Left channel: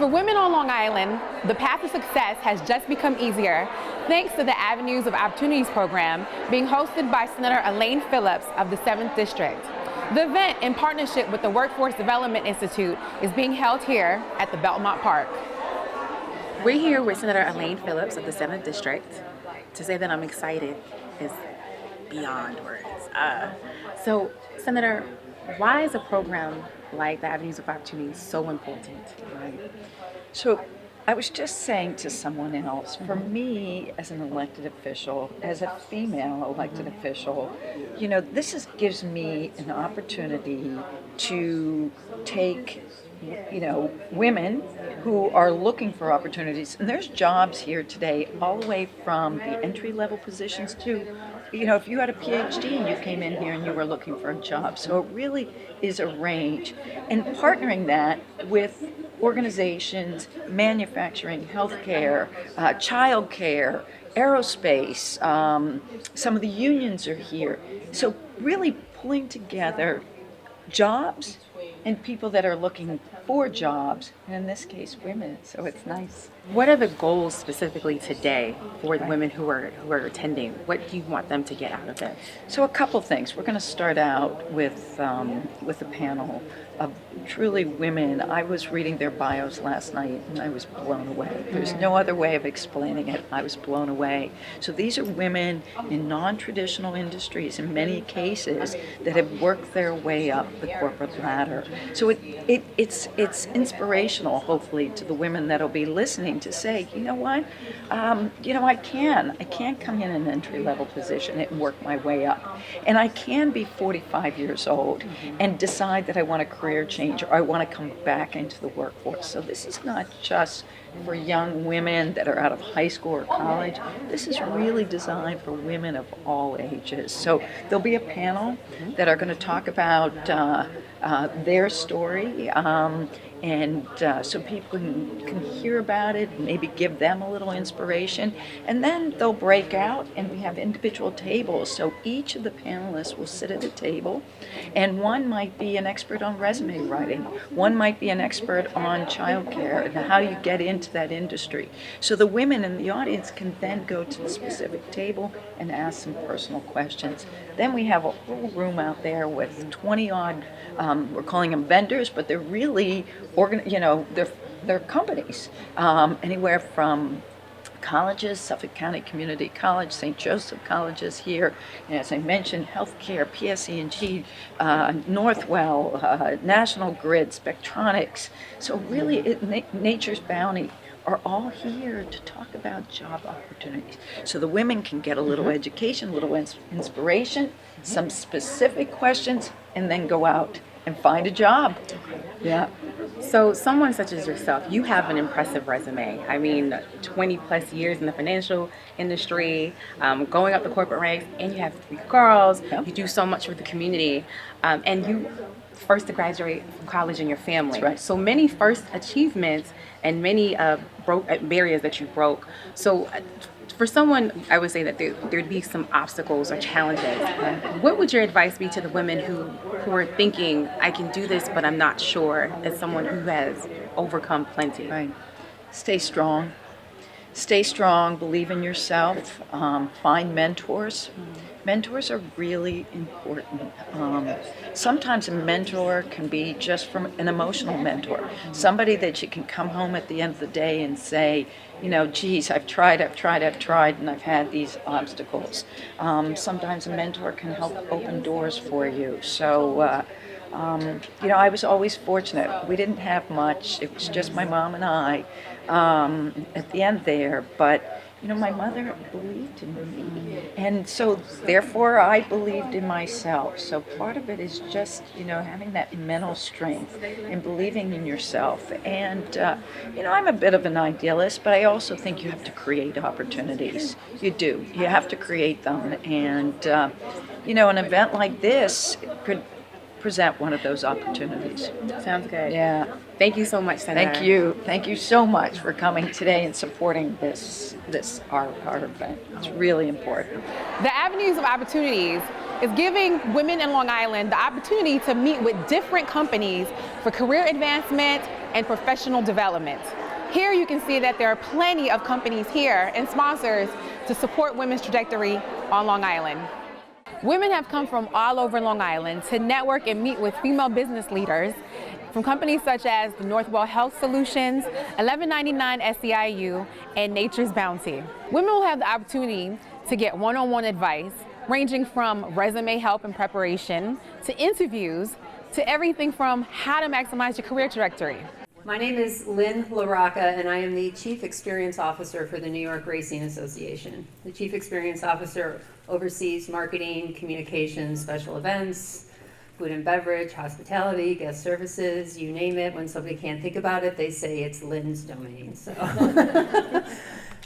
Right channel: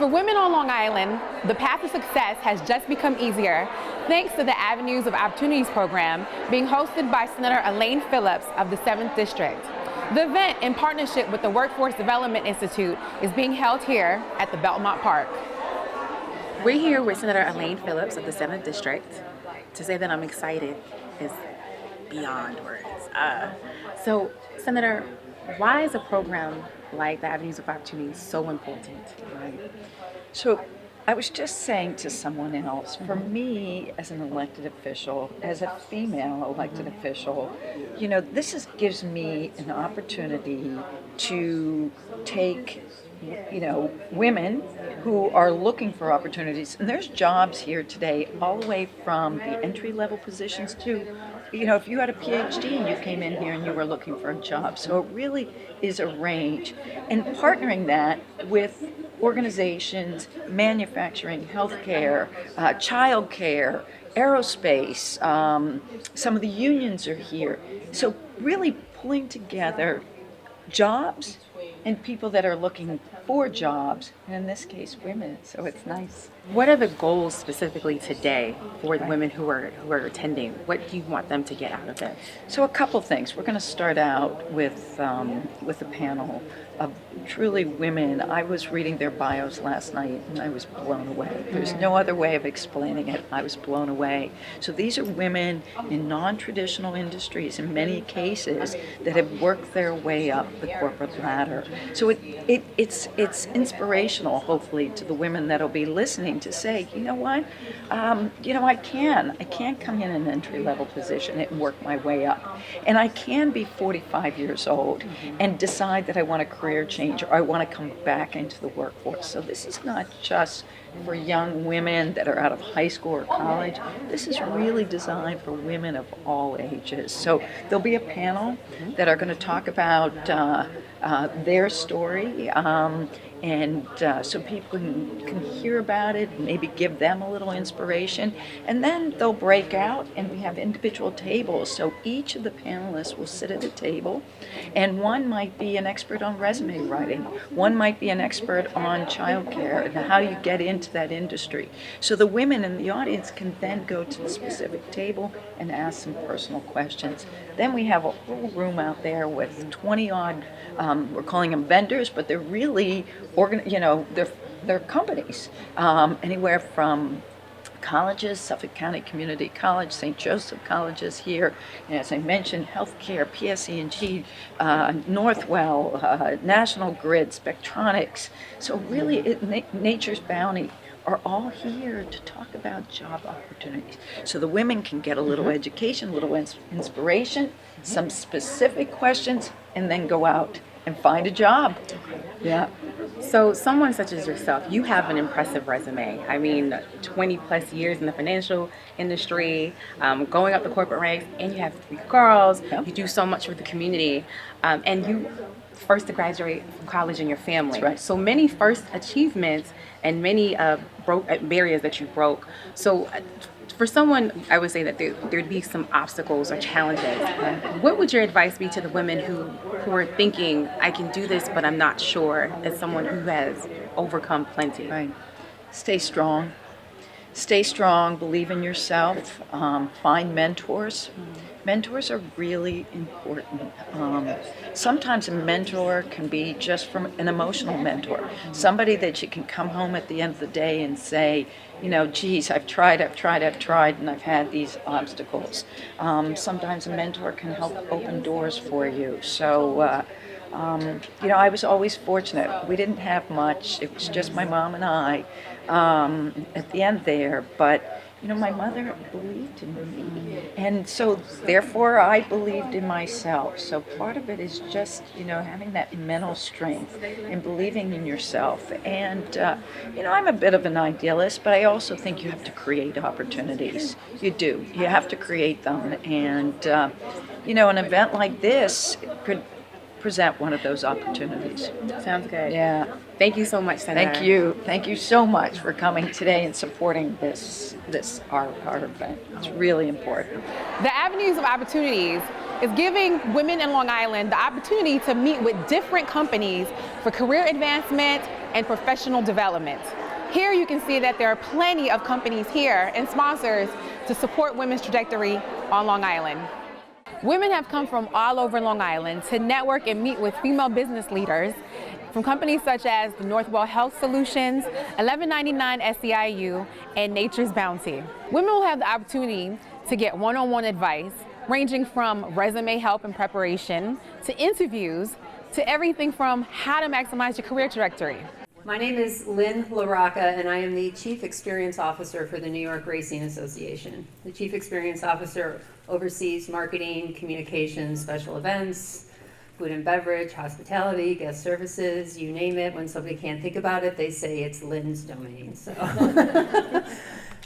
For women on Long Island, the path to success has just become easier thanks to the Avenues of Opportunities program being hosted by Senator Elaine Phillips of the 7th District. The event, in partnership with the Workforce Development Institute, is being held here at the Belmont Park. We're here with Senator Elaine Phillips of the 7th District. To say that I'm excited is beyond words. So, Senator, why is a program like the Avenues of Opportunity so important? Right. So I was just saying to someone else, for me as an elected official, as a female elected official, gives me an opportunity to take women who are looking for opportunities. And there's jobs here today, all the way from the entry-level positions to, if you had a PhD and you came in here and you were looking for a job. So it really is a range. And partnering that with organizations, manufacturing, healthcare, childcare, aerospace, some of the unions are here. So really pulling together jobs and people that are looking for jobs, and in this case, women. So it's nice. What are the goals specifically today for the women who are attending? What do you want them to get out of it? So a couple things. We're going to start out with a panel of truly women. I was reading their bios last night and I was blown away. There's no other way of explaining it. I was blown away. So these are women in non-traditional industries in many cases that have worked their way up the corporate ladder. So it's inspirational, hopefully, to the women that'll be listening to say, you know what, I can come in an entry-level position and work my way up. And I can be 45 years old and decide that I want a career change or I want to come back into the workforce. So this is not just for young women that are out of high school or college. This is really designed for women of all ages. So there'll be a panel that are going to talk about their story, and so people can hear about it, maybe give them a little inspiration, and then they'll break out and we have individual tables. So each of the panelists will sit at a table, and one might be an expert on resume writing, one might be an expert on childcare and how you get into that industry. So the women in the audience can then go to the specific table and ask some personal questions. Then we have a whole room out there with 20 odd, we're calling them vendors, but they're really they're companies, anywhere from colleges, Suffolk County Community College, St. Joseph Colleges here, and as I mentioned, healthcare, PSE&G, Northwell, National Grid, Spectronics. So really, Nature's Bounty are all here to talk about job opportunities. So the women can get a little education, a little inspiration, some specific questions, and then go out and find a job. Yeah. So someone such as yourself, you have an impressive resume. I mean, 20 plus years in the financial industry, going up the corporate ranks, and you have 3 girls. Yeah. You do so much for the community, and you first to graduate from college in your family. That's right. So many first achievements and many barriers that you broke. So for someone, I would say that there'd be some obstacles or challenges. What would your advice be to the women who are thinking, I can do this, but I'm not sure, as someone who has overcome plenty? Right. Stay strong. Stay strong, believe in yourself, find mentors. Mentors are really important. Sometimes a mentor can be just from an emotional mentor, somebody that you can come home at the end of the day and say, geez, I've tried, and I've had these obstacles. Sometimes a mentor can help open doors for you. So, I was always fortunate. We didn't have much. It was just my mom and I at the end there. But, my mother believed in me. And so, therefore, I believed in myself. So part of it is just, having that mental strength and believing in yourself. And, I'm a bit of an idealist, but I also think you have to create opportunities. You do. You have to create them. And, an event like this could present one of those opportunities. Sounds good. Yeah. Thank you so much, Senator. Thank you. Thank you so much for coming today and supporting our event. It's really important. The Avenues of Opportunities is giving women in Long Island the opportunity to meet with different companies for career advancement and professional development. Here you can see that there are plenty of companies here and sponsors to support women's trajectory on Long Island. Women have come from all over Long Island to network and meet with female business leaders from companies such as the Northwell Health Solutions, 1199 SEIU, and Nature's Bounty. Women will have the opportunity to get one-on-one advice, ranging from resume help and preparation, to interviews, to everything from how to maximize your career trajectory. My name is Lynn LaRocca, and I am the Chief Experience Officer for the New York Racing Association. The Chief Experience Officer oversees marketing, communications, special events, food and beverage, hospitality, guest services, you name it. When somebody can't think about it, they say it's Lynn's domain. So,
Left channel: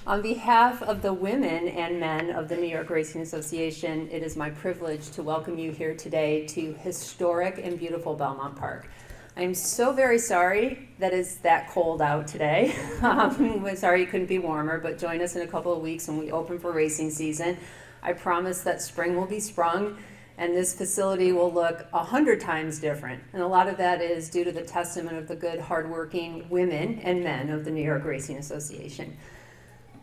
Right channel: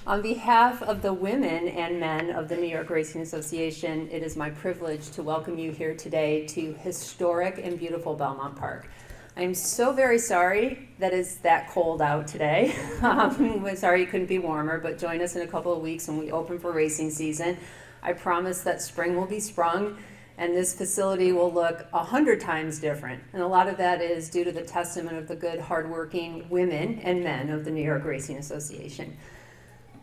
on behalf of the women and men of the New York Racing Association, it is my privilege to welcome you here today to historic and beautiful Belmont Park. I'm so very sorry that it's that cold out today. We're sorry it couldn't be warmer, but join us in a couple of weeks when we open for racing season. I promise that spring will be sprung and this facility will look 100 times different. And a lot of that is due to the testament of the good, hardworking women and men of the New York Racing Association.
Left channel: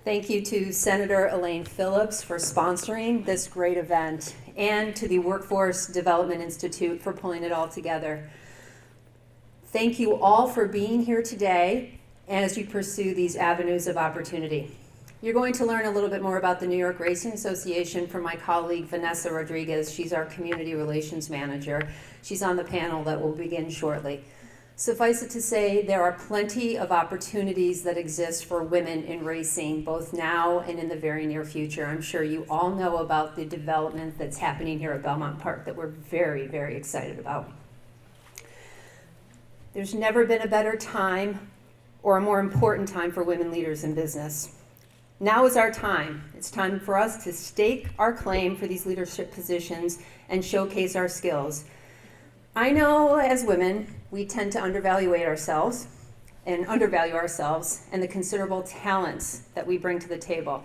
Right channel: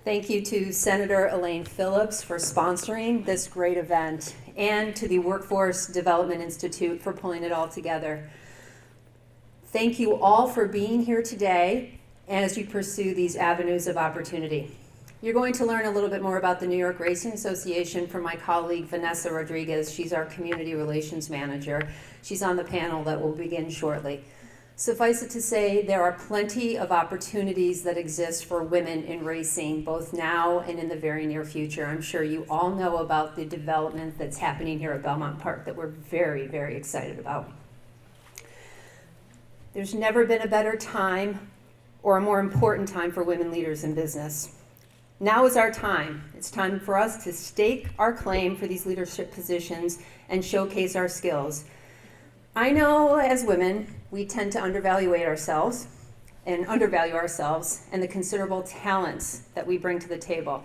Thank you to Senator Elaine Phillips for sponsoring this great event, and to the Workforce Development Institute for pulling it all together. Thank you all for being here today as you pursue these avenues of opportunity. You're going to learn a little bit more about the New York Racing Association from my colleague Vanessa Rodriguez. She's our Community Relations Manager. She's on the panel that will begin shortly. Suffice it to say, there are plenty of opportunities that exist for women in racing, both now and in the very near future. I'm sure you all know about the development that's happening here at Belmont Park that we're very, very excited about. There's never been a better time or a more important time for women leaders in business. Now is our time. It's time for us to stake our claim for these leadership positions and showcase our skills. I know as women, we tend to undervalue ourselves and the considerable talents that we bring to the table.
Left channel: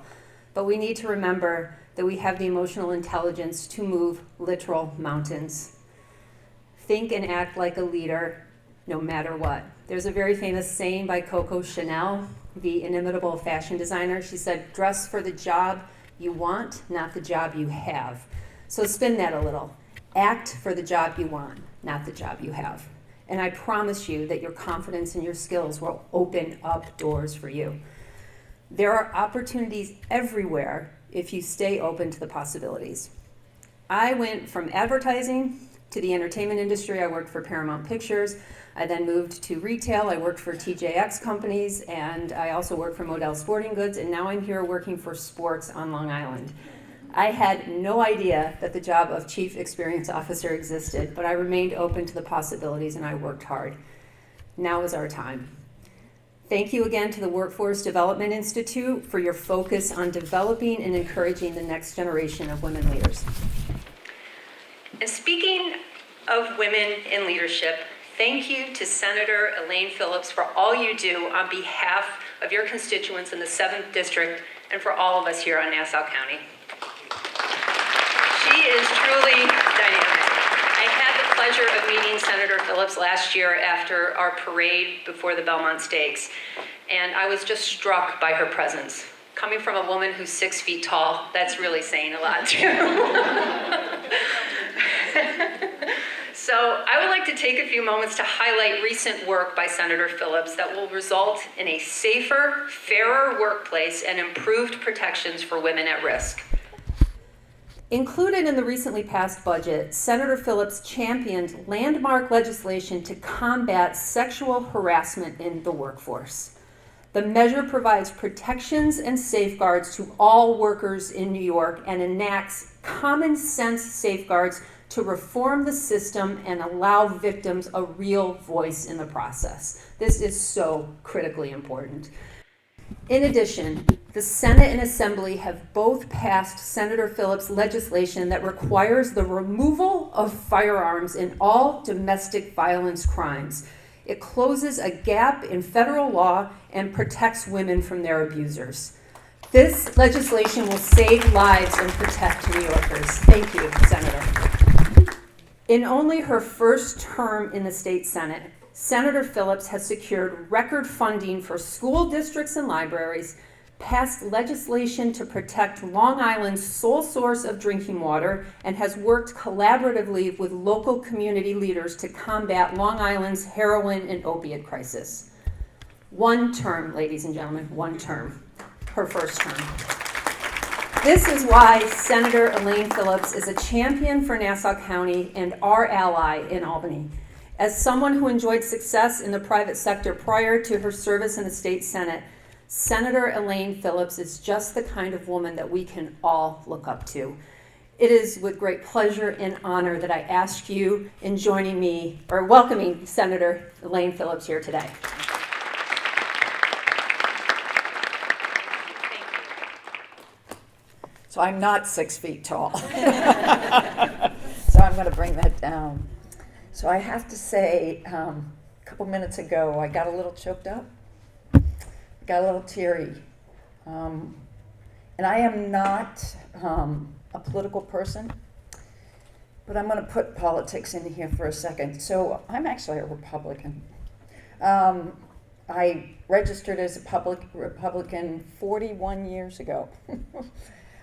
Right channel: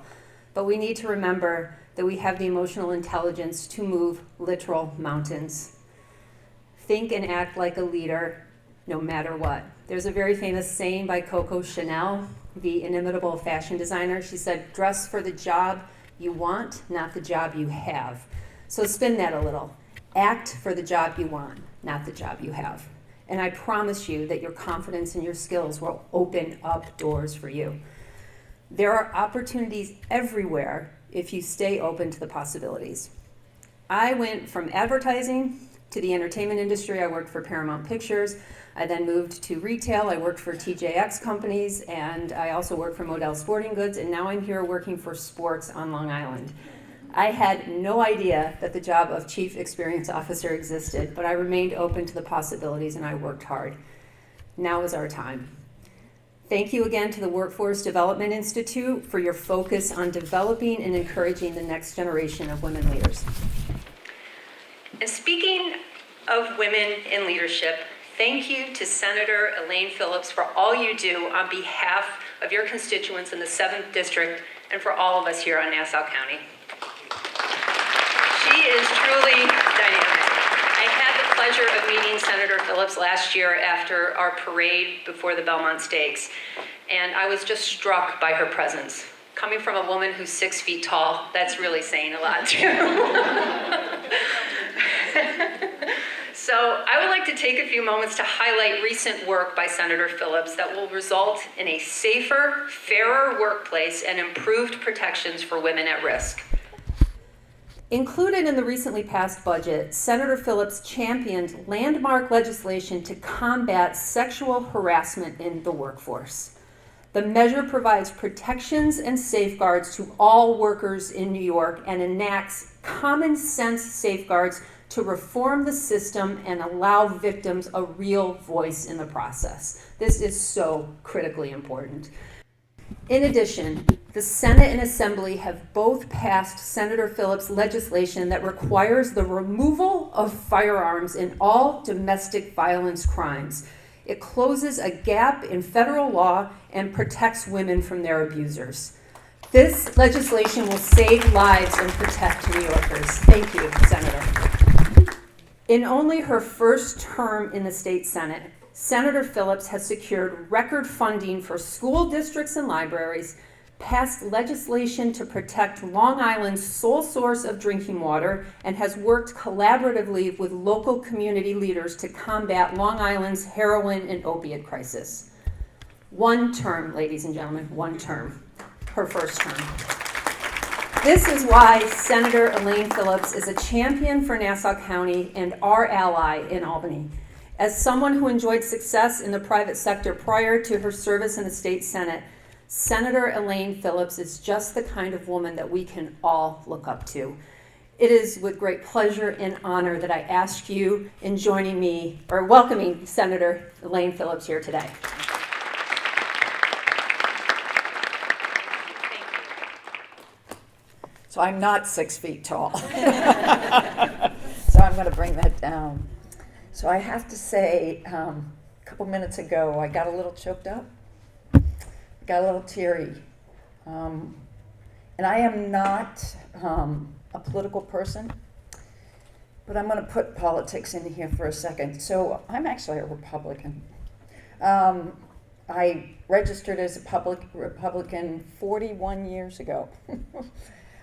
But we need to remember that we have the emotional intelligence to move literal mountains. Think and act like a leader no matter what. There's a very famous saying by Coco Chanel, the inimitable fashion designer. She said, dress for the job you want, not the job you have. So spin that a little. Act for the job you want, not the job you have. And I promise you that your confidence and your skills will open up doors for you. There are opportunities everywhere if you stay open to the possibilities. I went from advertising to the entertainment industry. I worked for Paramount Pictures. I then moved to retail. I worked for TJX companies, and I also worked for Model Sporting Goods, and now I'm here working for sports on Long Island. I had no idea that the job of Chief Experience Officer existed, but I remained open to the possibilities and I worked hard. Now is our time. Thank you again to the Workforce Development Institute for your focus on developing and encouraging the next generation of women leaders. And speaking of women in leadership, thank you to Senator Elaine Phillips for all you do on behalf of your constituents in the 7th District and for all of us here on Nassau County. She is truly dynamic. I had the pleasure of meeting Senator Phillips last year after our parade before the Belmont Stakes, and I was just struck by her presence. Coming from a woman who's 6 feet tall, that's really saying a lot too. So I would like to take a few moments to highlight recent work by Senator Phillips that will result in a safer, fairer workplace and improved protections for women at risk. Included in the recently passed budget, Senator Phillips championed landmark legislation to combat sexual harassment in the workforce. The measure provides protections and safeguards to all workers in New York and enacts common sense safeguards to reform the system and allow victims a real voice in the process. This is so critically important. In addition, the Senate and Assembly have both passed Senator Phillips' legislation that requires the removal of firearms in all domestic violence crimes. It closes a gap in federal law and protects women from their abusers. This legislation will save lives and protect New Yorkers. Thank you, Senator. In only her first term in the state Senate, Senator Phillips has secured record funding for school districts and libraries, passed legislation to protect Long Island's sole source of drinking water, and has worked collaboratively with local community leaders to combat Long Island's heroin and opiate crisis. One term, ladies and gentlemen, one term. Her first term. This is why Senator Elaine Phillips is a champion for Nassau County and our ally in Albany. As someone who enjoyed success in the private sector prior to her service in the state Senate, Senator Elaine Phillips is just the kind of woman that we can all look up to. It is with great pleasure and honor that I ask you in joining me, or welcoming Senator Elaine Phillips here today. So I'm not 6 feet tall. So I'm going to bring that down. So I have to say, a couple minutes ago, I got a little choked up. Got a little teary. And I am not a political person, but I'm going to put politics in here for a second. So I'm actually a Republican. I registered as a Republican 41 years ago.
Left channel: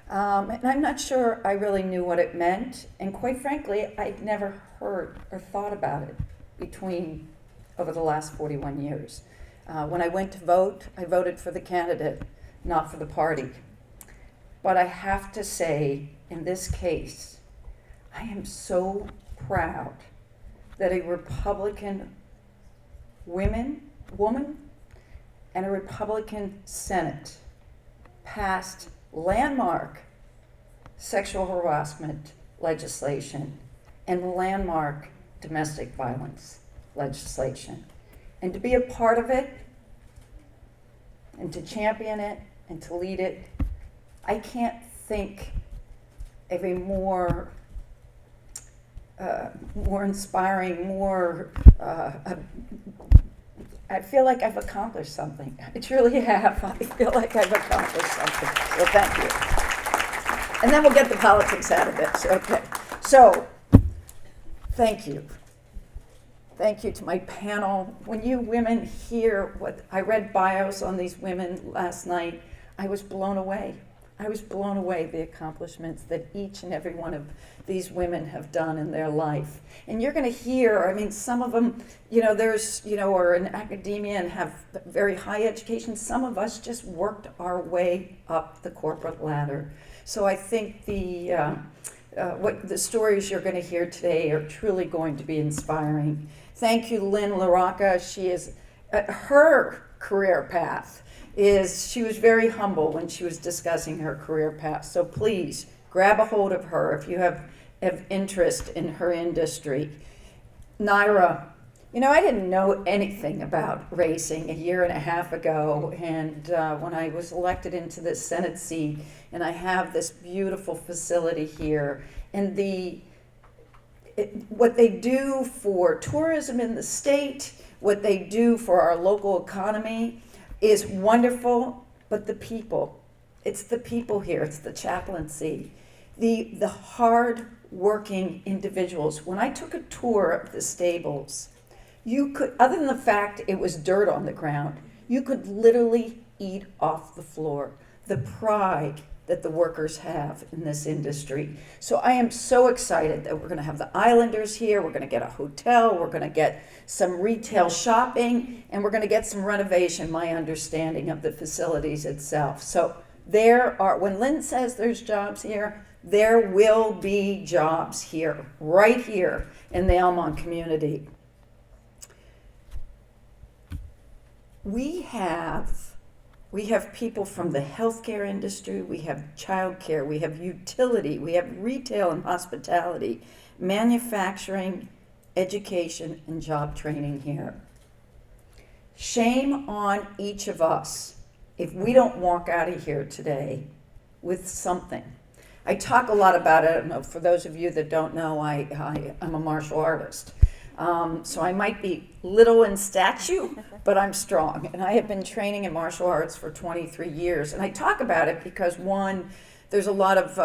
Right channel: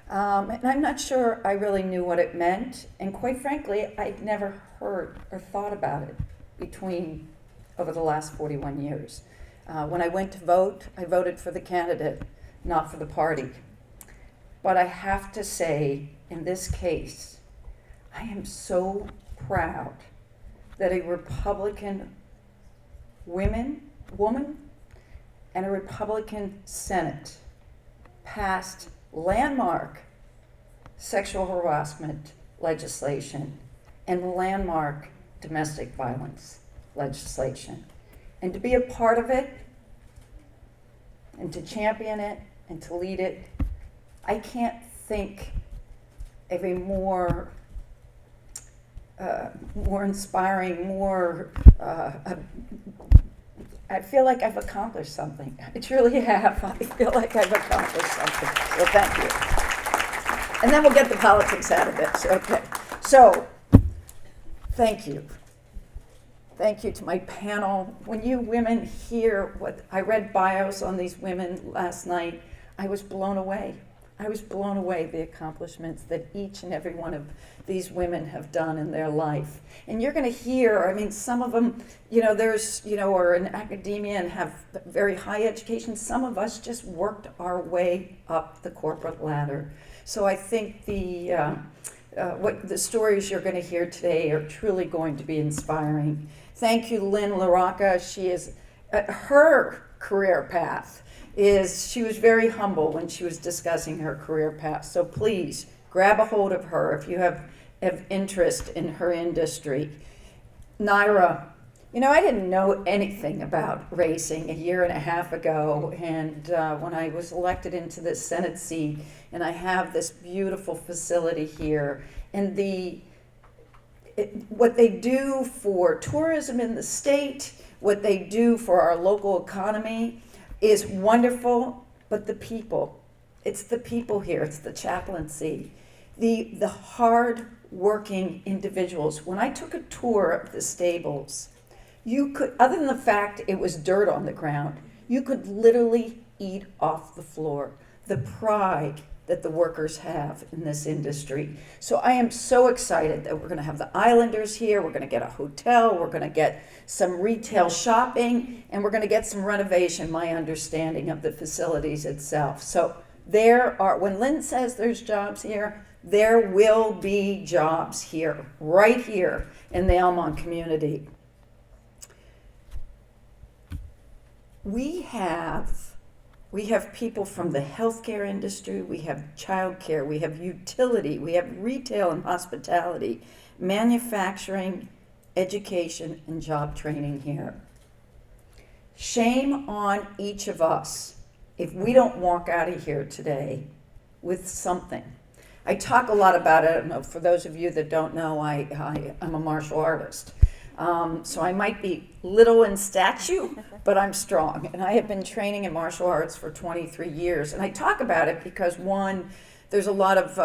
And I'm not sure I really knew what it meant. And quite frankly, I'd never heard or thought about it over the last 41 years. When I went to vote, I voted for the candidate, not for the party. But I have to say, in this case, I am so proud that a Republican woman and a Republican Senate passed landmark sexual harassment legislation and landmark domestic violence legislation. And to be a part of it, and to champion it, and to lead it, I can't think of a more inspiring, I feel like I've accomplished something. I truly have. I feel like I've accomplished something. So thank you. And then we'll get the politics out of it. Okay. So, thank you. Thank you to my panel. When you women hear I read bios on these women last night, I was blown away. I was blown away the accomplishments that each and every one of these women have done in their life. And you're going to hear, some of them, are in academia and have very high education. Some of us just worked our way up the corporate ladder. So I think what the stories you're going to hear today are truly going to be inspiring. Thank you, Lynn LaRocca. She is, her career path she was very humble when she was discussing her career path. So please grab a hold of her if you have interest in her industry. Naira, I didn't know anything about racing a year and a half ago, and when I was elected into this Senate seat, and I have this beautiful facility here, and what they do for tourism in the state, what they do for our local economy is wonderful, but the people, it's the people here, it's the chaplaincy, the hard-working individuals. When I took a tour of the stables, you could, other than the fact it was dirt on the ground, you could literally eat off the floor. The pride that the workers have in this industry. So I am so excited that we're going to have the Islanders here, we're going to get a hotel, we're going to get some retail shopping, and we're going to get some renovation, my understanding of the facilities itself. So when Lynn says there's jobs here, there will be jobs here, right here in the Elmont community. We have people from the healthcare industry, we have childcare, we have utility, we have retail and hospitality, manufacturing, education, and job training here. Shame on each of us if we don't walk out of here today with something. I talk a lot about it. I don't know, for those of you that don't know, I'm a martial artist. So I might be little in stature, but I'm strong. And I have been training in martial arts for 23 years. And I talk about it because, one, there's a lot of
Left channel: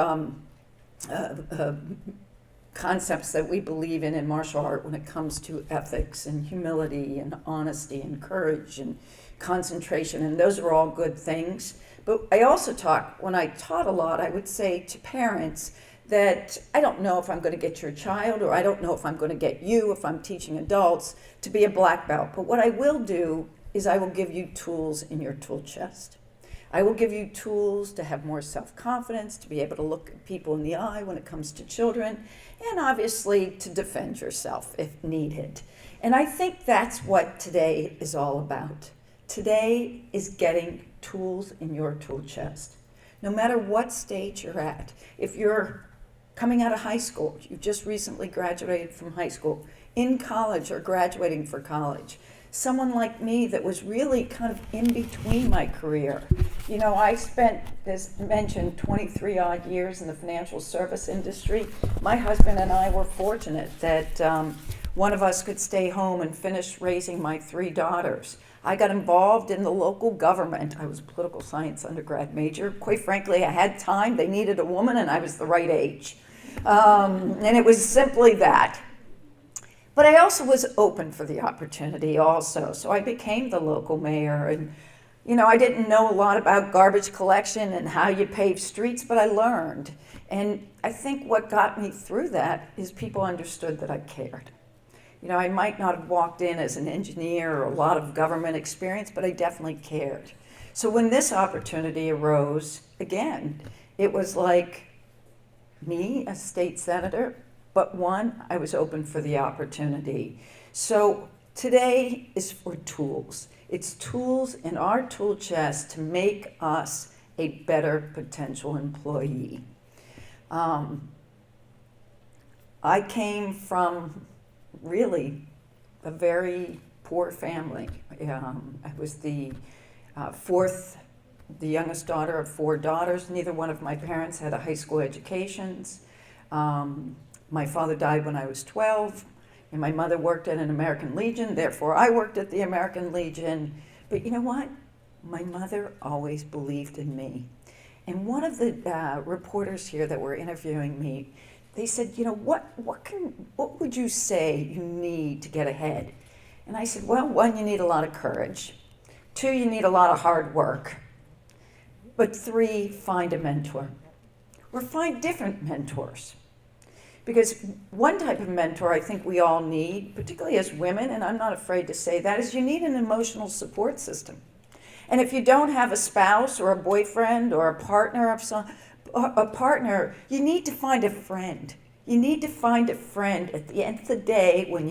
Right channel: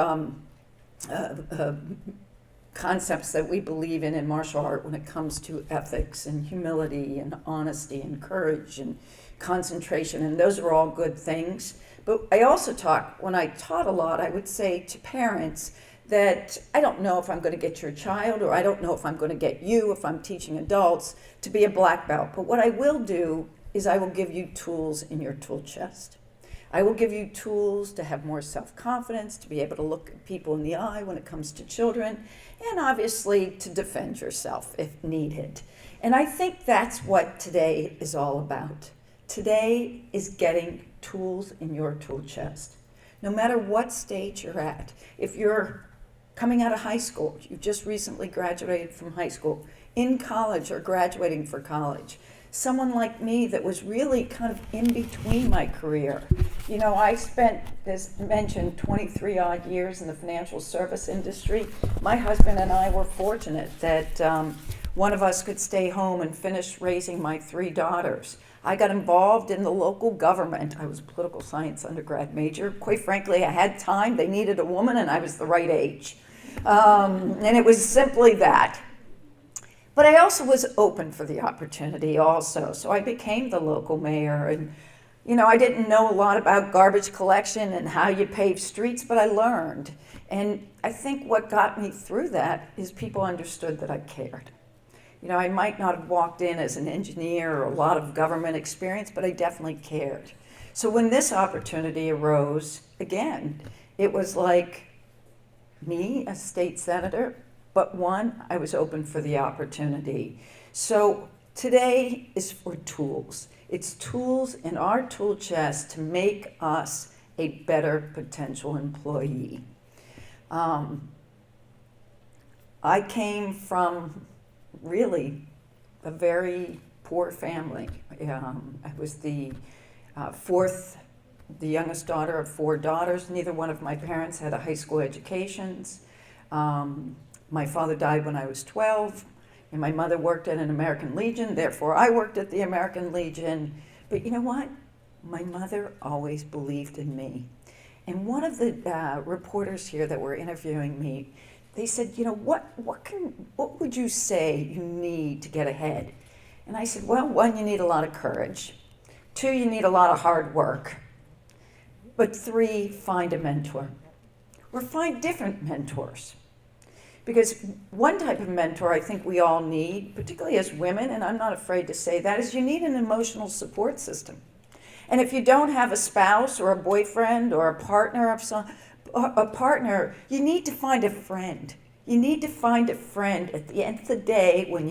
concepts that we believe in martial art when it comes to ethics and humility and honesty and courage and concentration, and those are all good things. But I also when I taught a lot, I would say to parents that I don't know if I'm going to get your child, or I don't know if I'm going to get you, if I'm teaching adults, to be a black belt. But what I will do is I will give you tools in your tool chest. I will give you tools to have more self-confidence, to be able to look at people in the eye when it comes to children, and obviously to defend yourself if needed. And I think that's what today is all about. Today is getting tools in your tool chest. No matter what stage you're at, if you're coming out of high school, you just recently graduated from high school, in college or graduating for college, someone like me that was really kind of in between my career. You know, I spent, as mentioned, 23 odd years in the financial service industry. My husband and I were fortunate that one of us could stay home and finish raising my 3 daughters. I got involved in the local government. I was a political science undergrad major. Quite frankly, I had time. They needed a woman, and I was the right age. And it was simply that. But I also was open for the opportunity also. So I became the local mayor. And, you know, I didn't know a lot about garbage collection and how you pave streets, but I learned. And I think what got me through that is people understood that I cared. You know, I might not have walked in as an engineer or a lot of government experience, but I definitely cared. So when this opportunity arose, again, it was like me, a state senator, but one, I was open for the opportunity. So today is for tools. It's tools in our tool chest to make us a better potential employee. I came from really a very poor family. I was the youngest daughter of 4 daughters. Neither one of my parents had a high school education. My father died when I was 12, and my mother worked at an American Legion, therefore I worked at the American Legion. But you know what? My mother always believed in me. And one of the reporters here that were interviewing me, they said, you know, what would you say you need to get ahead? And I said, well, 1, you need a lot of courage. 2, you need a lot of hard work. But 3, find a mentor. Or find different mentors. Because one type of mentor I think we all need, particularly as women, and I'm not afraid to say that, is you need an emotional support system. And if you don't have a spouse or a boyfriend or a partner you need to find a friend. You need to find a friend at the end of the day when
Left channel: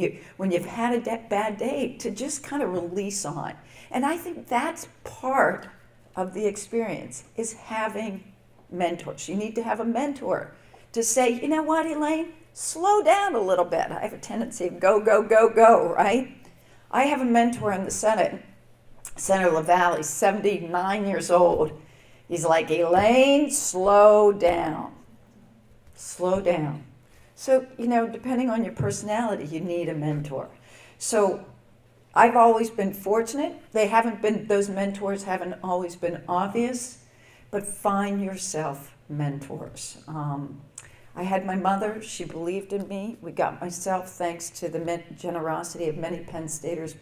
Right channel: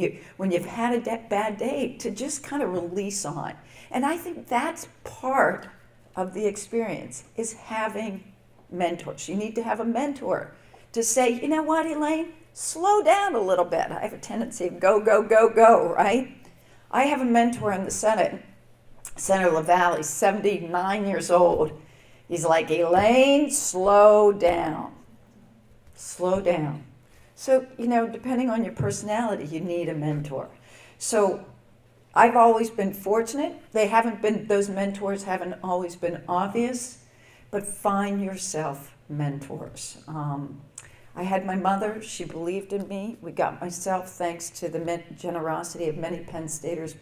you've had a bad day to just kind of release on. And I think that's part of the experience, is having mentors. You need to have a mentor to say, you know what, Elaine, slow down a little bit. I have a tendency of go, go, go, go, right? I have a mentor in the Senate, Senator LaValle. He's 79 years old. He's like, Elaine, slow down. Slow down. So, you know, depending on your personality, you need a mentor. So I've always been fortunate. Those mentors haven't always been obvious, but find yourself mentors. I had my mother, she believed in me. We got myself thanks to the generosity of many Penn Staters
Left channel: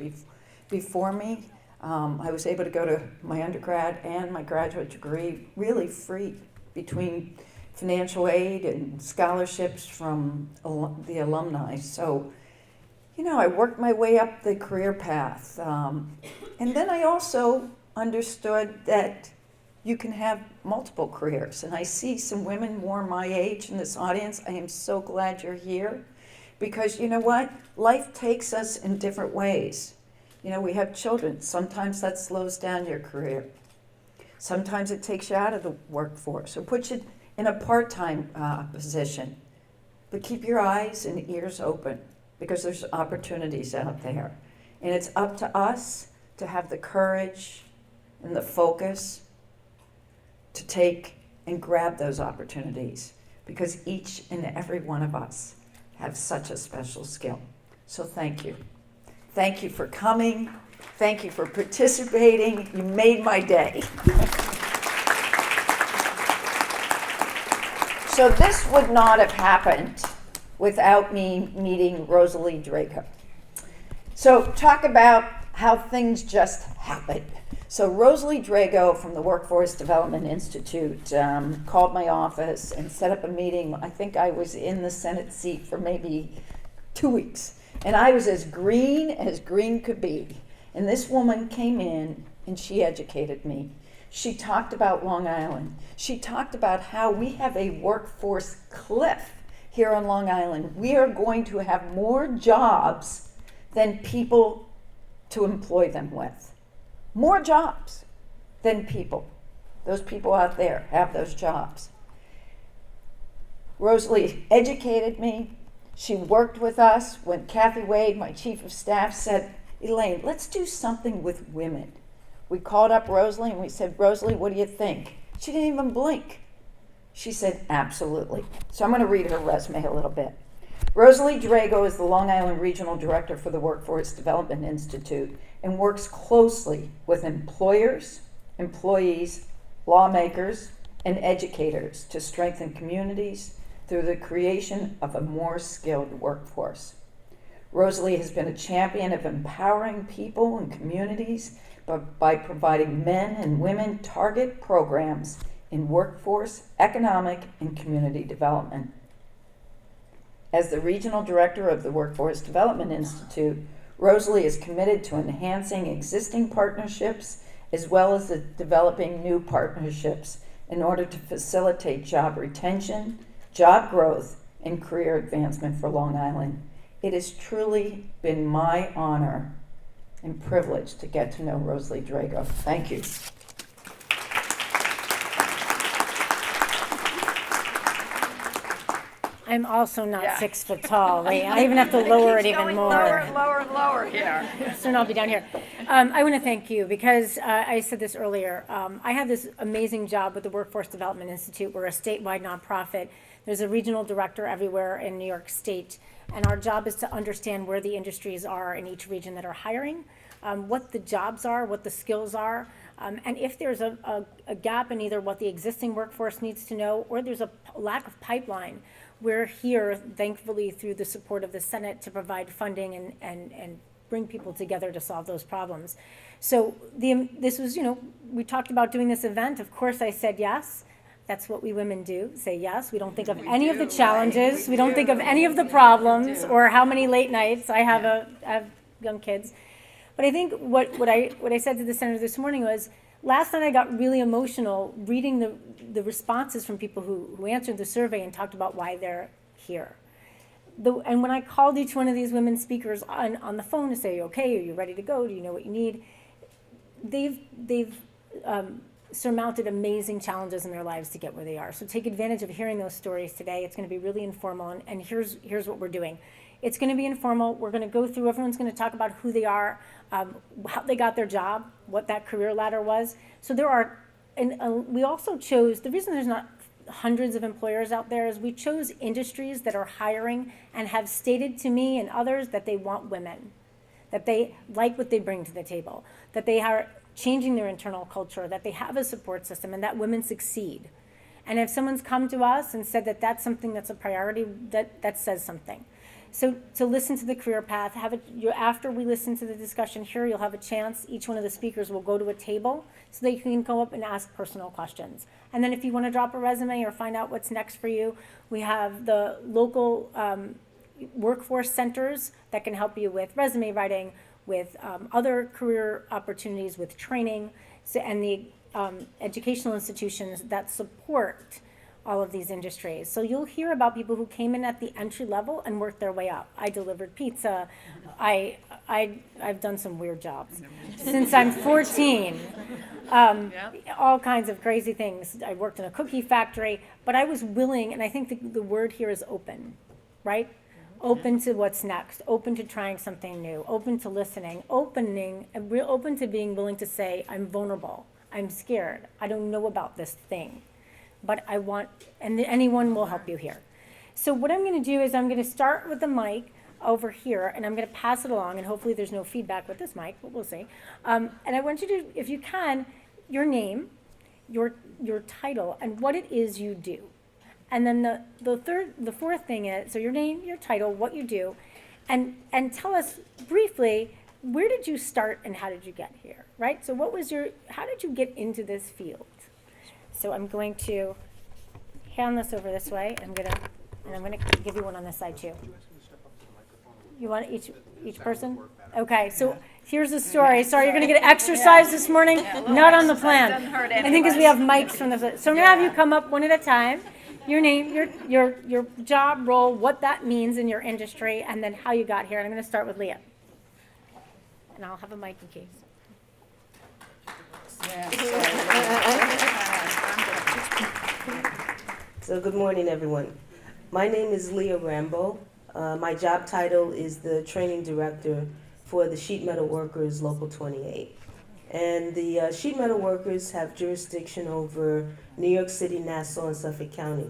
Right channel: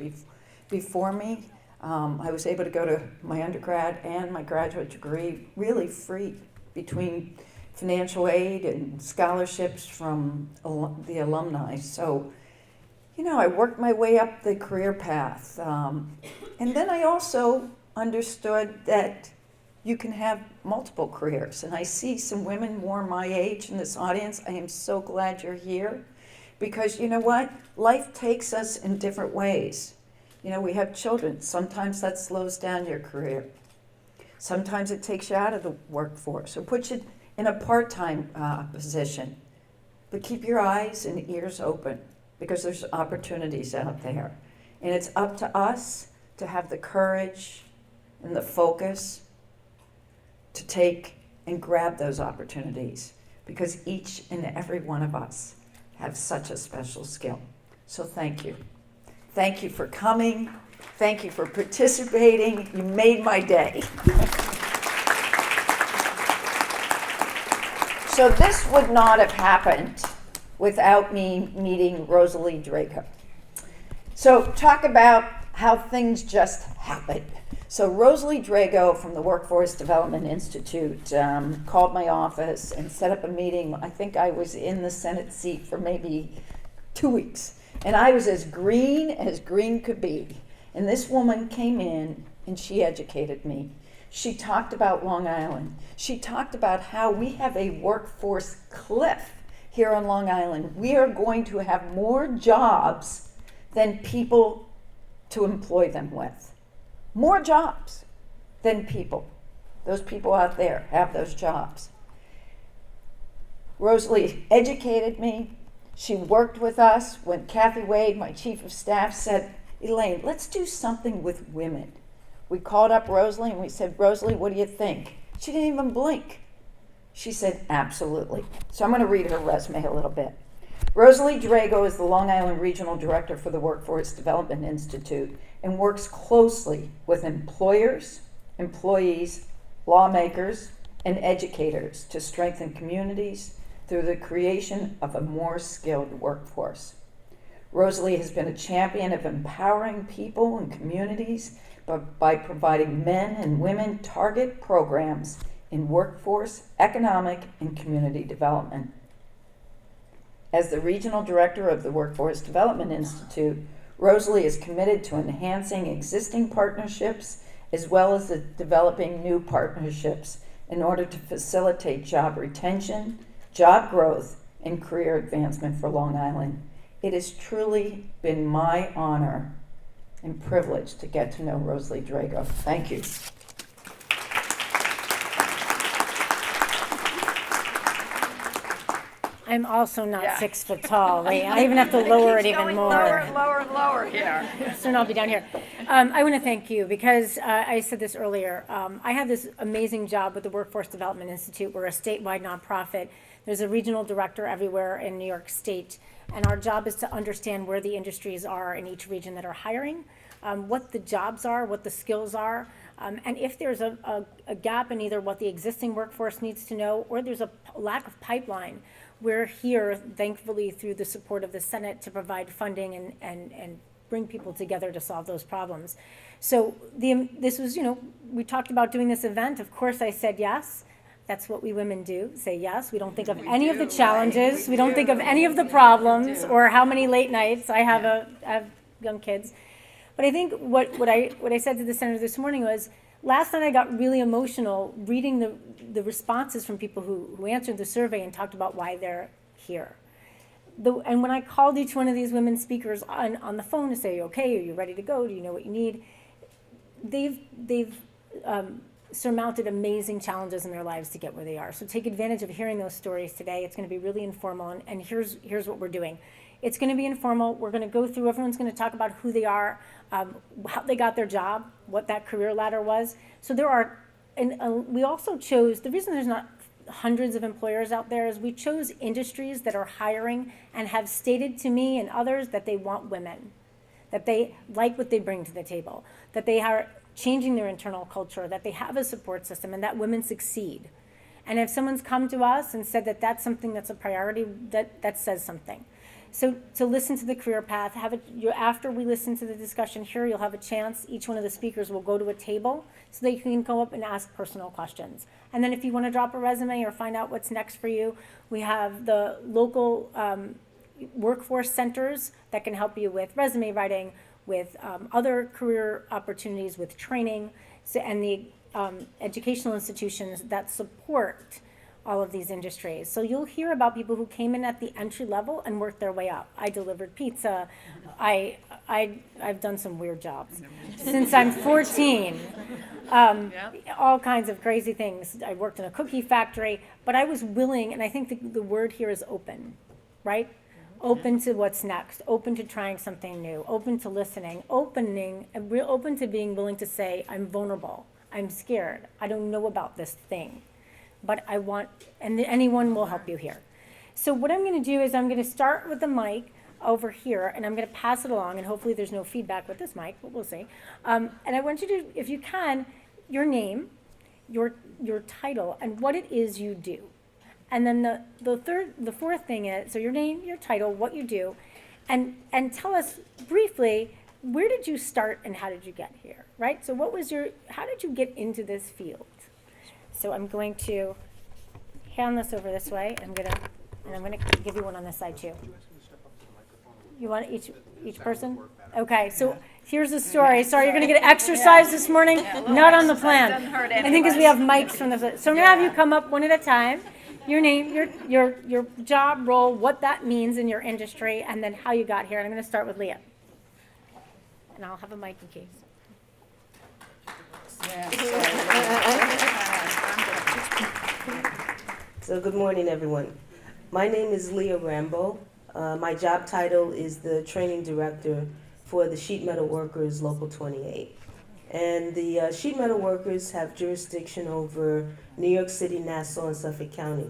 before me. I was able to go to my undergrad and my graduate degree really free between financial aid and scholarships from the alumni. So, you know, I worked my way up the career path. And then I also understood that you can have multiple careers. And I see some women more my age in this audience. I am so glad you're here because you know what? Life takes us in different ways. You know, we have children. Sometimes that slows down your career. Sometimes it takes you out of the workforce or puts you in a part-time position. But keep your eyes and ears open because there's opportunities out there. And it's up to us to have the courage and the focus to take and grab those opportunities because each and every one of us have such a special skill. So thank you. Thank you for coming. Thank you for participating. You made my day. So this would not have happened without me meeting Rosalie Draco. So talk about how things just happen. So Rosalie Drago from the Workforce Development Institute called my office and set up a meeting. I think I was in the Senate seat for maybe 2 weeks. And I was as green could be. And this woman came in and she educated me. She talked about Long Island. She talked about how we have a workforce cliff here on Long Island. We are going to have more jobs than people to employ them with. More jobs than people. Those people out there have those jobs. Rosalie educated me. She worked with us when Kathy Wade, my chief of staff, said, Elaine, let's do something with women. We called up Rosalie and we said, Rosalie, what do you think? She didn't even blink. She said, absolutely. So I'm going to read her resume a little bit. Rosalie Drago is the Long Island Regional Director for the Workforce Development Institute and works closely with employers, employees, lawmakers, and educators to strengthen communities through the creation of a more skilled workforce. Rosalie has been a champion of empowering people and communities by providing men and women target programs in workforce, economic, and community development. As the Regional Director of the Workforce Development Institute, Rosalie is committed to enhancing existing partnerships as well as developing new partnerships in order to facilitate job retention, job growth, and career advancement for Long Island. It has truly been my honor and privilege to get to know Rosalie Drago. Thank you. I'm also not 6 foot tall, right? I even have to lower it even more. Lower and lower here. Soon I'll be down here. I want to thank you because I said this earlier. I have this amazing job with the Workforce Development Institute. We're a statewide nonprofit. There's a regional director everywhere in New York State. And our job is to understand where the industries are in each region that are hiring, what the jobs are, what the skills are, and if there's a gap in either what the existing workforce needs to know or there's a lack of pipeline. We're here, thankfully, through the support of the Senate to provide funding and bring people together to solve those problems. So this was, we talked about doing this event. Of course, I said yes. That's what we women do, say yes. We don't think of any of the challenges. We don't think of any of the problems or how many late nights. I have young kids. But I think what I said to the senator this morning was, last night I got really emotional reading the responses from people who answered the survey and talked about why they're here. And when I called each one of these women speakers on the phone to say, okay, are you ready to go? Do you know what you need? They've surmounted amazing challenges in their lives to get where they are. So take advantage of hearing those stories today. It's going to be really informal, and here's what we're doing. It's going to be informal. We're going to go through, everyone's going to talk about who they are, how they got their job, what that career ladder was. So there are, and we also chose, the reason there's not hundreds of employers out there is we chose industries that are hiring and have stated to me and others that they want women, that they like what they bring to the table, that they are changing their internal culture, that they have a support system, and that women succeed. And if someone's come to us and said that that's something that's a priority, that says something. So to listen to the career path, after we listen to the discussion here, you'll have a chance, each one of the speakers will go to a table so that you can go up and ask personal questions. And then if you want to drop a resume or find out what's next for you, we have the local workforce centers that can help you with resume writing, with other career opportunities, with training, and the educational institutions that support all of these industries. So you'll hear about people who came in at the entry level and worked their way up. I delivered pizza. I've done some weird jobs since I'm 14. All kinds of crazy things. I worked in a cookie factory, but I was willing, and I think the word here is open, right? Open to what's next, open to trying something new, open to listening, open to being willing to say, I'm vulnerable, I'm scared, I don't know about this thing, but I want, and anyone will help you here. So what I'm going to do is I'm going to start with the mic over here, and I'm going to pass it along, and hopefully there's no feedback with this mic, but we'll see. And I want you to, if you can, your name, your title, and what it is you do. And then the fourth thing is, so your name, your title, what you do, and tell us briefly, where did you start and how did you get here, right? So how did you get into this field? So I'm going to hand this over this way, and I'm gonna give you one on this side too. You want each person? Okay, so here's the story. Sorry, you're gonna get exercise this morning, not on the plan. Doesn't hurt I think because we have mics from the, so I'm gonna have you come up one at a time. Your name, your job role, what that means in your industry, and then how you got here. And I'm gonna start with Leah. And I'll have a mic in case. So good morning, everyone. My name is Leah Rambo. My job title is the training director for the Sheet Metal Workers Local 28. And the sheet metal workers have jurisdiction over New York City, Nassau, and Suffolk County.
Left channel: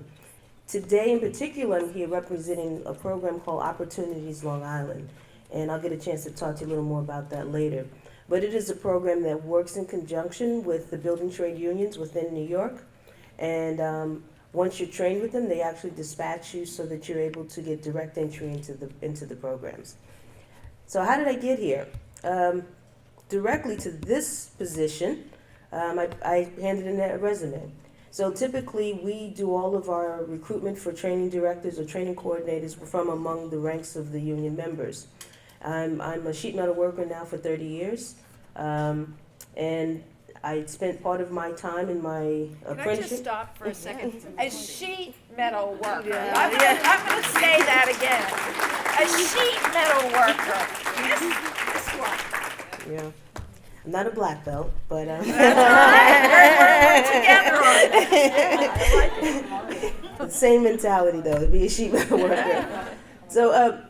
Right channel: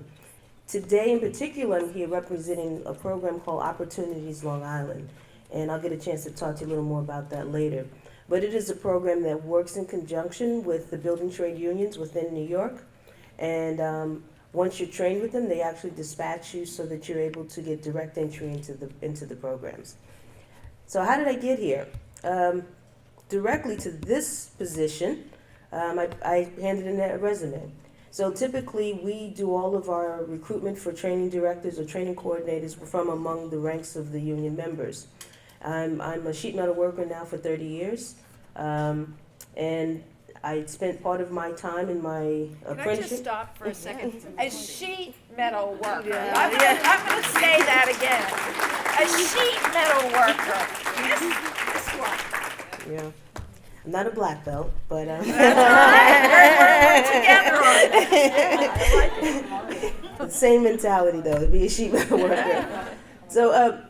Today in particular, I'm here representing a program called Opportunities Long Island. And I'll get a chance to talk to you a little more about that later. But it is a program that works in conjunction with the building trade unions within New York. And once you're trained with them, they actually dispatch you so that you're able to get direct entry into the programs. So how did I get here? Directly to this position, I handed in a resume. So typically we do all of our recruitment for training directors or training coordinators from among the ranks of the union members. I'm a sheet metal worker now for 30 years, and I spent part of my time in my apprenticeship. Can I just stop for a second? A sheet metal worker. I'm going to say that again. A sheet metal worker. This one. Yeah. I'm not a black belt, but We're together on this. same mentality though, to be a sheet metal worker. So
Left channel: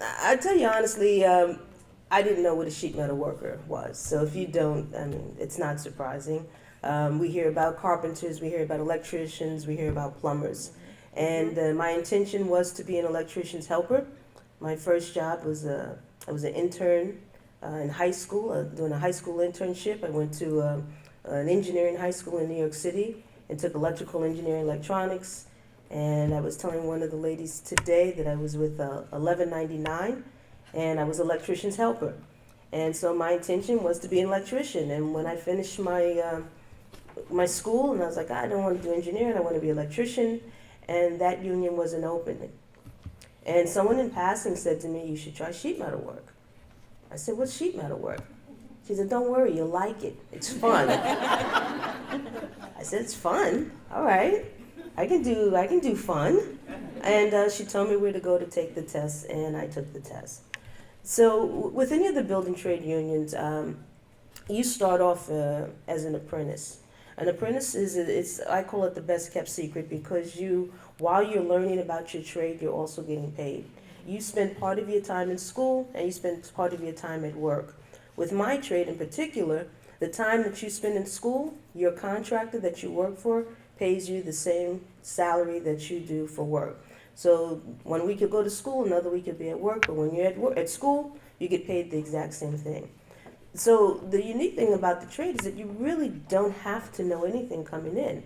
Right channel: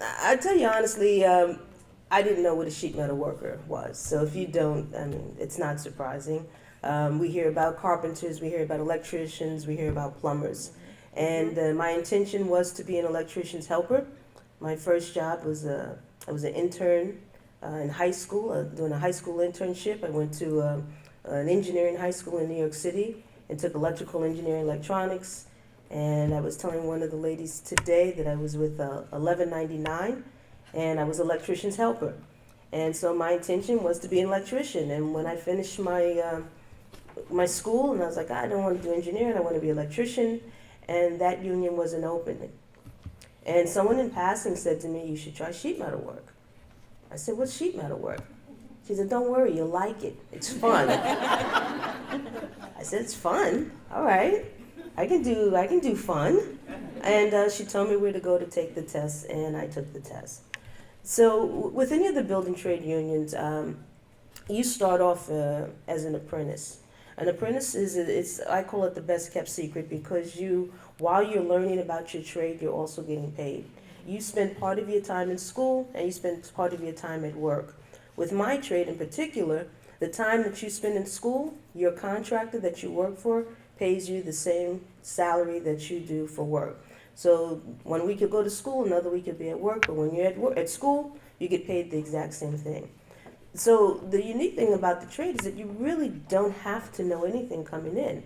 I tell you honestly, I didn't know what a sheet metal worker was. So if you don't, I mean, it's not surprising. We hear about carpenters, we hear about electricians, we hear about plumbers. And my intention was to be an electrician's helper. My first job was I was an intern in high school, doing a high school internship. I went to an engineering high school in New York City and took electrical engineering electronics. And I was telling one of the ladies today that I was with 1199, and I was an electrician's helper. And so my intention was to be an electrician. And when I finished my school, and I was like, I don't want to do engineering, I want to be an electrician, and that union wasn't opening. And someone in passing said to me, you should try sheet metal work. I said, what's sheet metal work? She said, don't worry, you'll like it. It's fun. I said, it's fun? All right. I can do fun. And she told me where to go to take the test, and I took the test. So with any of the building trade unions, you start off as an apprentice. An apprentice I call it the best kept secret because while you're learning about your trade, you're also getting paid. You spend part of your time in school and you spend part of your time at work. With my trade in particular, the time that you spend in school, your contractor that you work for pays you the same salary that you do for work. So 1 week you'll go to school, another week you'll be at work, but when you're at school, you get paid the exact same thing. So the unique thing about the trade is that you really don't have to know anything coming in,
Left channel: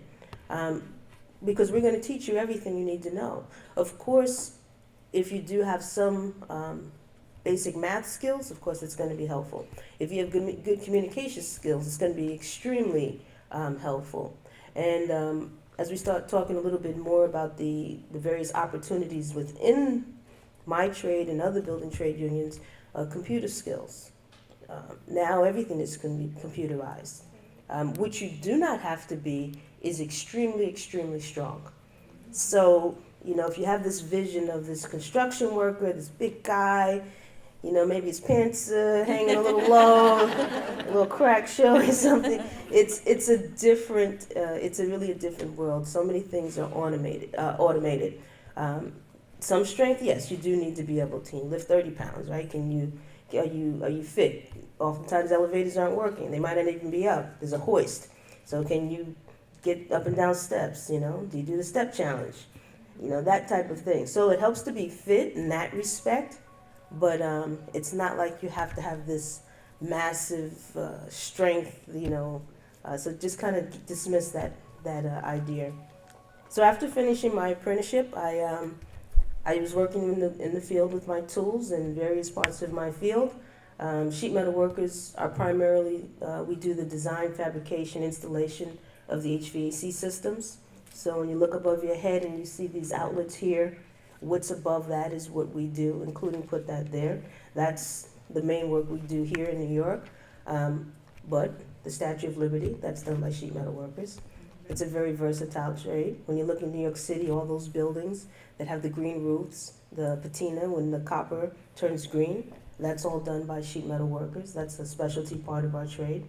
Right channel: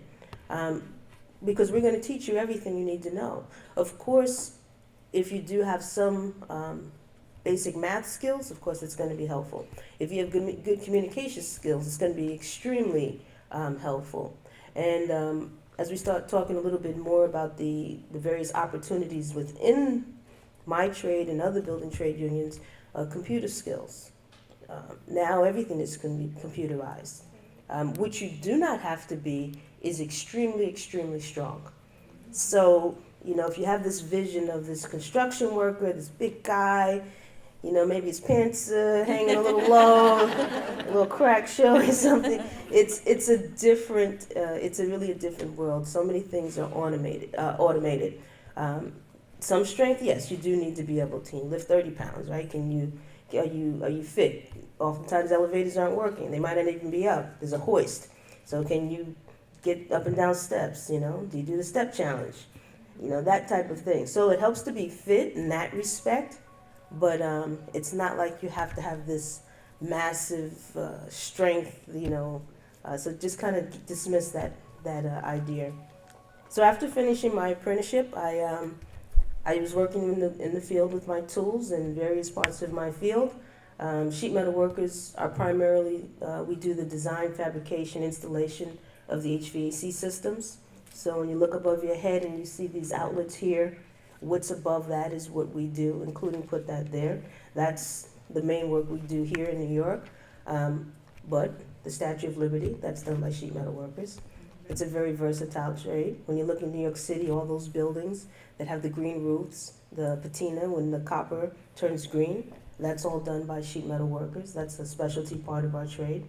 because we're going to teach you everything you need to know. Of course, if you do have some basic math skills, of course it's going to be helpful. If you have good communication skills, it's going to be extremely helpful. And as we start talking a little bit more about the various opportunities within my trade and other building trade unions, computer skills. Now everything is going to be computerized. What you do not have to be is extremely, extremely strong. So, if you have this vision of this construction worker, this big guy, maybe his pants hanging a little low, a little crack showing something. It's really a different world. So many things are automated. Some strength, yes, you do need to be able to lift 30 pounds, right? Are you fit? Oftentimes elevators aren't working. They might not even be up. There's a hoist. So can you get up and down steps? Do you do the step challenge? That type of thing. So it helps to be fit in that respect. But it's not like you have to have this massive strength, so just kind of dismiss that idea. So after finishing my apprenticeship, I was working in the field with my tools in various parts of my field. Sheet metal workers are primarily, we do the design, fabrication, installation of the HVAC systems. So when you look above your head and you see these outlets here, what's above that is what we do, including put that there. That's the main work we do here in New York. But the Statue of Liberty, that's done by sheet metal workers. It's a very versatile trade. When you look in New York City, all those buildings that have the green roofs, the patina, when the copper turns green, that's all done by sheet metal workers. That's a specialty part of our trade.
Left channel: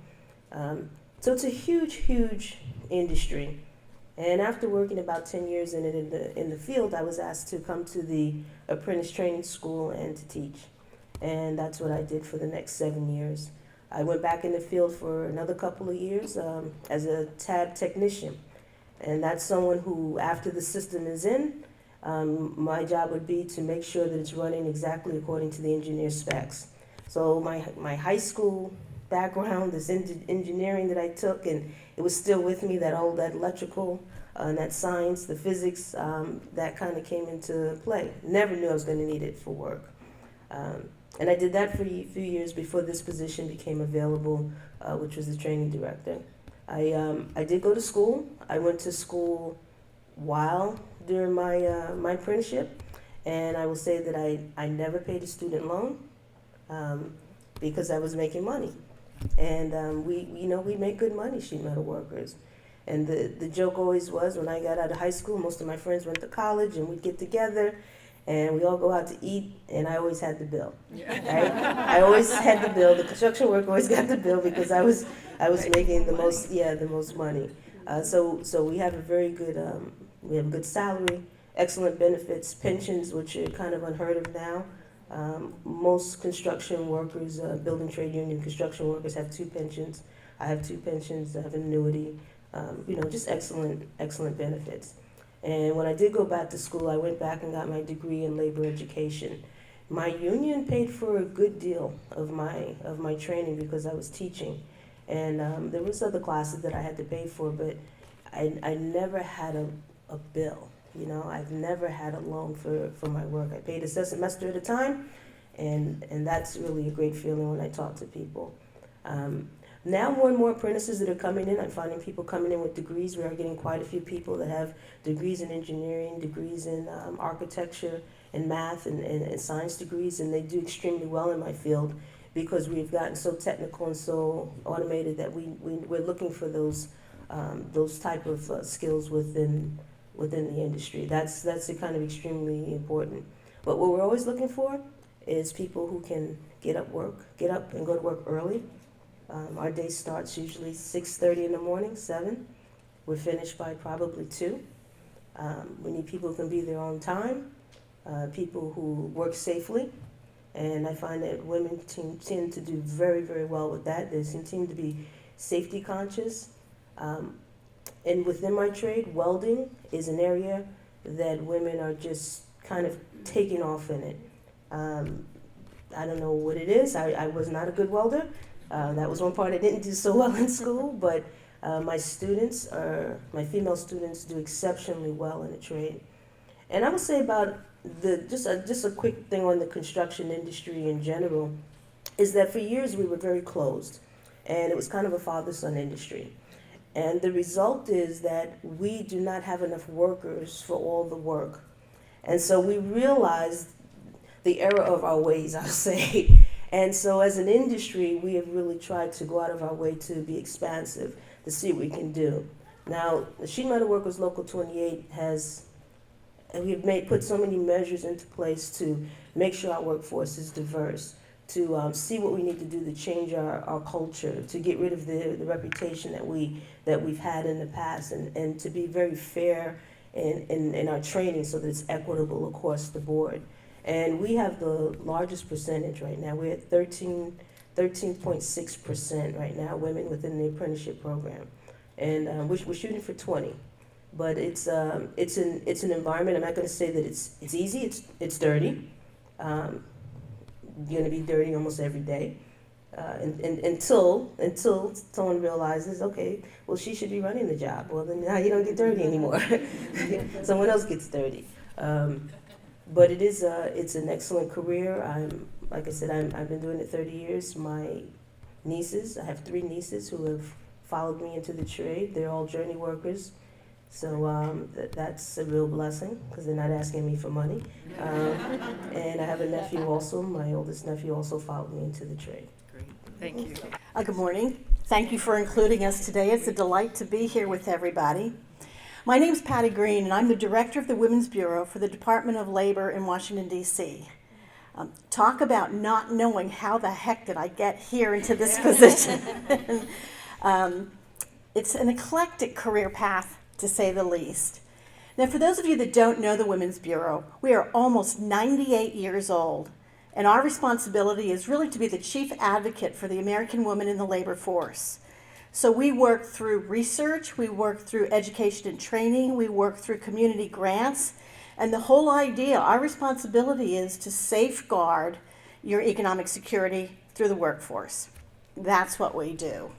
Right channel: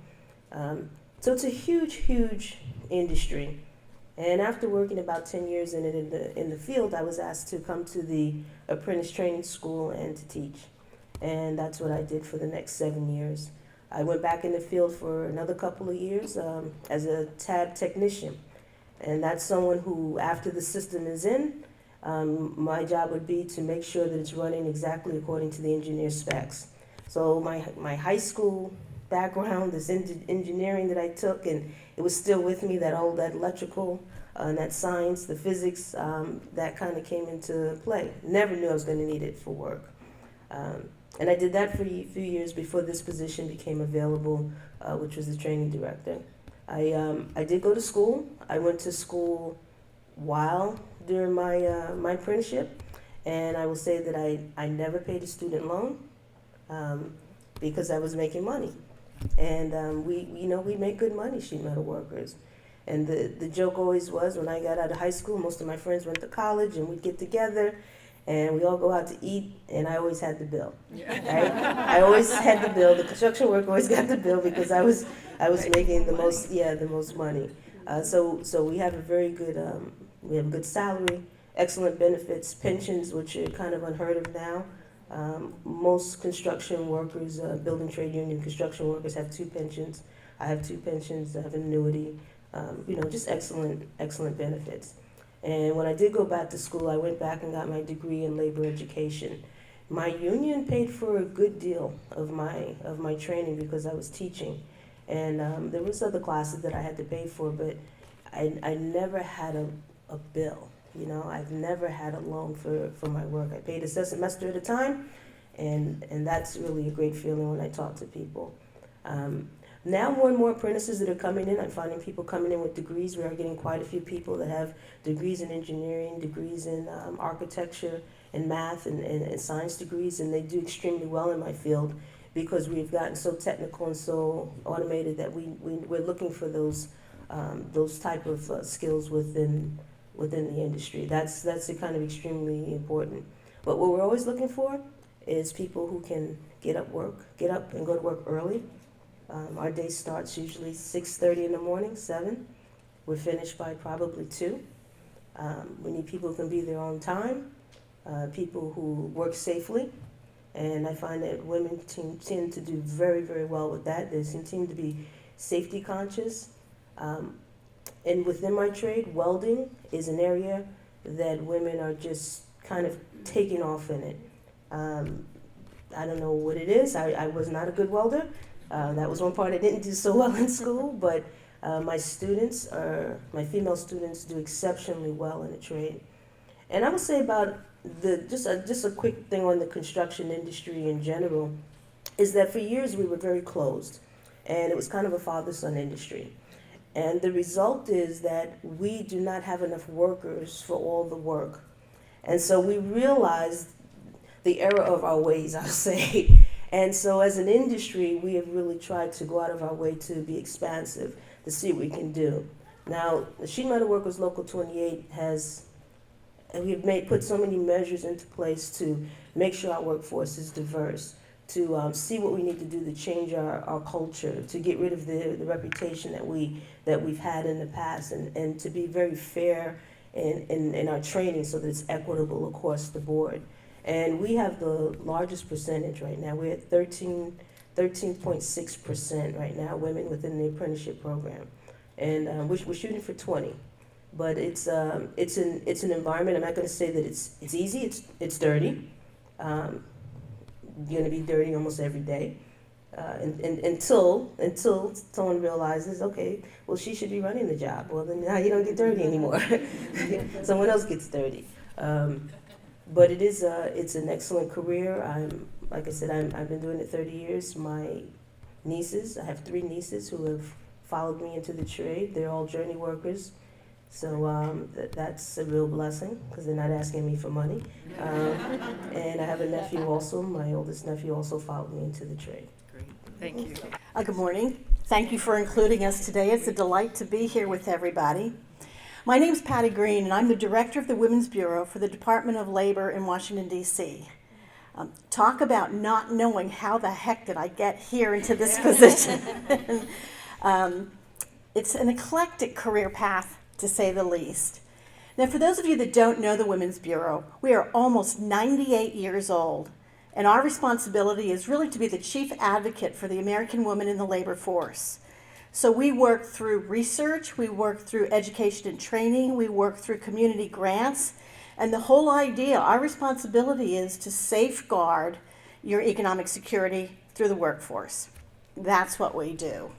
So it's a huge, huge industry. And after working about 10 years in it in the field, I was asked to come to the apprentice training school and to teach. And that's what I did for the next 7 years. I went back in the field for another couple of years as a tab technician. And that's someone who, after the system is in, my job would be to make sure that it's running exactly according to the engineer specs. So my high school background, this engineering that I took, and it was still with me, that electrical and that science, the physics, that kind of came into play. Never knew I was going to need it for work. And I did that for a few years before this position became available, which was the training director. I did go to school. I went to school while during my apprenticeship, and I will say that I never paid a student loan because I was making money. And we make good money, sheet metal workers. And the joke always was, when I got out of high school, most of my friends went to college, and we'd get together and we all go out to eat, and I always had the bill. Right? I always had the bill. The construction worker always got the bill because I was making the most money. So we have a very good we have a good salary, excellent benefits, pensions, which are kind of unheard of now. Most construction workers, building trade union construction workers, have 2 pensions. I have 2 pensions. I have an annuity. Just excellent benefits. And when I did go back to school, I went back and got my degree in labor education. My union paid for a good deal of my training because I was teaching, and there was other classes that I had to pay for, but I never had a bill. I've never had a loan for my work. I paid a semester at a time, and that's really a great feeling when I talk to people. Now more and more apprentices that are coming in, I'm finding people coming in with degrees. We are getting quite a few people that have degrees in engineering, degrees in architecture and math and science degrees, and they do extremely well in my field because we've gotten so technical and so automated that we're looking for those type of skills within the industry. That's kind of extremely important. But what we're always looking for is people who can get up and go to work early. Our day starts usually 6:30 in the morning, 7. We're finished by probably 2. We need people who can be there on time, people who work safely, and I find that women tend to do very, very well with that. They seem to be safety conscious. And within my trade, welding is an area that women are just kind of taking off in it. I don't know what it is. I was not a good welder. That was one part I didn't do so well in school, but my female students do exceptionally well in the trade. And I would say about just a quick thing on the construction industry in general, is that for years we were very closed, and it was kind of a father-son industry. And the result is that we do not have enough workers for all the work. And so we realized the error of our ways, I'll say. And so as an industry, we have really tried to go out of our way to be expansive, to see what we can do. Now, the Sheet Metal Workers Local 28 we've put so many measures into place to make sure our workforce is diverse, to see what we need to do to change our culture, to get rid of the reputation that we've had in the past, and to be very fair in our training so that it's equitable across the board. And we have the largest percentage right now. We're at 13.6% right now, women within the apprenticeship program. And we're shooting for 20. But it's an environment. I'm not going to say that it's easy. It's dirty. You're going to be dirty almost every day. until someone realizes, okay, well, she should be running the job. Well, then now you don't get dirty anymore. Someone else gets dirty. But it's an excellent career. Like I said, I've been doing it 30 years. My nieces, I have 3 nieces who have followed me into the trade. They're all journey workers. So that's a real blessing because they're not asking me for money. And I have a nephew also. My oldest nephew also followed me into the trade. Great. Thank you. Good morning. Thank you for including us today. It's a delight to be here with everybody. My name's Patty Green, and I'm the director of the Women's Bureau for the Department of Labor in Washington, D.C. Talk about not knowing how the heck did I get here into this position. It's an eclectic career path, to say the least. Now, for those of you that don't know the Women's Bureau, we are almost 98 years old, and our responsibility is really to be the chief advocate for the American woman in the labor force. So we work through research, we work through education and training, we work through community grants, and the whole idea, our responsibility is to safeguard your economic security through the workforce. That's what we do.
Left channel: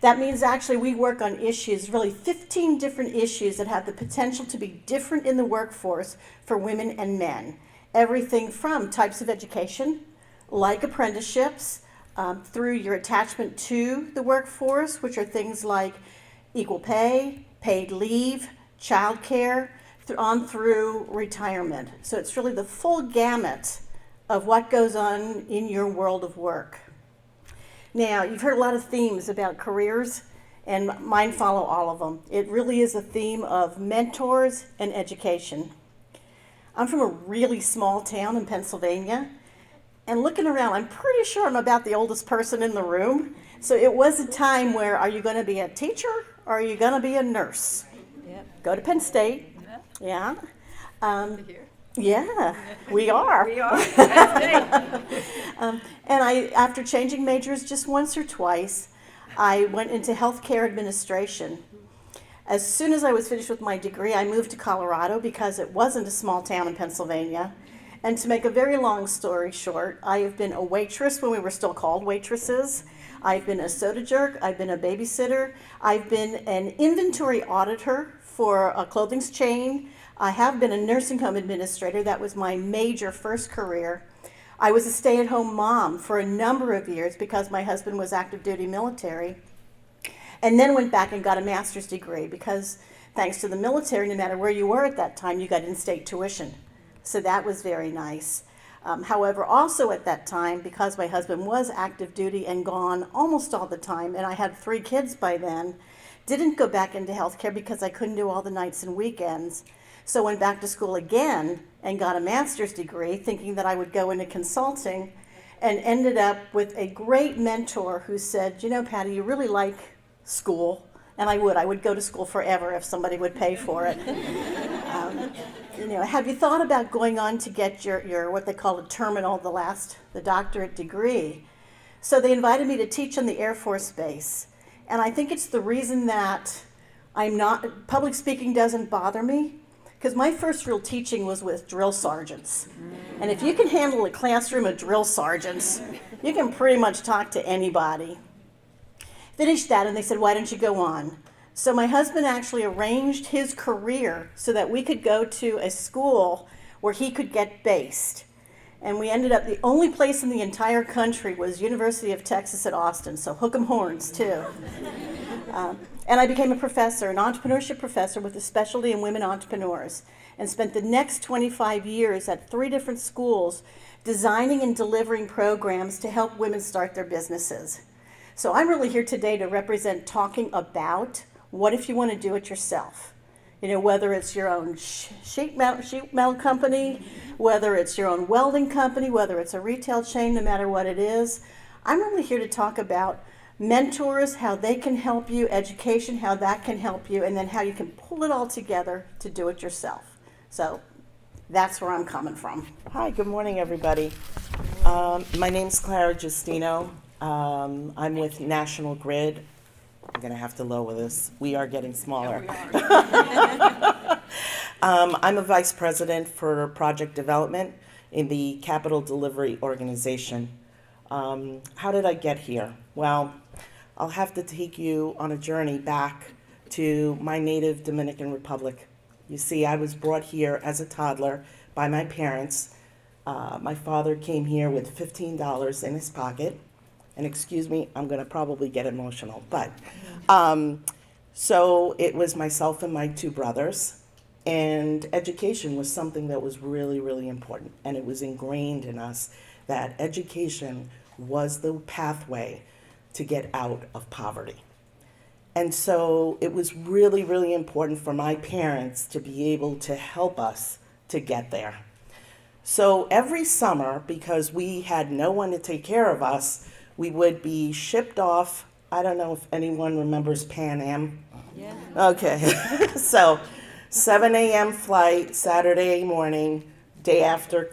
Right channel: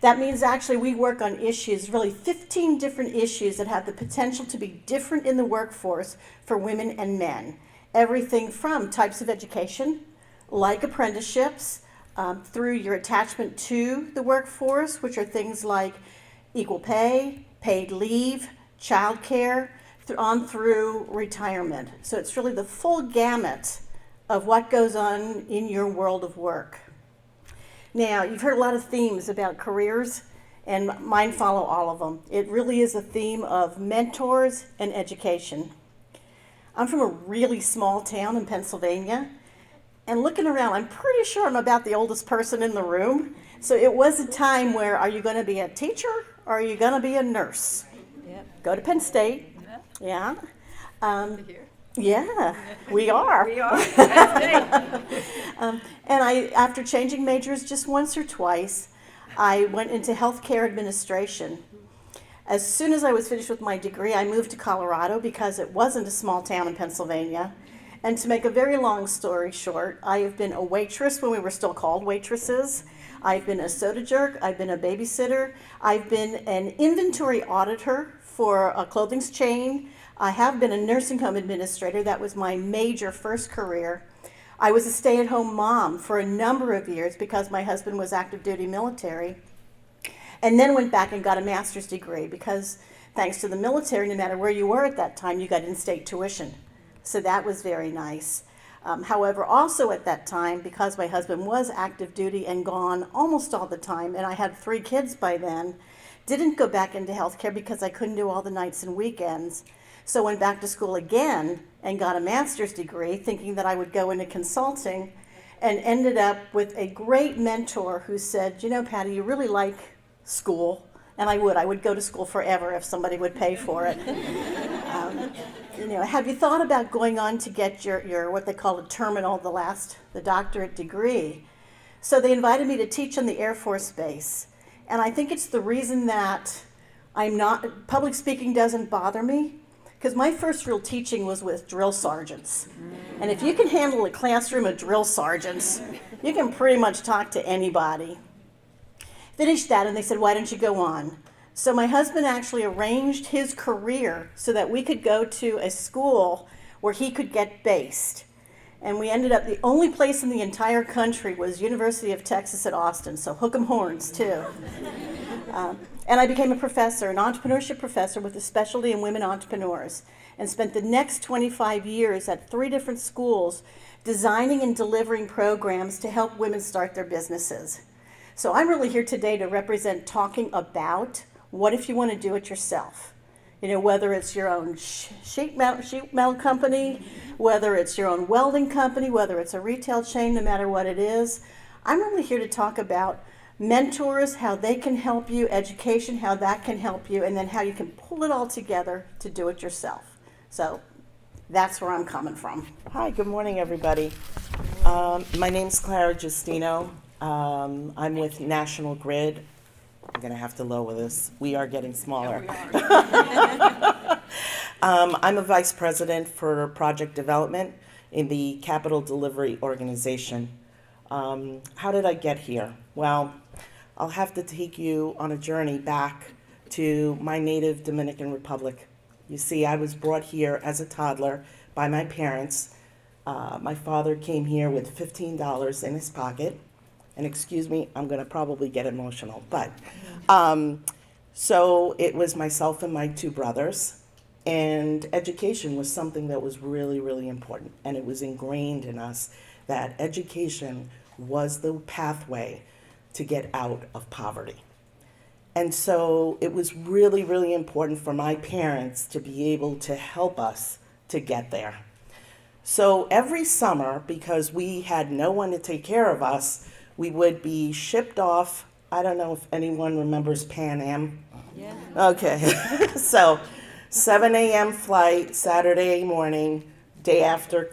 That means actually we work on issues, really 15 different issues that have the potential to be different in the workforce for women and men. Everything from types of education, like apprenticeships, through your attachment to the workforce, which are things like equal pay, paid leave, childcare, on through retirement. So it's really the full gamut of what goes on in your world of work. Now, you've heard a lot of themes about careers, and mine follow all of them. It really is a theme of mentors and education. I'm from a really small town in Pennsylvania, and looking around, I'm pretty sure I'm about the oldest person in the room. So it was a time where, are you going to be a teacher or are you going to be a nurse? Yep. Go to Penn State. Yeah. Yeah. Yeah, we are. We are. That's And after changing majors just once or twice, I went into healthcare administration. As soon as I was finished with my degree, I moved to Colorado because it wasn't a small town in Pennsylvania. And to make a very long story short, I have been a waitress when we were still called waitresses. I've been a soda jerk. I've been a babysitter. I've been an inventory auditor for a clothing chain. I have been a nursing home administrator. That was my major first career. I was a stay-at-home mom for a number of years because my husband was active duty military. And then went back and got a master's degree because thanks to the military, no matter where you were at that time, you got in-state tuition. So that was very nice. However, also at that time, because my husband was active duty and gone almost all the time, and I had 3 kids by then, didn't go back into healthcare because I couldn't do all the nights and weekends. So went back to school again and got a master's degree, thinking that I would go into consulting, and ended up with a great mentor who said, you know, Patty, you really like school. And I would go to school forever if somebody would pay for it. Have you thought about going on to get your what they call a terminal, the doctorate degree? So they invited me to teach on the Air Force Base. And I think it's the reason that public speaking doesn't bother me, because my first real teaching was with drill sergeants. And if you can handle a classroom of drill sergeants, you can pretty much talk to anybody. Finished that, and they said, why don't you go on? So my husband actually arranged his career so that we could go to a school where he could get based. And we ended up, the only place in the entire country was University of Texas at Austin, so hook 'em horns too. And I became a professor, an entrepreneurship professor with a specialty in women entrepreneurs, and spent the next 25 years at 3 different schools designing and delivering programs to help women start their businesses. So I'm really here today to represent talking about what if you want to do it yourself. Whether it's your own sheet metal company, whether it's your own welding company, whether it's a retail chain, no matter what it is. I'm really here to talk about mentors, how they can help you, education, how that can help you, and then how you can pull it all together to do it yourself. So that's where I'm coming from. Hi, good morning, everybody. My name's Clara Justino. I'm with National Grid. I'm going to have to lower this. We are getting smaller. I'm a vice president for project development in the Capital Delivery Organization. How did I get here? Well, I'll have to take you on a journey back to my native Dominican Republic. You see, I was brought here as a toddler by my parents. My father came here with $15 in his pocket. And excuse me, I'm going to probably get emotional. But so it was myself and my two brothers. And education was something that was really, really important. And it was ingrained in us that education was the pathway to get out of poverty. And so it was really, really important for my parents to be able to help us to get there. So every summer, because we had no one to take care of us, we would be shipped off. I don't know if anyone remembers Pan Am. Yeah. Okay. So 7 a.m. flight, Saturday morning, day after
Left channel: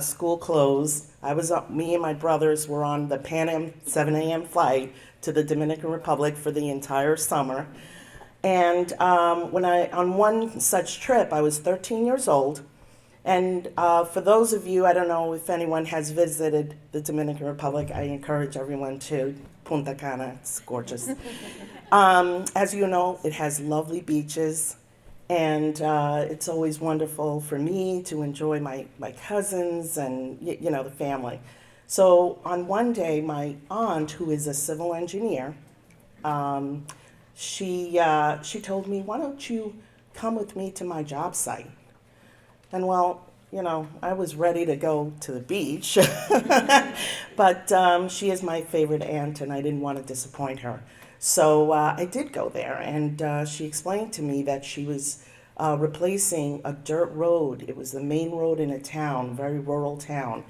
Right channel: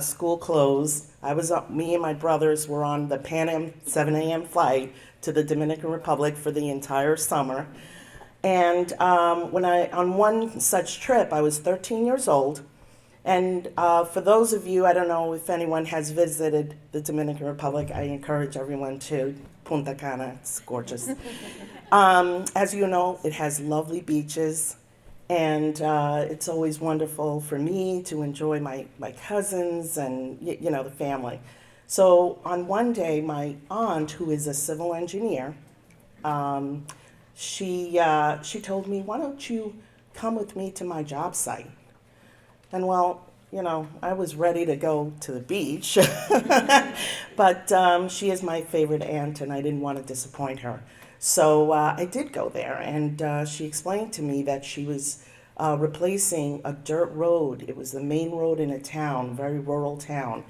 school closed. Me and my brothers were on the Pan Am 7 a.m. flight to the Dominican Republic for the entire summer. And on one such trip, I was 13 years old. And for those of you, I don't know if anyone has visited the Dominican Republic, I encourage everyone to. Punta Cana, it's gorgeous. As you know, it has lovely beaches. And it's always wonderful for me to enjoy my cousins and, the family. So on one day, my aunt, who is a civil engineer, she told me, why don't you come with me to my job site? And well, I was ready to go to the beach, but she is my favorite aunt and I didn't want to disappoint her. So I did go there, and she explained to me that she was replacing a dirt road. It was the main road in a town, very rural town,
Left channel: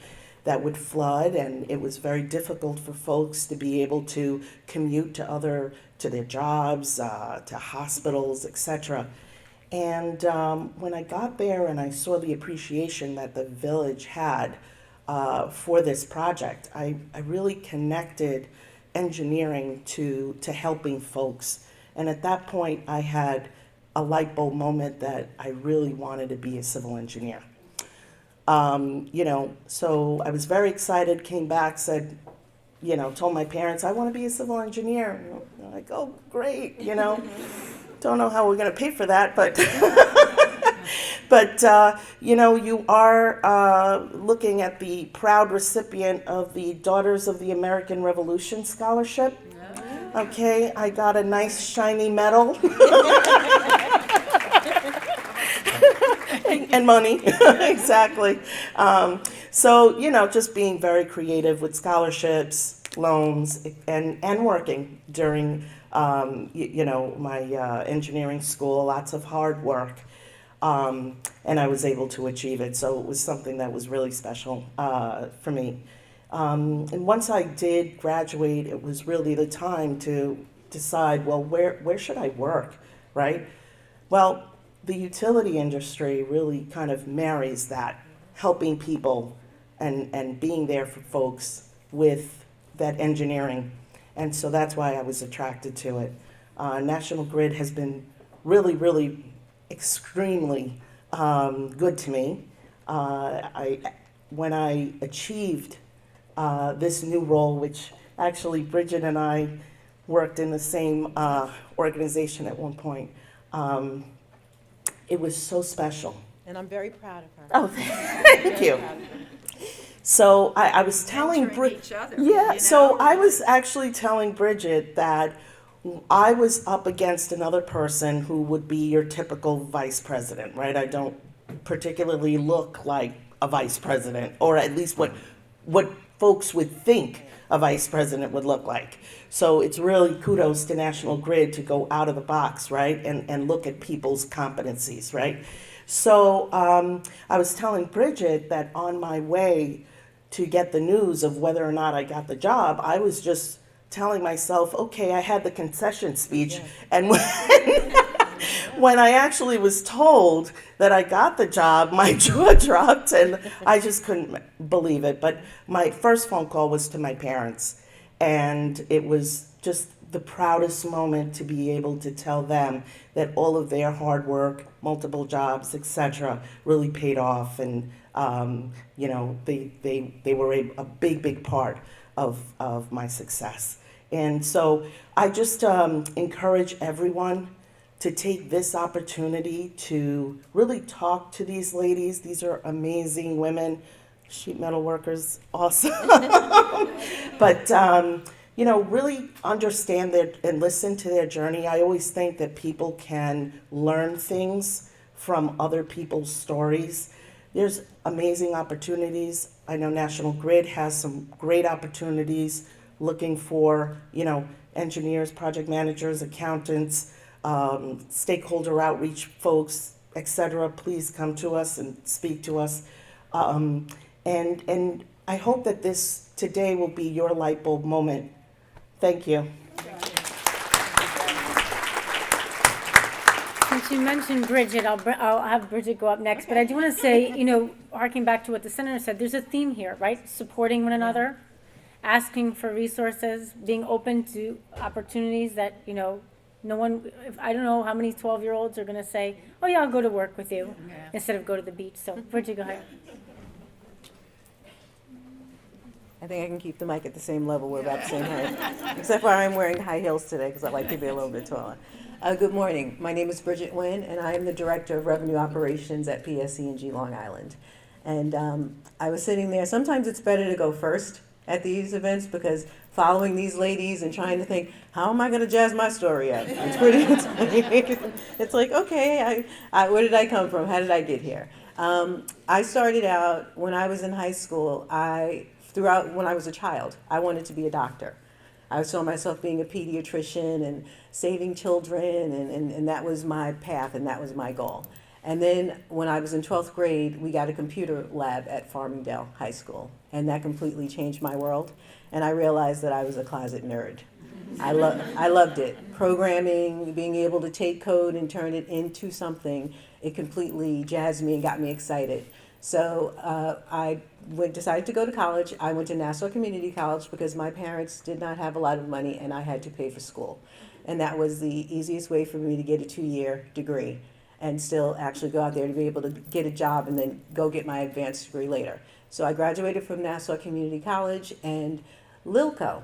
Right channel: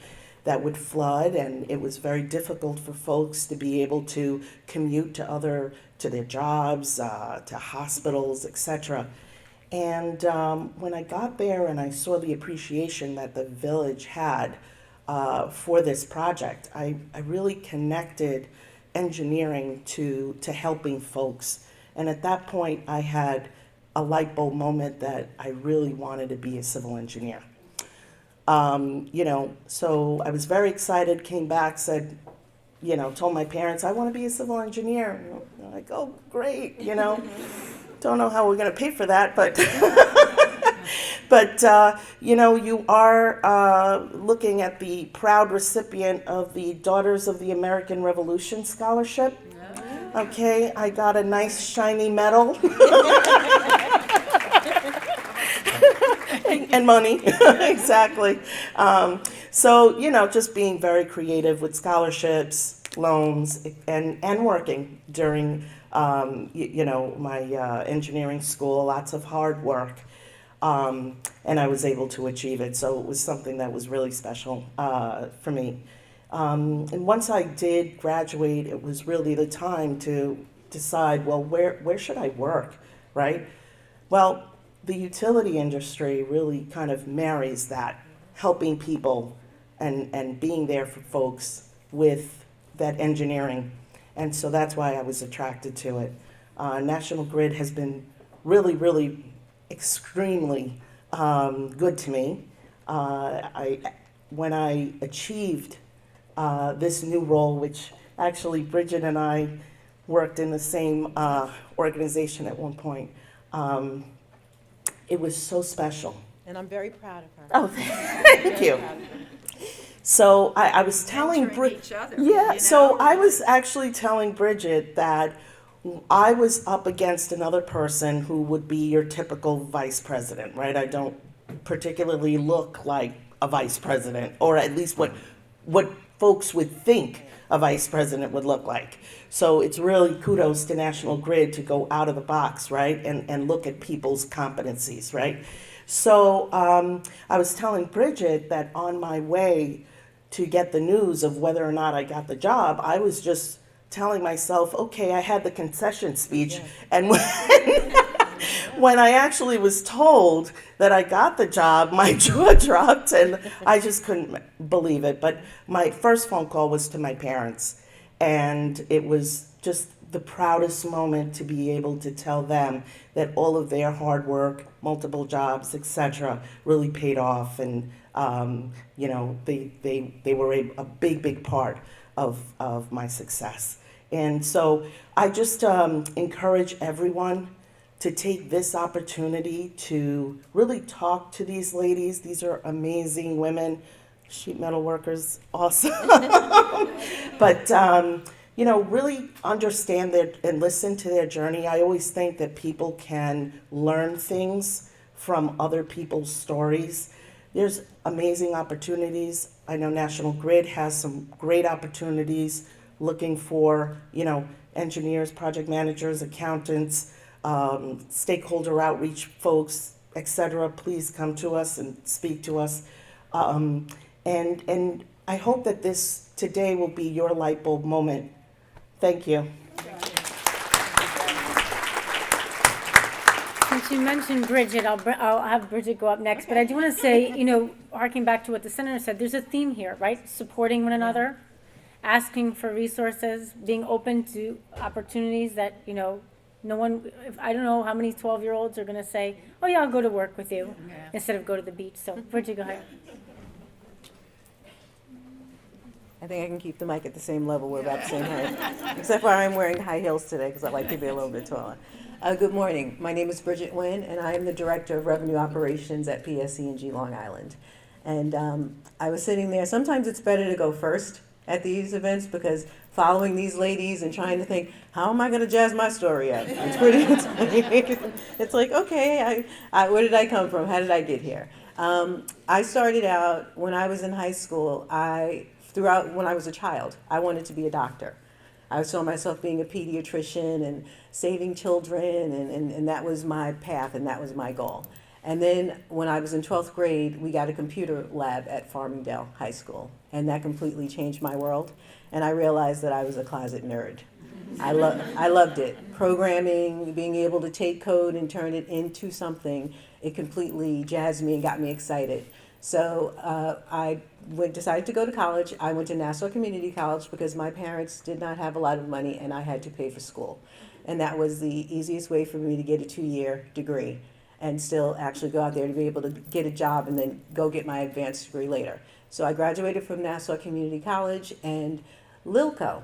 that would flood, and it was very difficult for folks to be able to commute to their jobs, to hospitals, etc. And when I got there and I saw the appreciation that the village had for this project, I really connected engineering to helping folks. And at that point, I had a light bulb moment that I really wanted to be a civil engineer. So I was very excited, came back, said, told my parents, I want to be a civil engineer. And they're like, oh, great, Don't know how we're going to pay for that, but you are looking at the proud recipient of the Daughters of the American Revolution Scholarship. Okay, I got a nice shiny medal. And money, exactly. So, just being very creative with scholarships, loans, and working during my engineering school, lots of hard work, and I was able to achieve it. So it was something that was really special for me. And once I did graduate, it was really the time to decide, well, where should I work, right? Well, the utility industry really kind of marries that, helping people and being there for folks with that engineering. And so that's why I was attracted to it. National Grid has been really, really extremely good to me. When I achieved this new role, which actually Bridget and I worked in the same organization at one point, it was so special. And I'm very proud of her. Oh, thank you. So I was telling Bridget, so I was actually telling Bridget that I was up against another person who would be your typical vice president, right? I don't particularly look like a vice president, or at least what folks would think a vice president would look like. So it's really kudos to National Grid to go out of the box, right? And look at people's competencies, right? So I was telling Bridget that on my way to get the news of whether or not I got the job, I was just telling myself, okay, I had the concession speech. Yes. And when I actually was told that I got the job, my jaw dropped and I just couldn't believe it. But my first phone call was to my parents, and it was just the proudest moment to be able to tell them that all of their hard work, multiple jobs, etc., really paid off, and they were a big part of my success. And so I just encourage everyone to take this opportunity to really talk to these ladies. These are amazing women, sheet metal workers, awesome. But, really understand their and listen to their journey. I always think that people can learn things from other people's stories. There's amazing opportunities. I know National Grid has some great opportunities looking for, engineers, project managers, accountants, stakeholder outreach folks, etc. Please come to us and speak to us. And I hope that this today will be your light bulb moment. Thank you. Since you mentioned Bridget, I'll have Bridget go up next. But I do want to say, harking back to what the senator said, there's a theme here, right? Supporting one another, asking for resources, being open to opportunities that, no one, I don't know how many 12-year-olds are going to say, oh yeah, I'll go to work with you, instead of go to the beach. So Bridget, go ahead. I think I can keep the mic at the same level. We're about the same height. Except for I'm wearing high heels today because I like to be a little bit taller. Good morning. My name is Bridget Nguyen, and I am the Director of Revenue Operations at PSE&G Long Island. And I was sitting there. Sometimes it's better to go first at these events because following these ladies and trying to think, how am I going to jazz my story up? It's like, okay, where did I come from? How did I get here? I started out when I was in high school. When I was a child, I wanted to be a doctor. I saw myself being a pediatrician and saving children, and that was my path and that was my goal. And then when I was in 12th grade, we got a computer lab at Farmingdale High School, and that completely changed my world. And I realized that I was a closet nerd. I loved it. Programming, being able to take code and turn it into something, it completely jazzed me and got me excited. So I decided to go to college. I went to Nassau Community College because my parents did not have a lot of money and I had to pay for school. And that was the easiest way for me to get a 2-year degree and still actually go out there to be able to get a job and then go get my advanced degree later. So I graduated from Nassau Community College, and Lilco,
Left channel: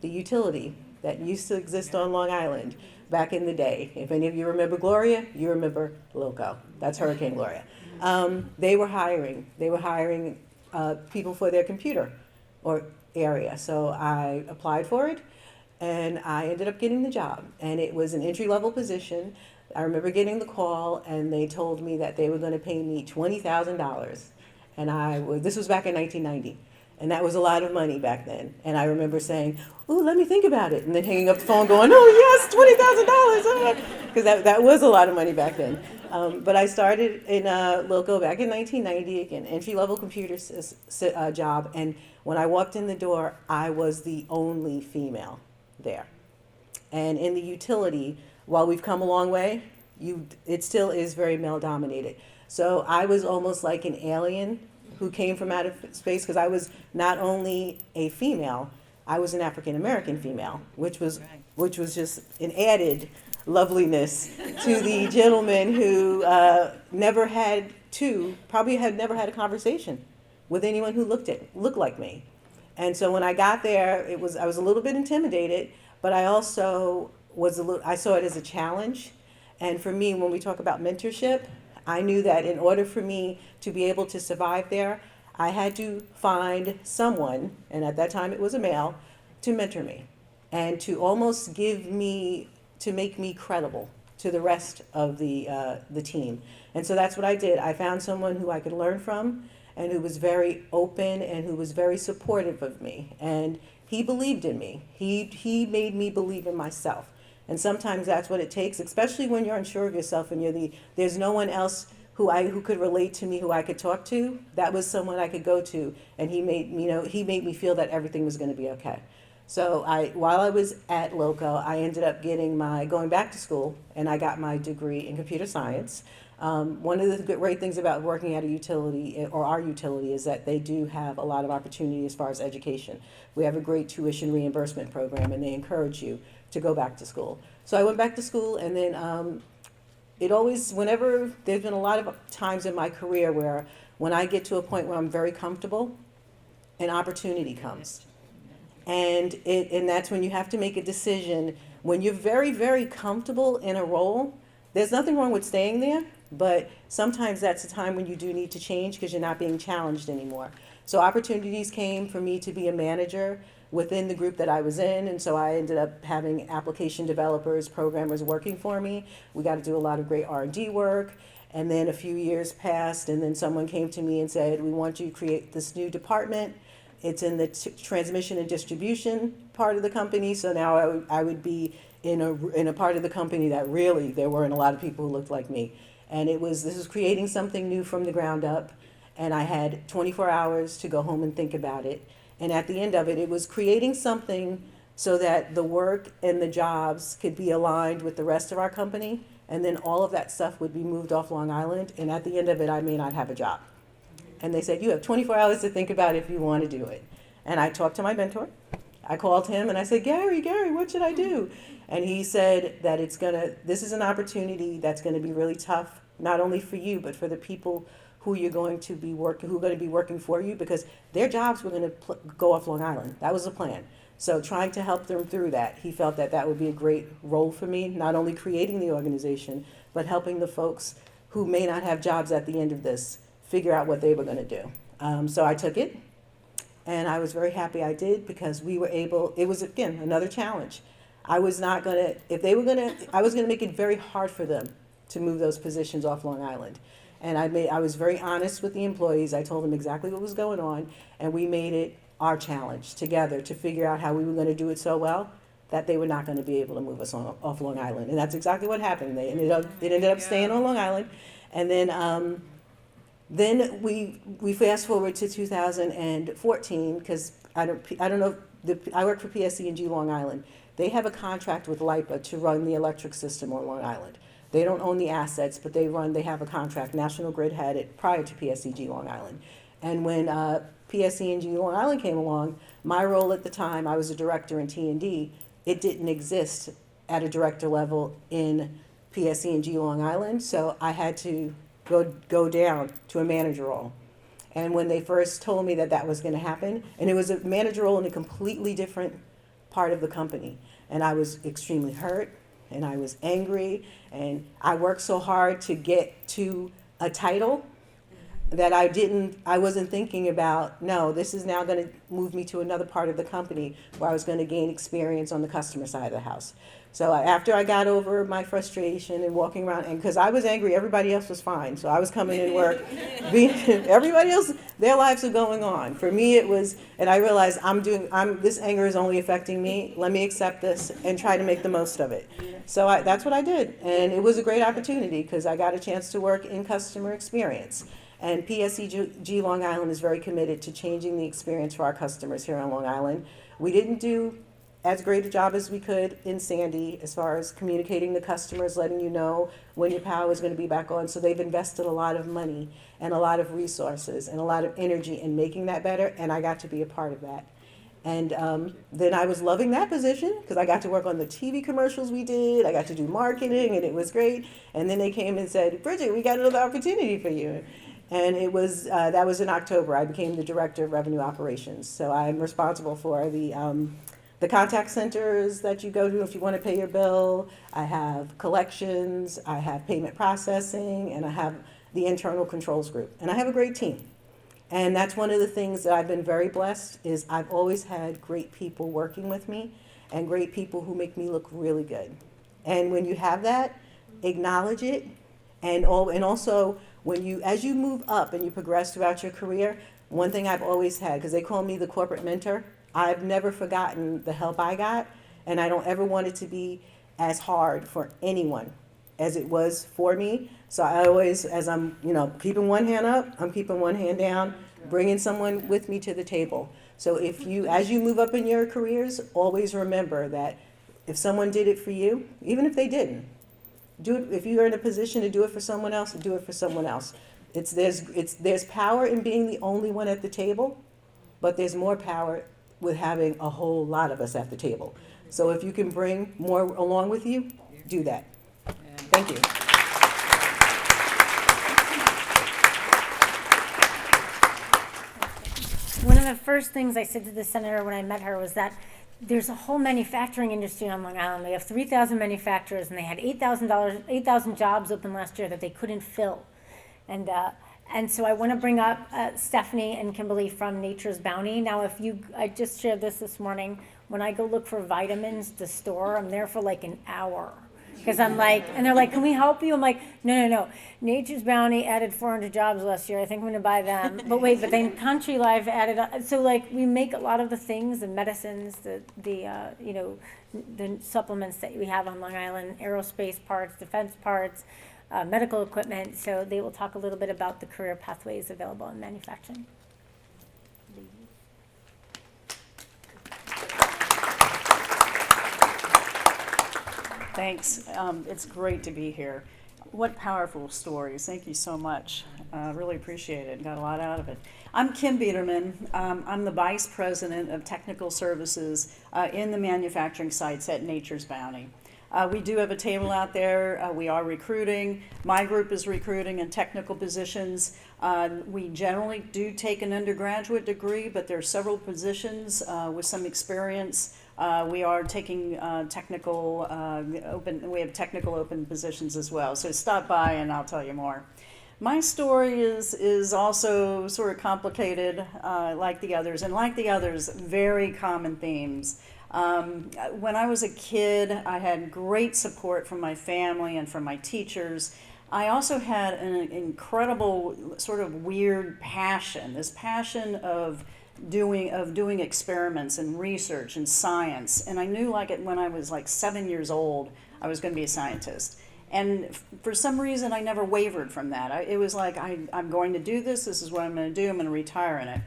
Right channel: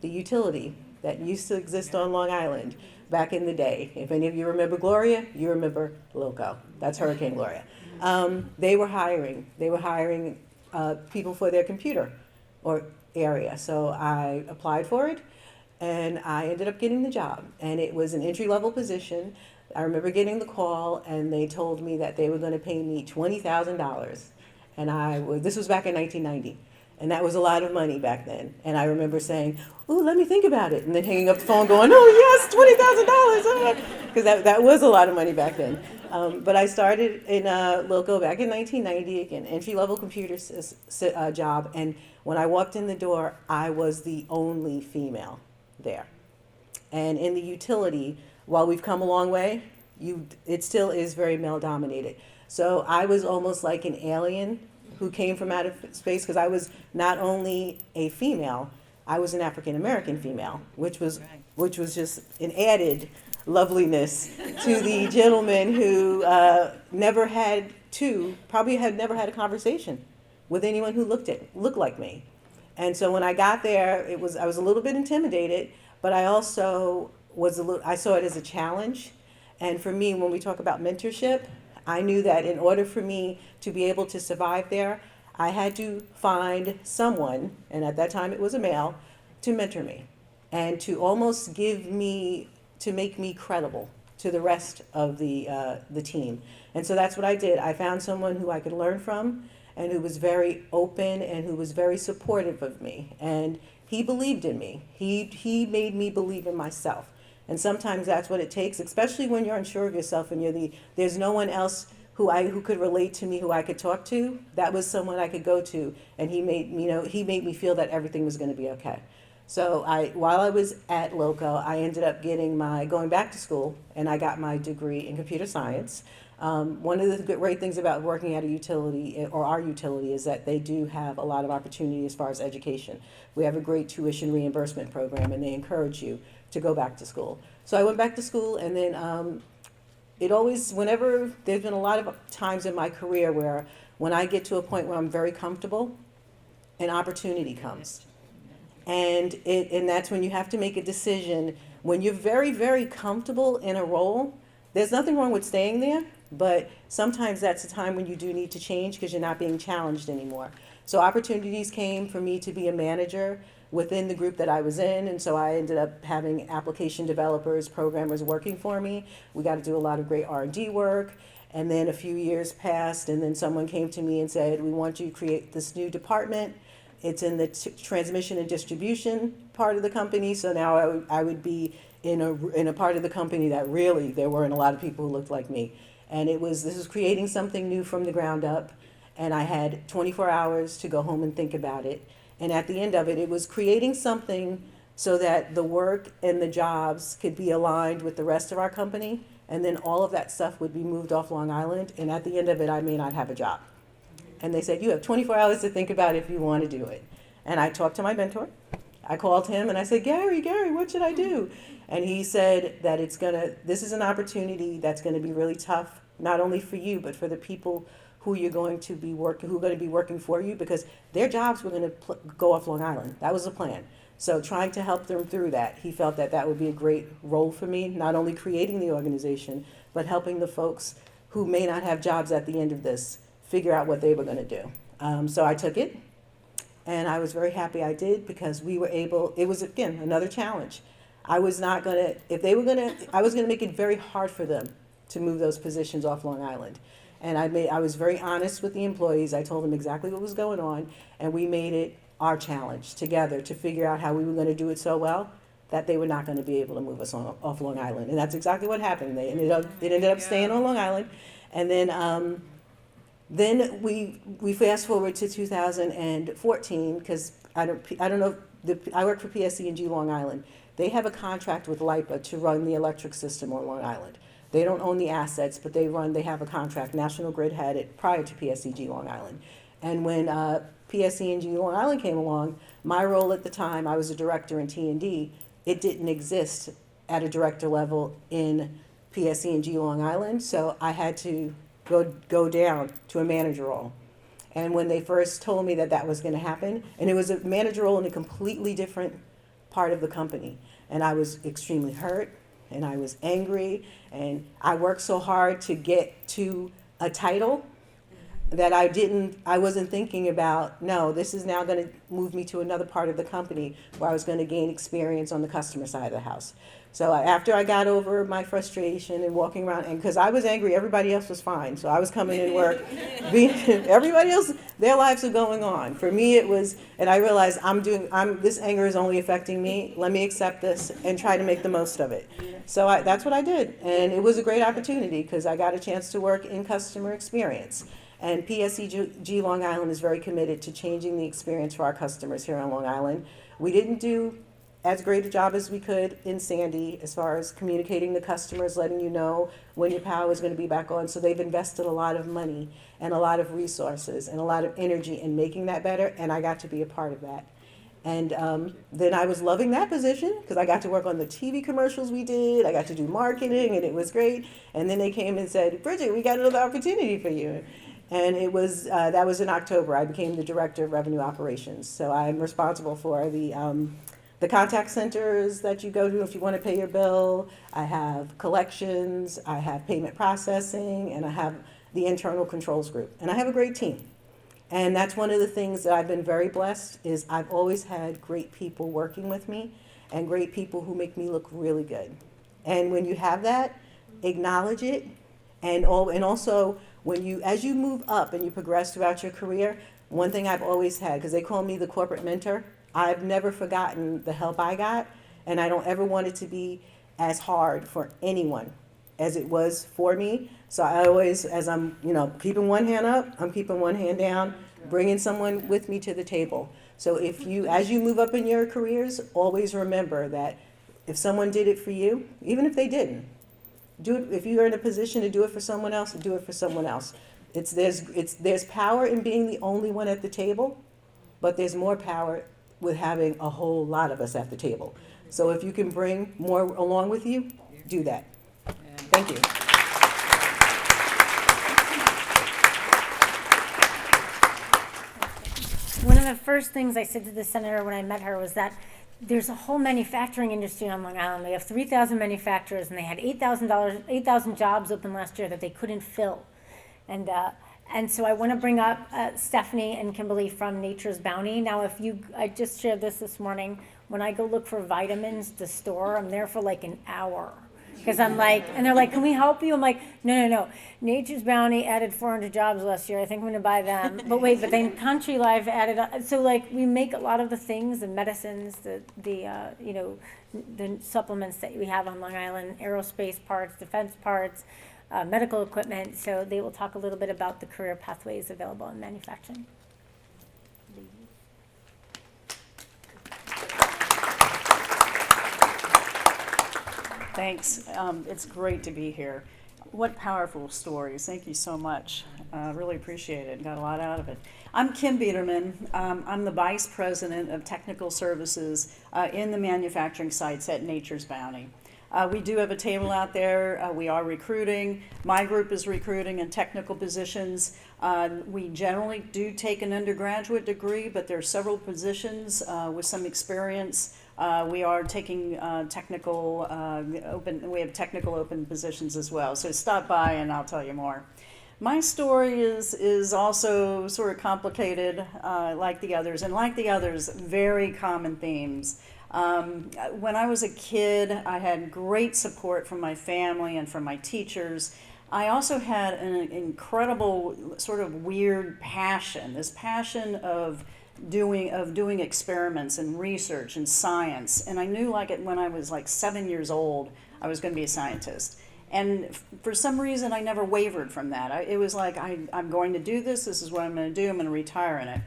the utility that used to exist on Long Island back in the day. If any of you remember Gloria, you remember Lilco. That's Hurricane Gloria. They were hiring people for their computer or area. So I applied for it and I ended up getting the job. And it was an entry-level position. I remember getting the call and they told me that they were going to pay me $20,000. And this was back in 1990. And that was a lot of money back then. And I remember saying, ooh, let me think about it. And then hanging up the phone going, oh yes, $20,000. Because that was a lot of money back then. But I started in Lilco back in 1990, again, entry-level computer job. And when I walked in the door, I was the only female there. And in the utility, while we've come a long way, it still is very male-dominated. So I was almost like an alien who came from outer space because I was not only a female, I was an African-American female, which was just an added loveliness to the gentleman who probably had never had a conversation with anyone who looked like me. And so when I got there, I was a little bit intimidated, but I also I saw it as a challenge. And for me, when we talk about mentorship, I knew that in order for me to be able to survive there, I had to find someone, and at that time it was a male, to mentor me and to almost to make me credible to the rest of the team. And so that's what I did. I found someone who I could learn from and who was very open and who was very supportive of me. And he believed in me. He made me believe in myself. And sometimes that's what it takes, especially when you're unsure of yourself and there's no one else who could relate to me, who I could talk to. That was someone I could go to, and he made me feel that everything was going to be okay. So while I was at Lilco, I ended up going back to school, and I got my degree in computer science. One of the great things about working at a utility, or our utility, is that they do have a lot of opportunity as far as education. We have a great tuition reimbursement program, and they encourage you to go back to school. So I went back to school, and then whenever there's been a lot of times in my career where when I get to a point where I'm very comfortable, an opportunity comes. And that's when you have to make a decision. When you're very, very comfortable in a role, there's nothing wrong with staying there, but sometimes that's a time when you do need to change because you're not being challenged anymore. So opportunities came for me to be a manager within the group that I was in, and so I ended up having application developers, programmers working for me. We got to do a lot of great R&D work, and then a few years passed, and then someone came to me and said, we want you to create this new department. It's in the transmission and distribution part of the company, so now I would be in a part of the company that really there weren't a lot of people who looked like me. And this was creating something new from the ground up, and I had 24 hours to go home and think about it. And at the end of it, it was creating something so that the work and the jobs could be aligned with the rest of our company, and then all of that stuff would be moved off Long Island, and at the end of it, I may not have a job. And they said, you have 24 hours to think about if you want to do it. And I talked to my mentor. I called him and I said, Gary, what should I do? And he said that this is an opportunity that's going to be really tough, not only for you, but for the people who are going to be working for you, because their jobs were going to go off Long Island. That was the plan. So trying to help them through that, he felt that would be a great role for me, not only creating the organization, but helping the folks who may not have jobs at the end of this figure out what they were going to do. So I took it, and I was very happy I did, because we were able, it was, again, another challenge. I was not going to, I was going to make it very hard for them to move those positions off Long Island. And I was very honest with the employees. I told them exactly what was going on, and we made it our challenge together to figure out how we were going to do it so well that they were not going to be able to move us off Long Island. And that's exactly what happened. It ended up staying on Long Island. And then we fast forward to 2014, because I don't know, I work for PSE&G Long Island. They have a contract with LIPA to run the electric system on Long Island. They don't own the assets, but they have a contract. National Grid had it prior to PSE&G Long Island. And when PSE&G Long Island came along, my role at the time, I was a director in T&D, it didn't exist at a director level in PSE&G Long Island, so I had to go down to a manager role. And when they first told me that was going to happen, and it was a manager role in a completely different part of the company, and I was extremely hurt, and I was angry, and I worked so hard to get to a title that I wasn't thinking about, no, this is now going to move me to another part of the company where I was going to gain experience on the customer side of the house. So after I got over my frustration and walking around, and because I was angry, everybody else was fine. So I was coming in work, everybody else, their lives are going on. For me, it was, and I realized this anger is only affecting me. Let me accept this and try to make the most of it. So that's what I did. And it was a great opportunity because I got a chance to work in customer experience. And PSEG Long Island is very committed to changing the experience for our customers here on Long Island. We didn't do as great a job as we could in Sandy as far as communicating to customers, letting you know when your power was going to be back on. So they've invested a lot of money and a lot of resources and a lot of energy in making that better, and I got to be a part of that. And then I was loving that position because I got to work on the TV commercials we did. I got to do marketing, and it was great. And then they came and said, Bridget, we got another opportunity for you. And it was that was in October. I became the Director of Revenue Operations. So I'm responsible for the contact centers that you go to if you want to pay your bill. I have collections, I have payment processing, and I have the internal controls group. And I have a great team. And that's one of the things that I've been very blessed is I've always had great people working with me and great people who make me look really good. And when you have that, acknowledge it. And also, as you move up and you progress throughout your career, one thing I've always had, because they call me the corporate mentor, I've never forgotten the help I got, and I don't ever want it to be as hard for anyone as it was for me. So I always, as I'm, keeping one hand up, I'm keeping one hand down, bringing someone with me to the table. So as you move up in your careers, always remember that if someone did it for you, even if they didn't, do it. If you're in a position to do it for someone else, do it for someone else. There's power in being the only one at the table, but there's more power with having a whole lot of us at the table. So if you can bring more along with you, do that. Thank you. one of the first things I said to the senator when I met her was that there's a whole manufacturing industry on Long Island. They have 3,000 manufacturers, and they had $8,000 jobs open last year that they couldn't fill. And so I want to bring up Stephanie and Kimberly from Nature's Bounty. Now, I just shared this morning. When I go look for vitamins at the store, I'm there for like an hour. Because I'm like, and they're like, can we help you? I'm like, no. Nature's Bounty added 400 jobs last year. I think I'm going to buy them. But wait, but then Country Life added, so like we make a lot of the things, the medicines, the supplements that we have on Long Island, aerospace parts, defense parts, medical equipment. So they will talk a little bit about the career pathways available in manufacturing. Thanks. It's great to be here. What powerful stories. Thank you so much. Really appreciate it. Got a lot out of it. I'm Kim Biederman. I'm the Vice President of Technical Services in the manufacturing sites at Nature's Bounty. We do have a table out there. We are recruiting. My group is recruiting in technical positions. We generally do take an undergraduate degree, but there are several positions with some experience. We are taking technical open. We have technical open positions as well. So stop by and I'll tell you more. My story is also sort of complicated, like the others, and like the others, very common themes. When I was a kid, I had great support from my family and from my teachers. I also had an incredible sort of weird passion, this passion of doing experiments and research and science. And I knew when I was like 7 years old, I was going to be a scientist. And for some reason, I never wavered from that. It was like, I'm going to do this. This is what I'm going to do. I'm going to retire in it.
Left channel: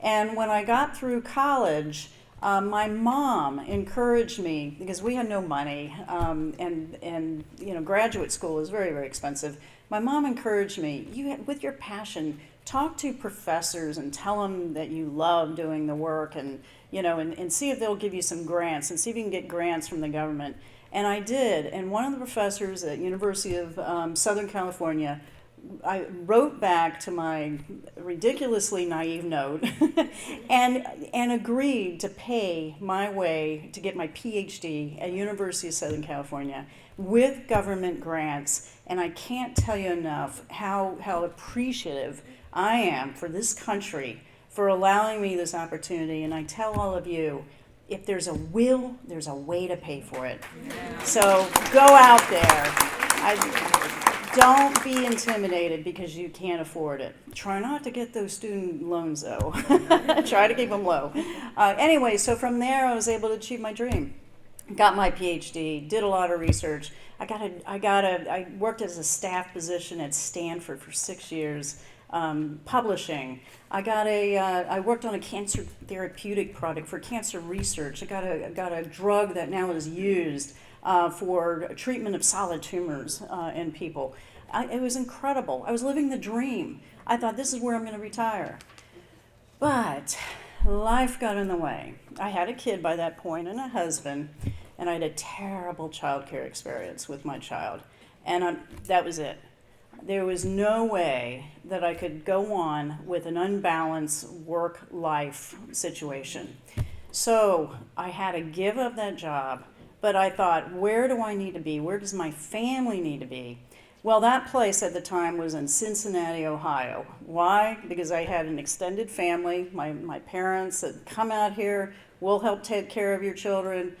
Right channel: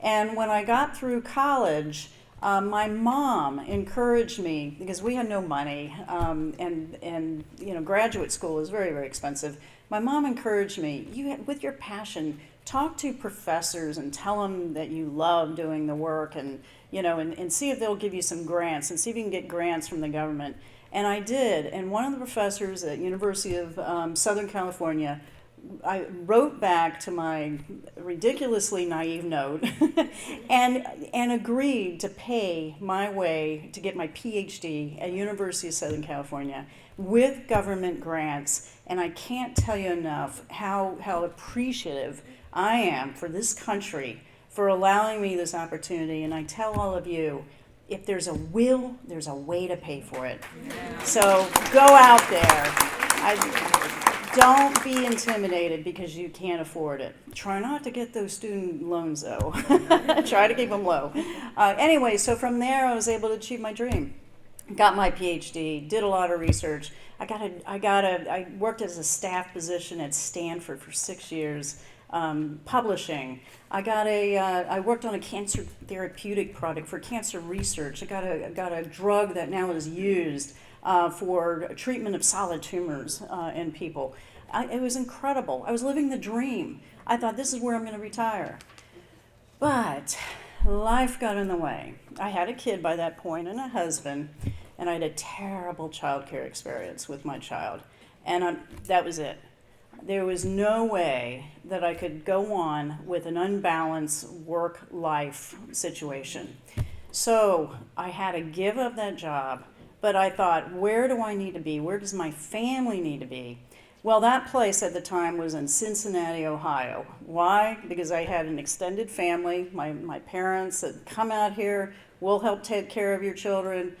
And when I got through college, my mom encouraged me, because we had no money, and graduate school is very, very expensive. My mom encouraged me, with your passion, talk to professors and tell them that you love doing the work, and see if they'll give you some grants, and see if you can get grants from the government. And I did. And one of the professors at University of Southern California, I wrote back to my ridiculously naive note and agreed to pay my way to get my PhD at University of Southern California with government grants. And I can't tell you enough how appreciative I am for this country for allowing me this opportunity. And I tell all of you, if there's a will, there's a way to pay for it. So go out there. Don't be intimidated because you can't afford it. Try not to get those student loans, though. Try to keep them low. Anyway, so from there, I was able to achieve my dream. Got my PhD, did a lot of research. I worked as a staff position at Stanford for 6 years, publishing. I worked on a cancer therapeutic product for cancer research. I got a drug that now is used for treatment of solid tumors in people. It was incredible. I was living the dream. I thought, this is where I'm going to retire. But life got in the way. I had a kid by that point and a husband, and I had a terrible childcare experience with my child. And that was it. There was no way that I could go on with an unbalanced work-life situation. So I had to give up that job. But I thought, where do I need to be? Where does my family need to be? Well, that place at the time was in Cincinnati, Ohio. Why? Because I had an extended family. My parents had come out here, we'll help take care of your children,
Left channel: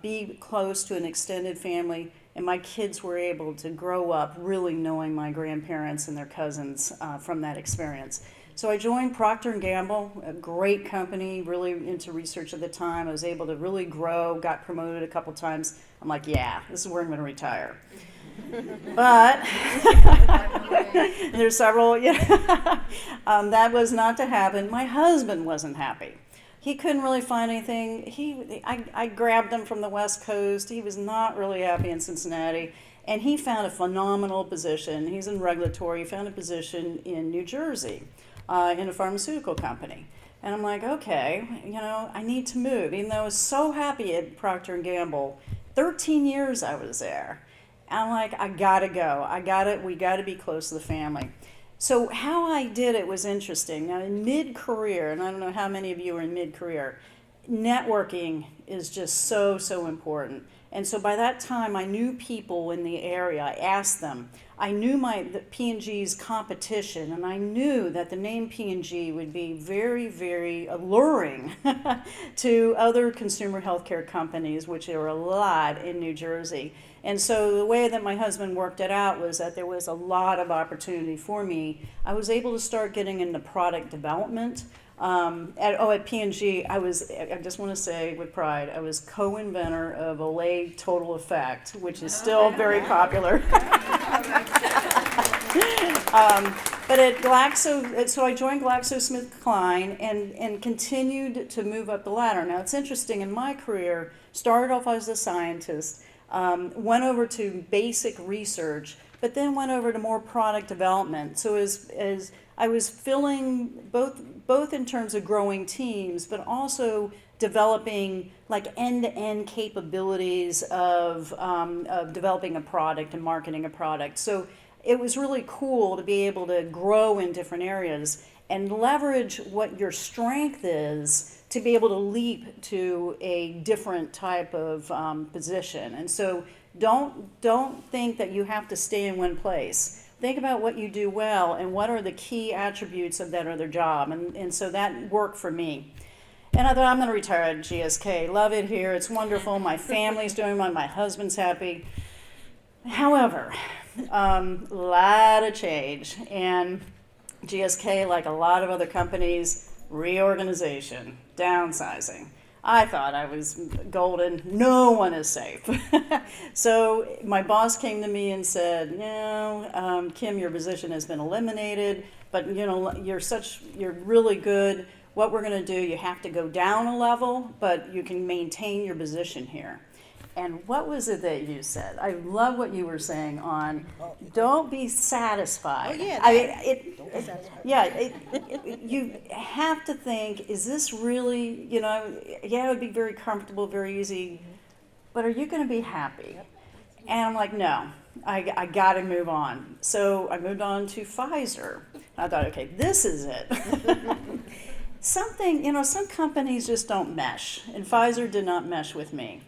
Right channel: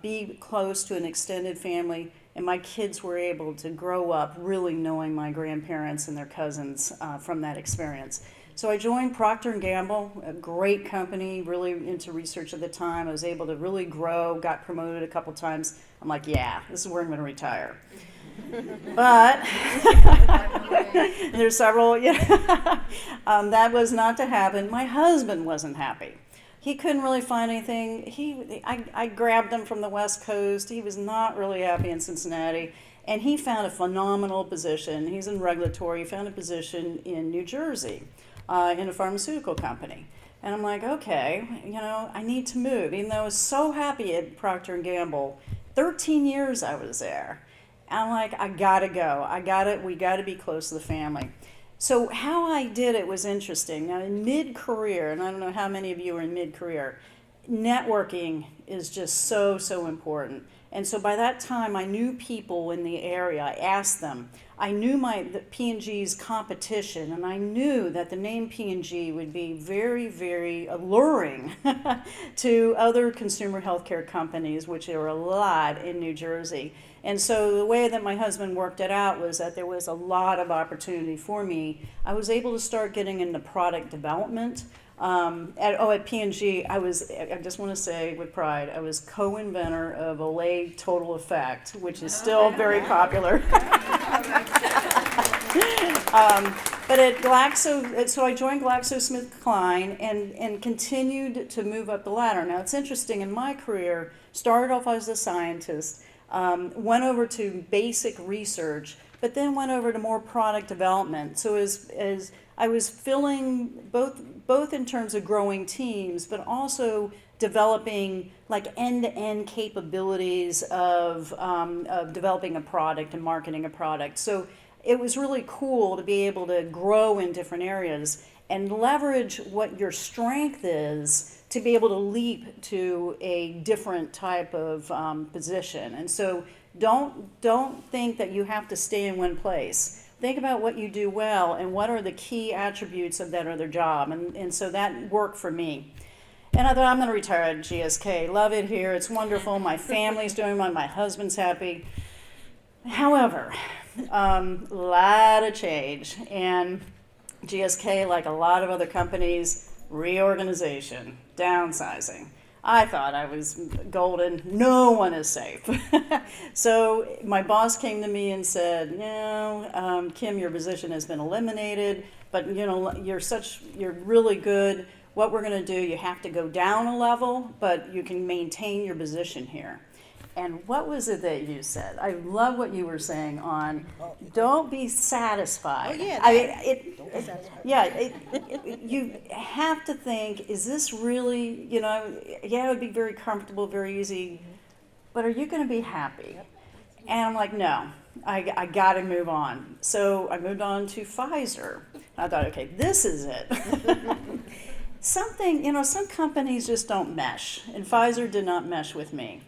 be close to an extended family. And my kids were able to grow up really knowing my grandparents and their cousins from that experience. So I joined Procter & Gamble, a great company, really into research at the time. I was able to really grow, got promoted a couple times. I'm like, yeah, this is where I'm going to retire. But there's several, that was not to happen. My husband wasn't happy. He couldn't really find anything. I grabbed him from the West Coast. He was not really happy in Cincinnati. And he found a phenomenal position. He's in regulatory. He found a position in New Jersey. In a pharmaceutical company. And I'm like, okay, I need to move. Even though I was so happy at Procter & Gamble, 13 years I was there. And I'm like, I gotta go. We gotta be close to the family. So how I did it was interesting. Now in mid-career, and I don't know how many of you are in mid-career, networking is just so important. And so by that time, I knew people in the area. I asked them. I knew the P&G's competition, and I knew that the name P&G would be very alluring to other consumer healthcare companies, which there are a lot in New Jersey. And so the way that my husband worked it out was that there was a lot of opportunity for me. I was able to start getting into product development. At P&G, I just want to say with pride, I was co-inventor of Olay Total Effect, which is still very popular. But at Glaxo, so I joined GlaxoSmithKline and continued to move up the ladder. Now it's interesting, in my career, started off as a scientist, went over to basic research, but then went over to more product development. So as I was filling both in terms of growing teams, but also developing like end-to-end capabilities of developing a product and marketing a product. So it was really cool to be able to grow in different areas and leverage what your strength is to be able to leap to a different type of position. And so don't think that you have to stay in one place. Think about what you do well and what are the key attributes of that other job. And so that worked for me. And I thought, I'm going to retire at GSK. Love it here. It's wonderful. My family's doing well. My husband's happy. However, a lot of change. And GSK, like a lot of other companies, reorganization, downsizing. I thought I was golden. No one is safe. So my boss came to me and said, Kim, your position has been eliminated, but you're really good. What we're going to do, you have to go down a level, but you can maintain your position here. And what was it that you said? I love what you were saying on don't be satisfied. Oh, yeah. Don't be satisfied. You have to think, is this really, it would be very comfortable, very easy, but are you going to be happy? And I'm like, no, I got to move on. So I moved on to Pfizer. I thought, okay, this is it. Some companies just don't mesh, and Pfizer did not mesh with me.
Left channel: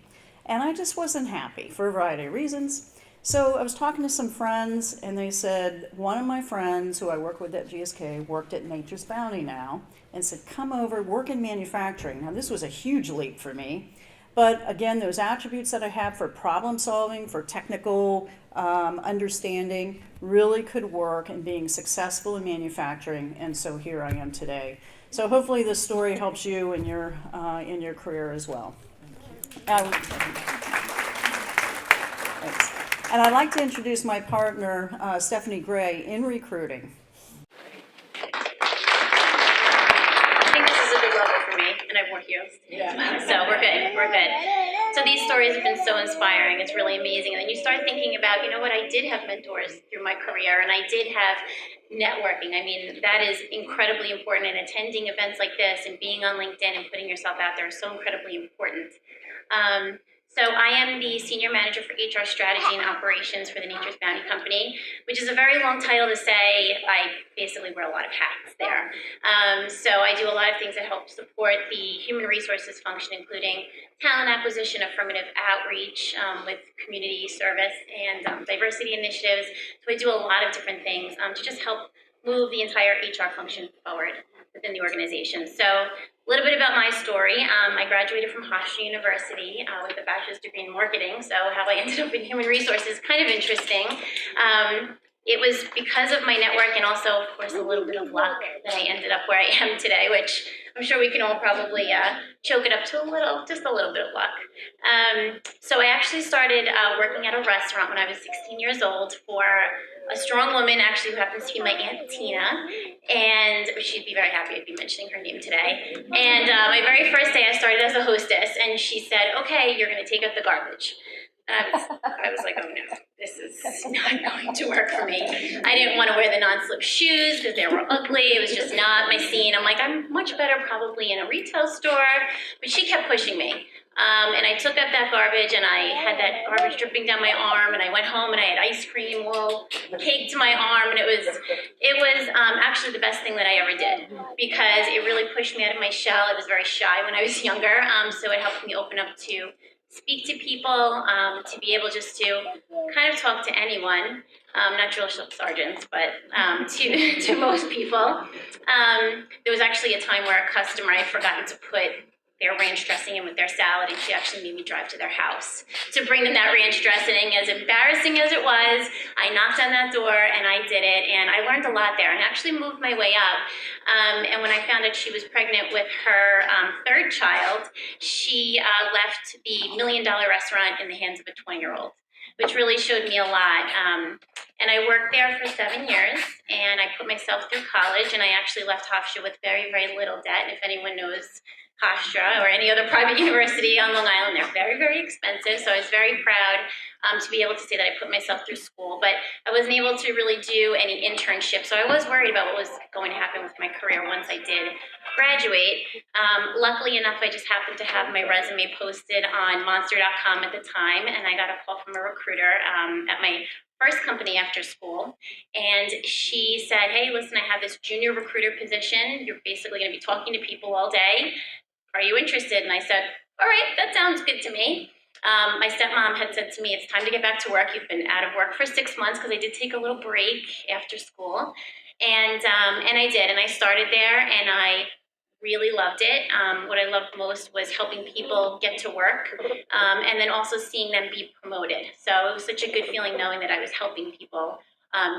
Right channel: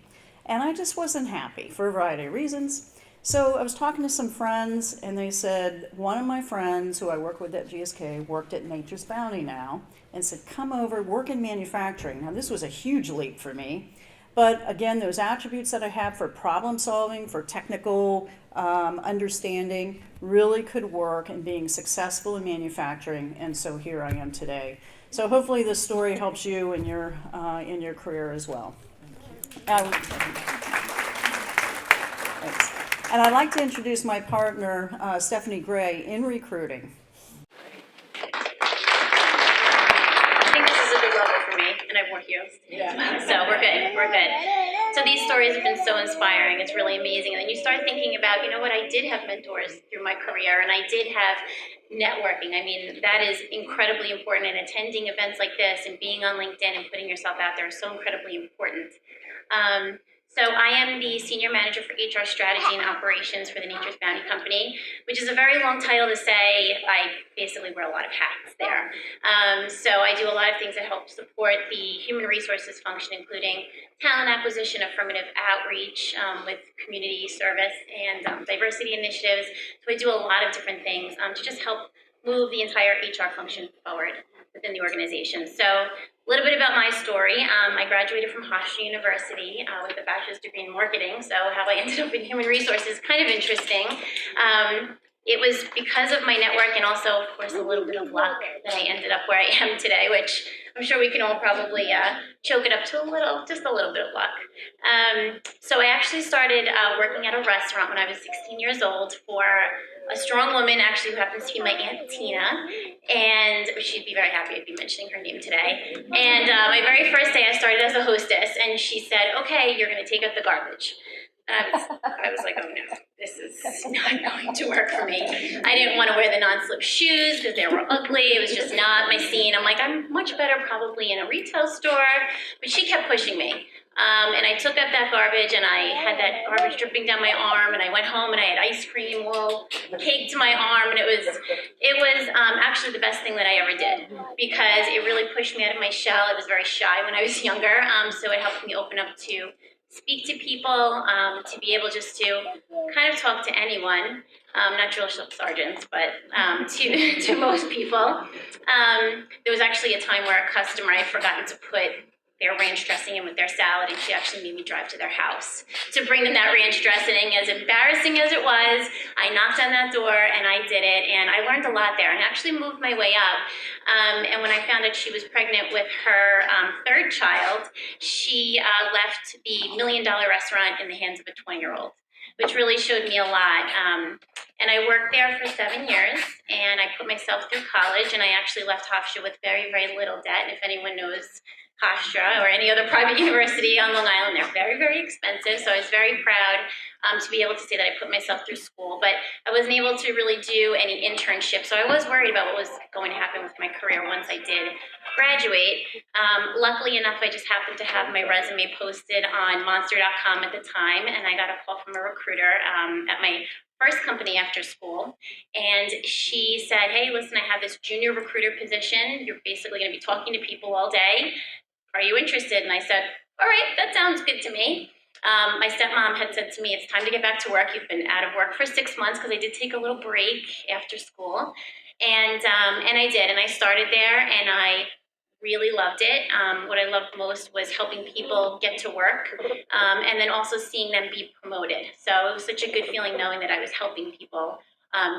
And I just wasn't happy for a variety of reasons. So I was talking to some friends, and they said, one of my friends who I work with at GSK worked at Nature's Bounty now, and said, come over, work in manufacturing. Now this was a huge leap for me. But again, those attributes that I have for problem solving, for technical understanding, really could work in being successful in manufacturing, and so here I am today. So hopefully this story helps you in your career as well. Thanks. And I'd like to introduce my partner, Stephanie Gray, in recruiting. I think this is a good level for me, and I have more heroes today as well, so we're good. So these stories have been so inspiring. It's really amazing. And then you start thinking about, I did have mentors through my career, and I did have networking. I mean, that is incredibly important, and attending events like this and being on LinkedIn and putting yourself out there is so incredibly important. So I am the Senior Manager for HR Strategy and Operations for the Nature's Bounty Company, which is a very long title to say. I basically wear a lot of hats there. So I do a lot of things that help support the human resources function, including talent acquisition, affirmative outreach with community service, and diversity initiatives. So I do a lot of different things to just help move the entire HR function forward within the organization. So a little bit about my story. I graduated from Hofstra University with a bachelor's degree in marketing, so how I ended up in human resources is kind of interesting. It was because of my network and also, of course, a little bit of luck that I ended up where I am today, which I'm sure we can all probably choke it up to just a little bit of luck. So I actually started working at a restaurant when I was 16 years old for a strong woman, actually, who happens to be my Aunt Tina, and she'd be very happy to be mentioning her name today. And my very first day, I started as a hostess, and she said, okay, you're going to take out the garbage. I was like, oh no, this is not going to work for me. I didn't want to wear the non-slip shoes because they were ugly. It was just not my scene. I'm like, I'm much better probably in a retail store, but she kept pushing me. And I took up that garbage, and I had that garbage dripping down my arm, and I went home and I had ice cream all caked to my arm, and it was actually the best thing that I ever did, because it really pushed me out of my shell. I was very shy when I was younger, so it helped me open up to speak to people, to be able just to kind of talk to anyone, not drill sergeants, but to most people. There was actually a time where a customer, I had forgotten to put their ranch dressing in with their salad, and she actually made me drive to their house to bring them that ranch dressing. As embarrassing as it was, I knocked on that door and I did it, and I learned a lot there and actually moved my way up. And when I found out she was pregnant with her third child, she left the $1 Million Restaurant in the hands of a 20-year-old, which really showed me a lot. And I worked there for 7 years, and I put myself through college, and I actually left Hofstra with very, very little debt. And if anyone knows Hofstra or any other private university on Long Island, they're very, very expensive. So I was very proud to be able to say that I put myself through school, but I wasn't able to really do any internships. So I was worried about what was going to happen with my career once I did graduate. Luckily enough, I just happened to have my resume posted on Monster.com at the time, and I got a call from a recruiter at my first company after school, and she said, "Hey, listen, I have this junior recruiter position. You're basically going to be talking to people all day. Are you interested?" And I said, "All right, that sounds good to me." My stepmom had said to me, "It's time to get back to work. You've been out of work for 6 months," because I did take a little break after school, and I did, and I started there, and I really loved it. What I loved most was helping people get to work, and then also seeing them be promoted. So it was such a good feeling knowing that I was helping people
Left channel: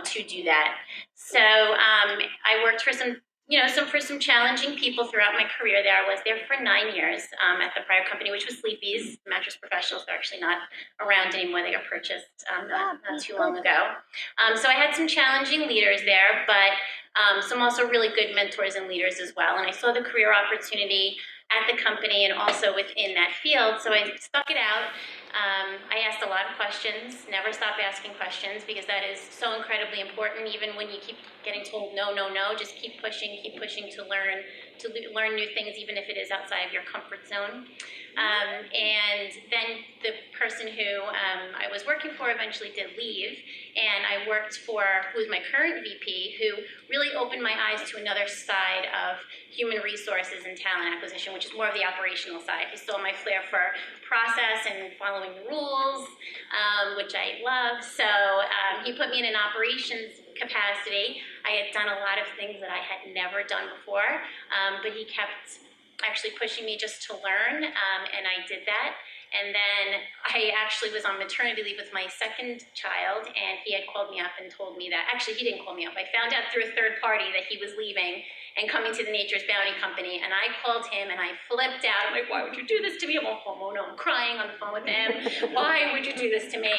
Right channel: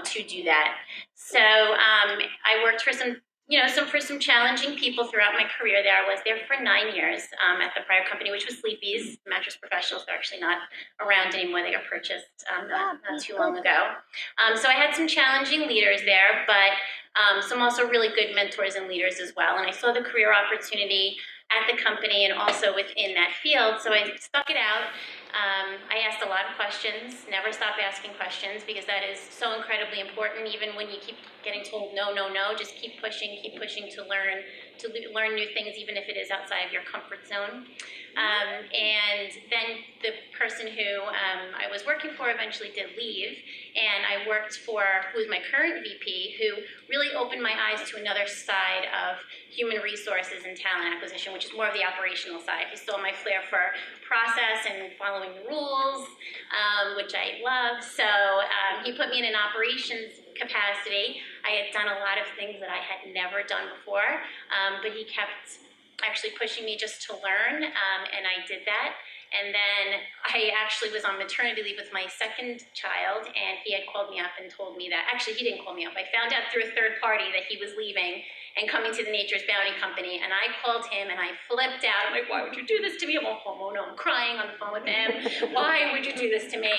to do that. So I worked for some challenging people throughout my career there. I was there for 9 years at the prior company, which was Sleepy's Mattress Professionals. They're actually not around anymore. They got purchased not too long ago. So I had some challenging leaders there, but some also really good mentors and leaders as well. And I saw the career opportunity at the company and also within that field, so I stuck it out. I asked a lot of questions, never stop asking questions, because that is so incredibly important. Even when you keep getting told no, no, no, just keep pushing to learn new things, even if it is outside of your comfort zone. And then the person who I was working for eventually did leave, and I worked for who's my current VP, who really opened my eyes to another side of human resources and talent acquisition, which is more of the operational side. He saw my flair for process and following the rules, which I love. So he put me in an operations capacity. I had done a lot of things that I had never done before, but he kept actually pushing me just to learn, and I did that. And then I actually was on maternity leave with my second child, and he had called me up and told me that, actually he didn't call me up, I found out through a third party that he was leaving and coming to the Nature's Bounty Company, and I called him and I flipped out. I'm like, "Why would you do this to me?" I'm crying on the phone with him. "Why would you do this to me?"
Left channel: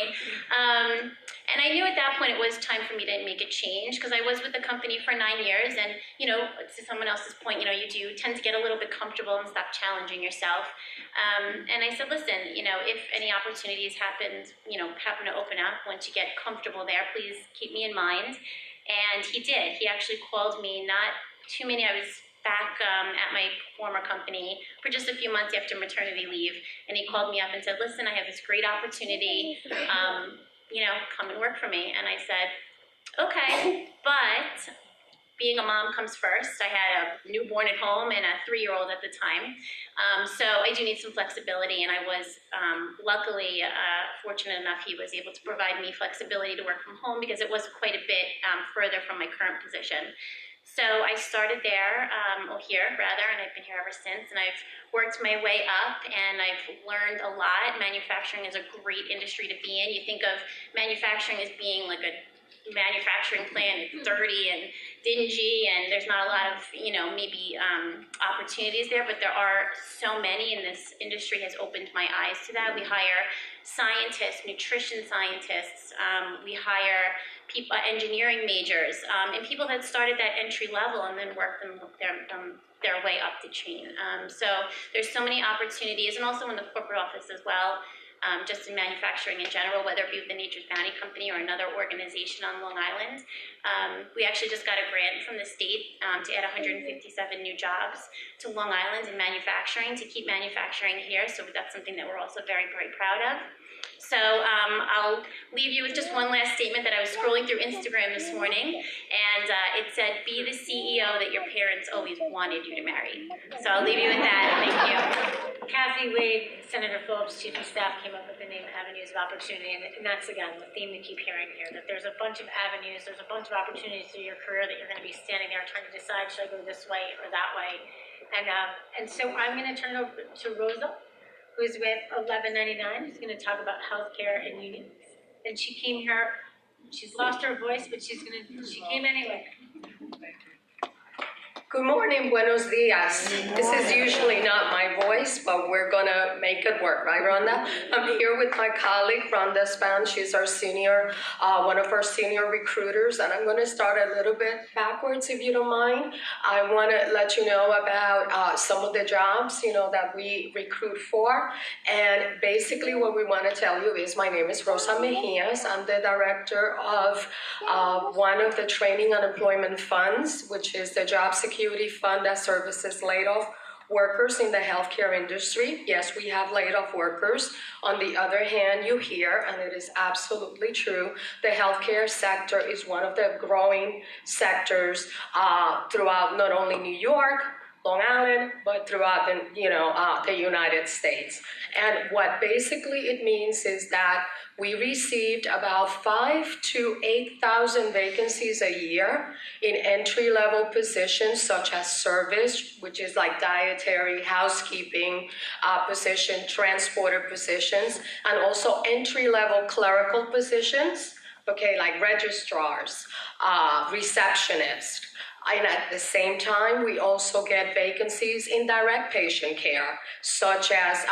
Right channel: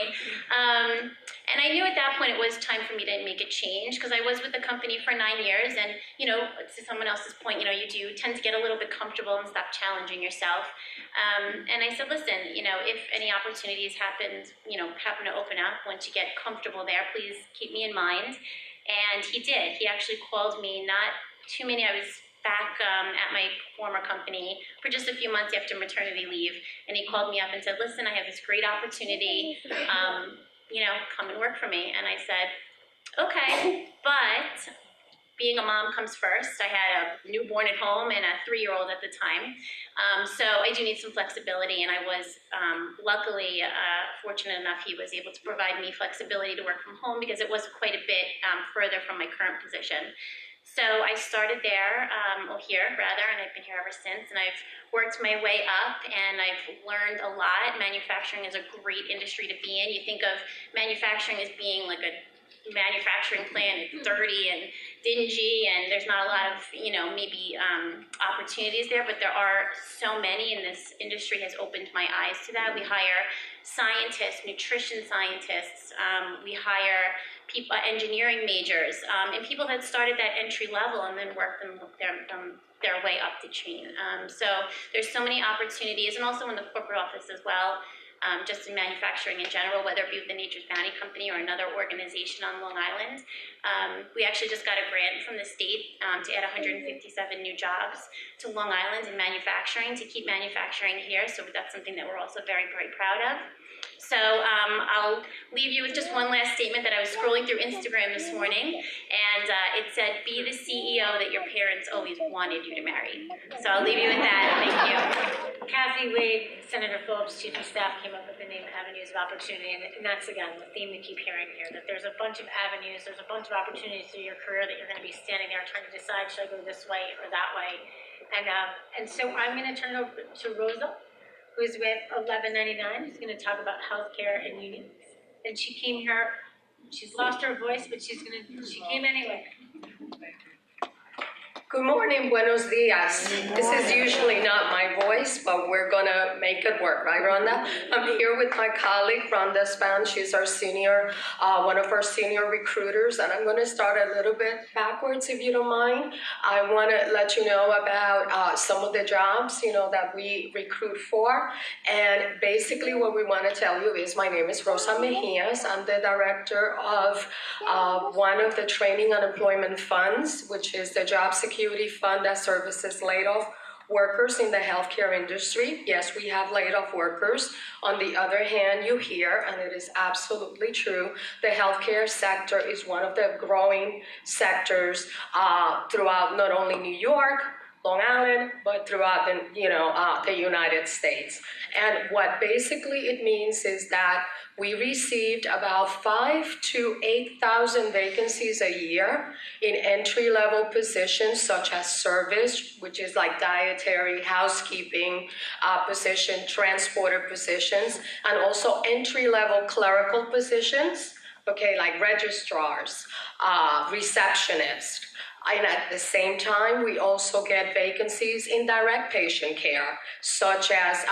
And I knew at that point it was time for me to make a change, because I was with the company for 9 years, and to someone else's point, you do tend to get a little bit comfortable and stop challenging yourself. And I said, "Listen, if any opportunities happen to open up once you get comfortable there, please keep me in mind." And he did. He actually called me not too many. I was back at my former company for just a few months after maternity leave, and he called me up and said, "Listen, I have this great opportunity. Come and work for me." And I said, "Okay, but being a mom comes first." I had a newborn at home and a 3-year-old at the time. So I do need some flexibility, and I was luckily fortunate enough he was able to provide me flexibility to work from home, because it was quite a bit further from my current position. So I started there, here rather, and I've been here ever since, and I've worked my way up, and I've learned a lot. Manufacturing is a great industry to be in. You think of manufacturing as being like a manufacturing plant, it's dirty and dingy, and there's not a lot of maybe opportunities there, but there are so many, and this industry has opened my eyes to that. We hire scientists, nutrition scientists, we hire people, engineering majors, and people that started that entry level and then work their way up the chain. So there's so many opportunities, and also in the corporate office as well. just in manufacturing in general, whether it be the Nature's Bounty Company or another organization on Long Island. We actually just got a grant from the state to add 157 new jobs to Long Island in manufacturing, to keep manufacturing here. So that's something that we're also very, very proud of. So I'll leave you with just one last statement that I was scrolling through Instagram this morning, and it said, "Be the CEO that your parents always wanted you to marry." So I'll leave you with that. Thank you. Kathy Wade, Senator Phillips, Chief of Staff, came up with the name Avenues of Opportunity, and that's, again, the theme we keep hearing here, that there's a bunch of avenues, there's a bunch of opportunities through your career that you're going to be standing there trying to decide, should I go this way or that way? And so I'm going to turn it over to Rosa, who's with 1199, who's going to talk about healthcare and unions. And she came here, she's lost her voice, but she came anyway. Good morning, buenos dias. This is usually not my voice, but we're gonna make it work, right, Rhonda? I'm here with my colleague, Rhonda Span. She's our senior, one of our senior recruiters, and I'm gonna start a little bit backwards, if you don't mind. I wanna let you know about some of the jobs, that we recruit for. And basically what we wanna tell you is, my name is Rosa Mejias. I'm the director of one of the training and employment funds, which is the Job Security Fund that services laid-off workers in the healthcare industry. Yes, we have laid-off workers. On the other hand, you hear, and it is absolutely true, the healthcare sector is one of the growing sectors throughout not only New York, Long Island, but throughout the United States. And what basically it means is that we received about 5,000 to 8,000 vacancies a year in entry-level positions such as service, which is like dietary, housekeeping position, transporter positions, and also entry-level clerical positions, like registrars, receptionists. And at the same time, we also get vacancies in direct patient care, such as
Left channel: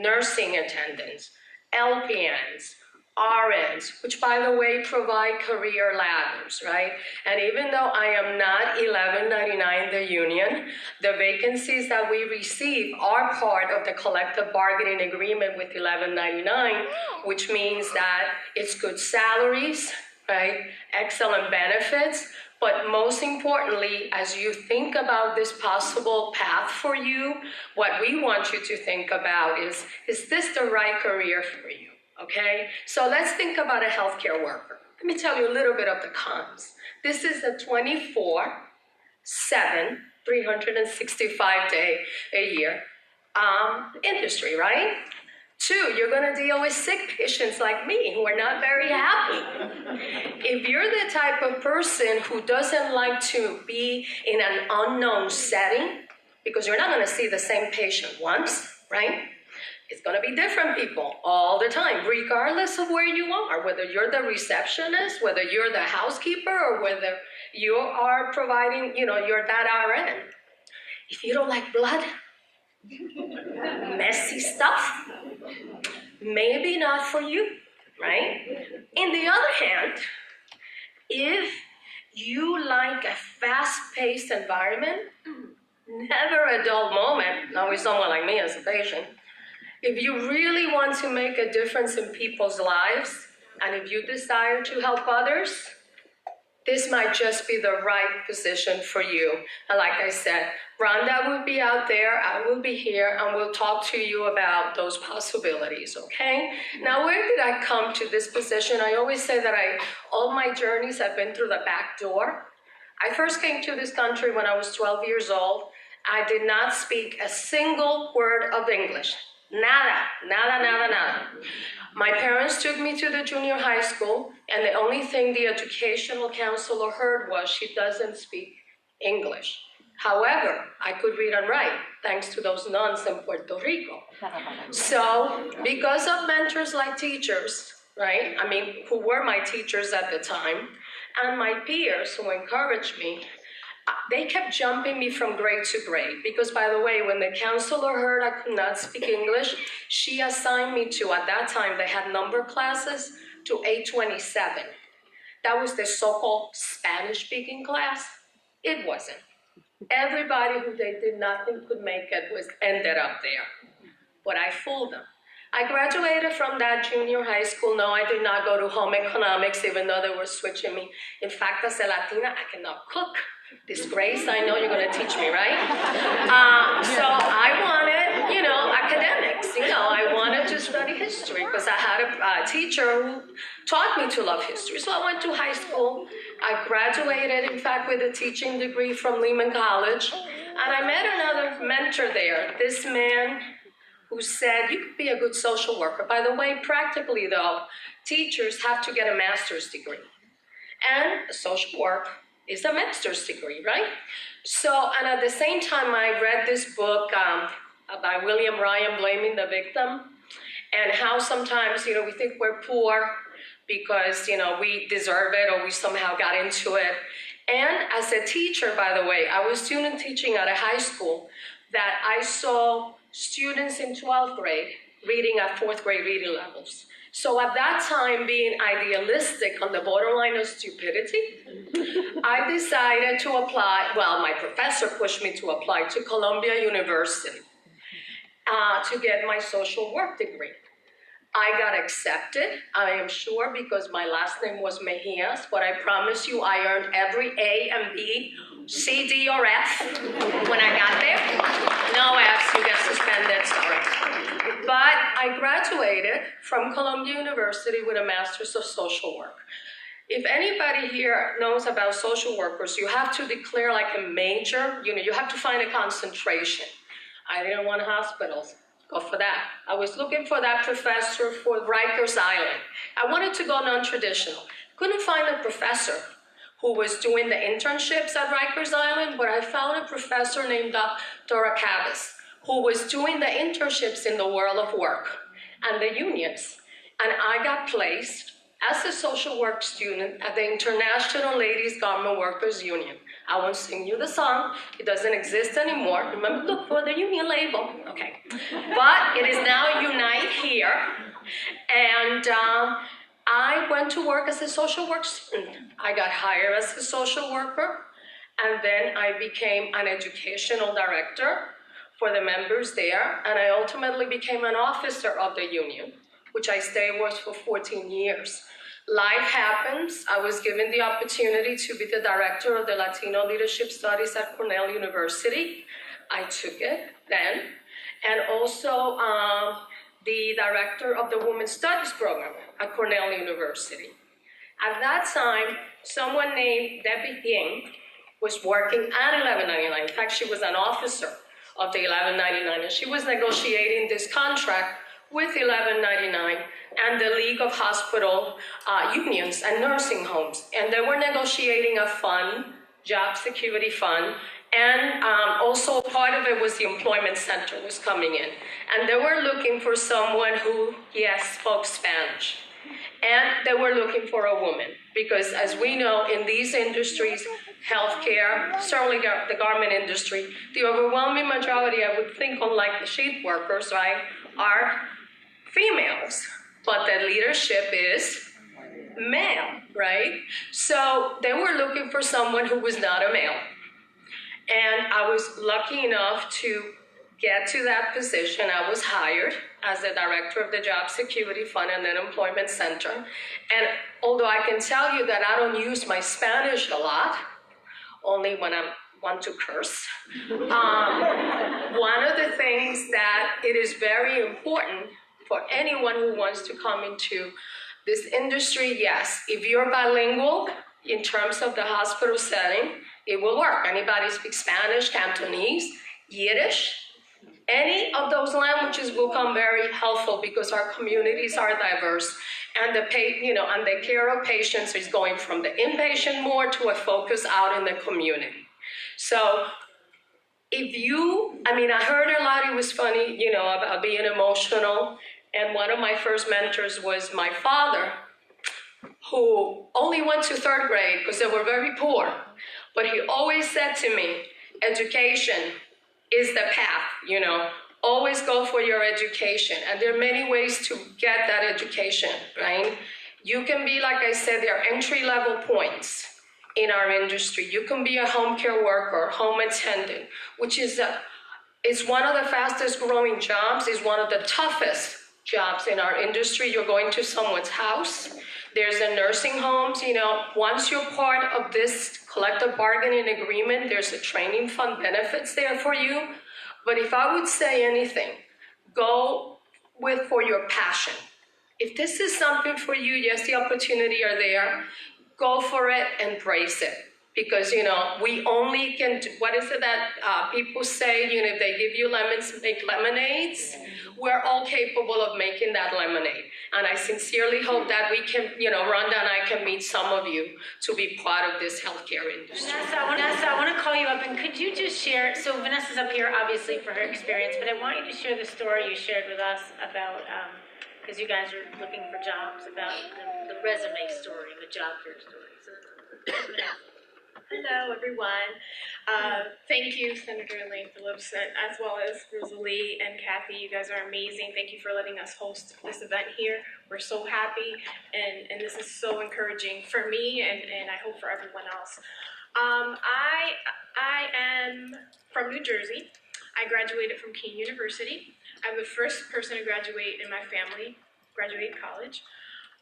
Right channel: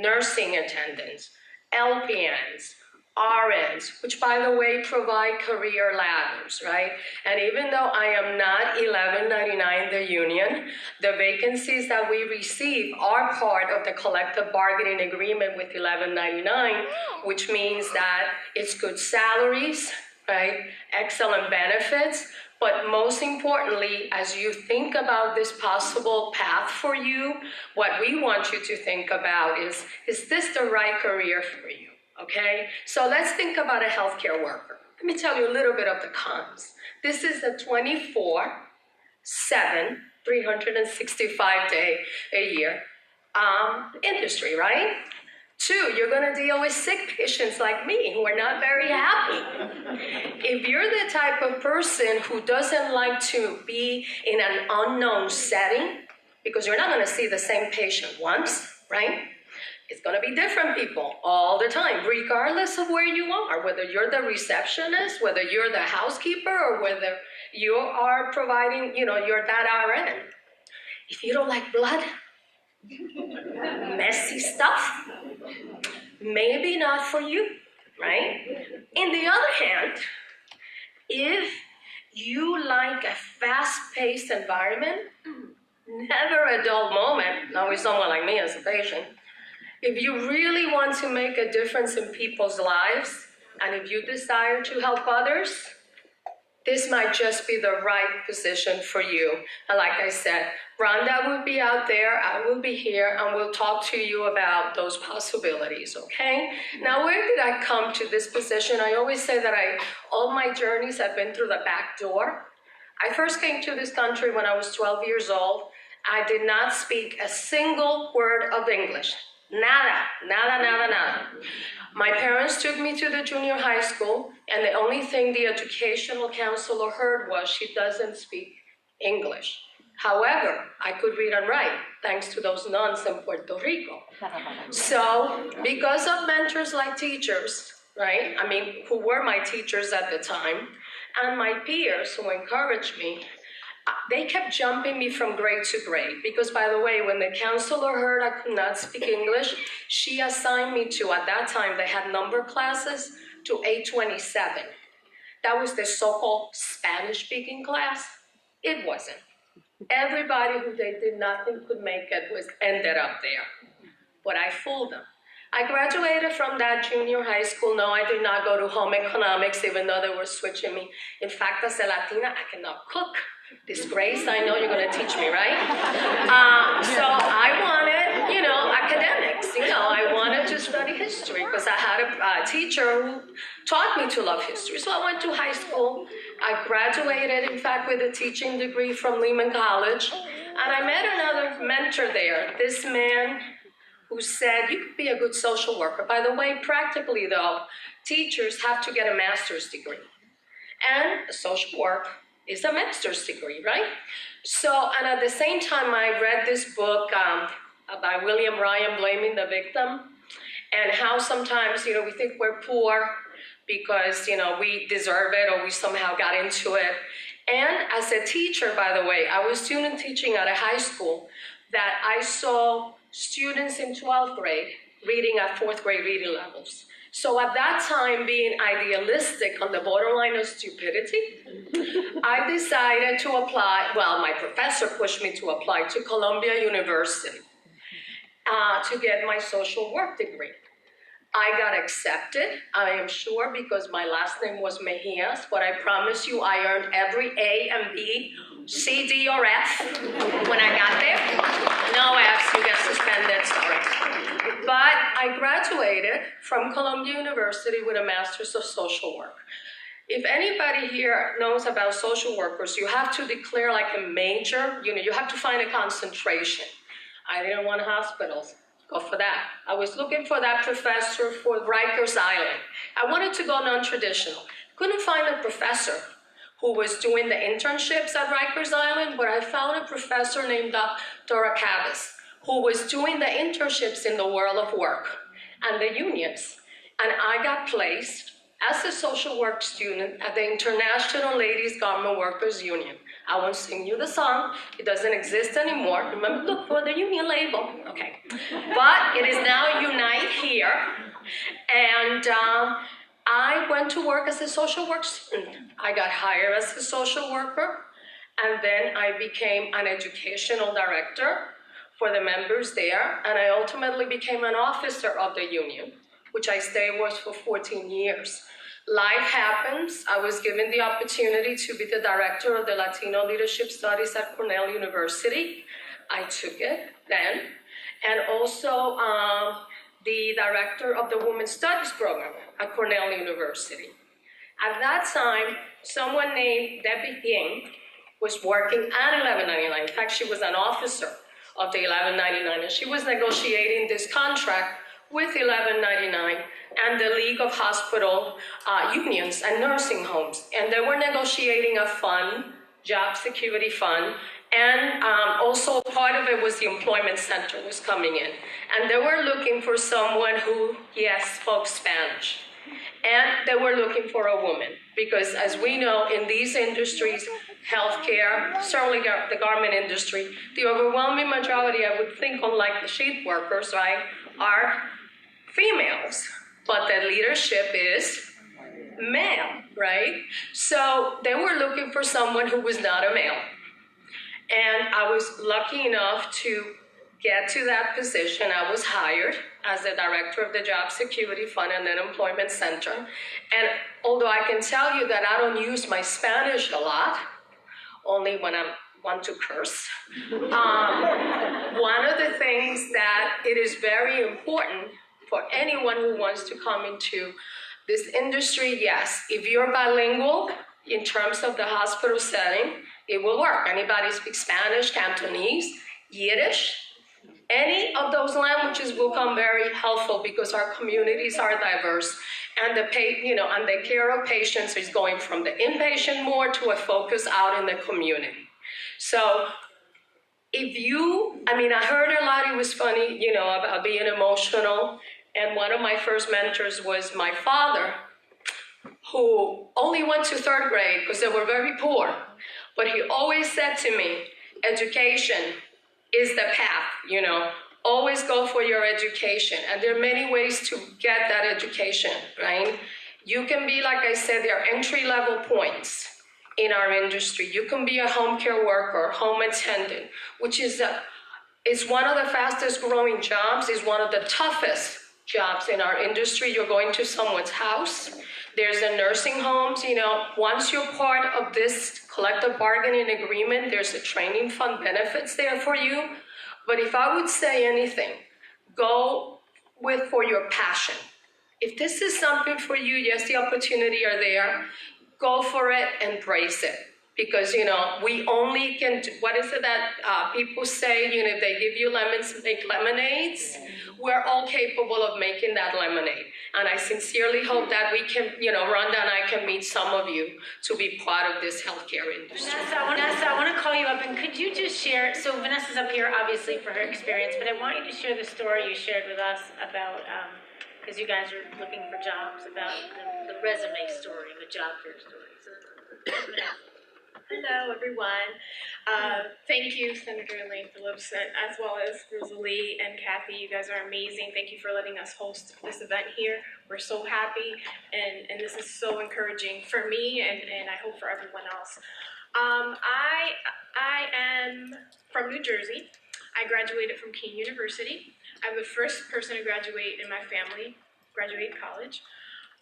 nursing attendants, LPNs, RNs, which, by the way, provide career ladders, right? And even though I am not 1199, the union, the vacancies that we receive are part of the collective bargaining agreement with 1199, which means that it's good salaries, right? Excellent benefits. But most importantly, as you think about this possible path for you, what we want you to think about is this the right career for you, okay? So let's think about a healthcare worker. Let me tell you a little bit of the cons. This is a 24/7, 365-day a year industry, right? 2, you're going to deal with sick patients like me who are not very happy. If you're the type of person who doesn't like to be in an unknown setting, because you're not going to see the same patient once, right? It's going to be different people all the time, regardless of where you are, whether you're the receptionist, whether you're the housekeeper, or whether you are providing, you're that RN. If you don't like blood, messy stuff, maybe not for you, right? In the other hand, if you like a fast-paced environment, never a dull moment, not with someone like me as a patient. If you really want to make a difference in people's lives, and if you desire to help others, this might just be the right position for you. And like I said, Rhonda will be out there, I will be here, and we'll talk to you about those possibilities, okay? Now, where did I come to this position? I always say that all my journeys have been through the back door. I first came to this country when I was 12 years old. I did not speak a single word of English. Nada. My parents took me to the junior high school, and the only thing the educational counselor heard was she doesn't speak English. However, I could read and write, thanks to those nuns in Puerto Rico. So, because of mentors like teachers, right? Who were my teachers at the time, and my peers who encouraged me, they kept jumping me from grade to grade. Because, by the way, when the counselor heard I could not speak English, she assigned me to, at that time, they had number classes, to 827. That was the so-called Spanish-speaking class. It wasn't. Everybody who they did nothing could make it ended up there. But I fooled them. I graduated from that junior high school. No, I did not go to home economics, even though they were switching me. In fact, as a Latina, I cannot cook. Disgrace, I know you're going to teach me, right? So I wanted, academics. I wanted to study history because I had a teacher who taught me to love history. So I went to high school. I graduated, in fact, with a teaching degree from Lehman College. And I met another mentor there, this man who said, you could be a good social worker. By the way, practically though, teachers have to get a master's degree. And social work is a master's degree, right? So, and at the same time, I read this book by William Ryan, Blaming the Victim, and how sometimes, we think we're poor because, we deserve it or we somehow got into it. And as a teacher, by the way, I was student teaching at a high school that I saw students in 12th grade reading at 4th grade reading levels. So at that time, being idealistic on the borderline of stupidity, I decided to apply, my professor pushed me to apply to Columbia University to get my social work degree. I got accepted, I am sure, because my last name was Mejias, but I promise you I earned every A and B, C, D, or F when I got there. No Fs, you get suspended, sorry. But I graduated from Columbia University with a Master's of Social Work. If anybody here knows about social workers, you have to declare like a major, you have to find a concentration. I didn't want hospitals. Go for that. I was looking for that professor for Rikers Island. I wanted to go non-traditional. Couldn't find a professor who was doing the internships at Rikers Island, but I found a professor named Dr. Acabas, who was doing the internships in the world of work and the unions. And I got placed as a social work student at the International Ladies Garment Workers Union. I won't sing you the song, it doesn't exist anymore. Remember, look for the union label, okay. But it is now Unite here, and I went to work as a social work student. I got hired as a social worker, and then I became an educational director for the members there, and I ultimately became an officer of the union, which I stayed with for 14 years. Life happens. I was given the opportunity to be the director of the Latino Leadership Studies at Cornell University. I took it then. And also the director of the Women's Studies program at Cornell University. At that time, someone named Debbie Ying was working at 1199. In fact, she was an officer of the 1199, and she was negotiating this contract with 1199 and the League of Hospital Unions and Nursing Homes. And they were negotiating a fund, job security fund, and also part of it was the employment center was coming in. And they were looking for someone who, yes, spoke Spanish. And they were looking for a woman, because as we know, in these industries, healthcare, certainly the garment industry, the overwhelming majority, I would think, unlike the sheep workers, right, are females. But the leadership is male, right? So they were looking for someone who was not a male. And I was lucky enough to get to that position. I was hired as the director of the Job Security Fund and Unemployment Center. And although I can tell you that I don't use my Spanish a lot, only when I want to curse, one of the things that it is very important for anyone who wants to come into this industry, yes, if you're bilingual in terms of the hospital setting, it will work. Anybody speaks Spanish, Cantonese, Yiddish, any of those languages will come very helpful because our communities are diverse, and the care of patients is going from the inpatient more to a focus out in the community. So I heard a lot, it was funny, about being emotional. And one of my first mentors was my father, who only went to 3rd grade because they were very poor. But he always said to me, education is the path, always go for your education. And there are many ways to get that education, right? You can be, like I said, there are entry-level points in our industry. You can be a home care worker, home attendant, which is one of the fastest growing jobs, is one of the toughest jobs in our industry. You're going to someone's house. There's a nursing homes, once you're part of this collective bargaining agreement, there's a training fund benefits there for you. But if I would say anything, go for your passion. If this is something for you, yes, the opportunity are there. Go for it, embrace it. Because, we only can do, what is it that people say, they give you lemons to make lemonades? We're all capable of making that lemonade. And I sincerely hope that we can, Rhonda and I can meet some of you to be part of this healthcare industry. Vanessa, I want to call you up, and could you just share, so Vanessa's up here obviously for her experience, but I want you to share the story you shared with us about, because you guys are looking for jobs, about the resume story, the job fair story. So, hello, everyone. Thank you, Senator Elaine Phillips, as well as Rosalie and Kathy. You guys are amazing. Thank you for letting us host this event here. We're so happy, and this is so encouraging for me, and I hope for everyone else. I am from New Jersey. I graduated from Keene University. I'm the first person to graduate in my family, graduate college.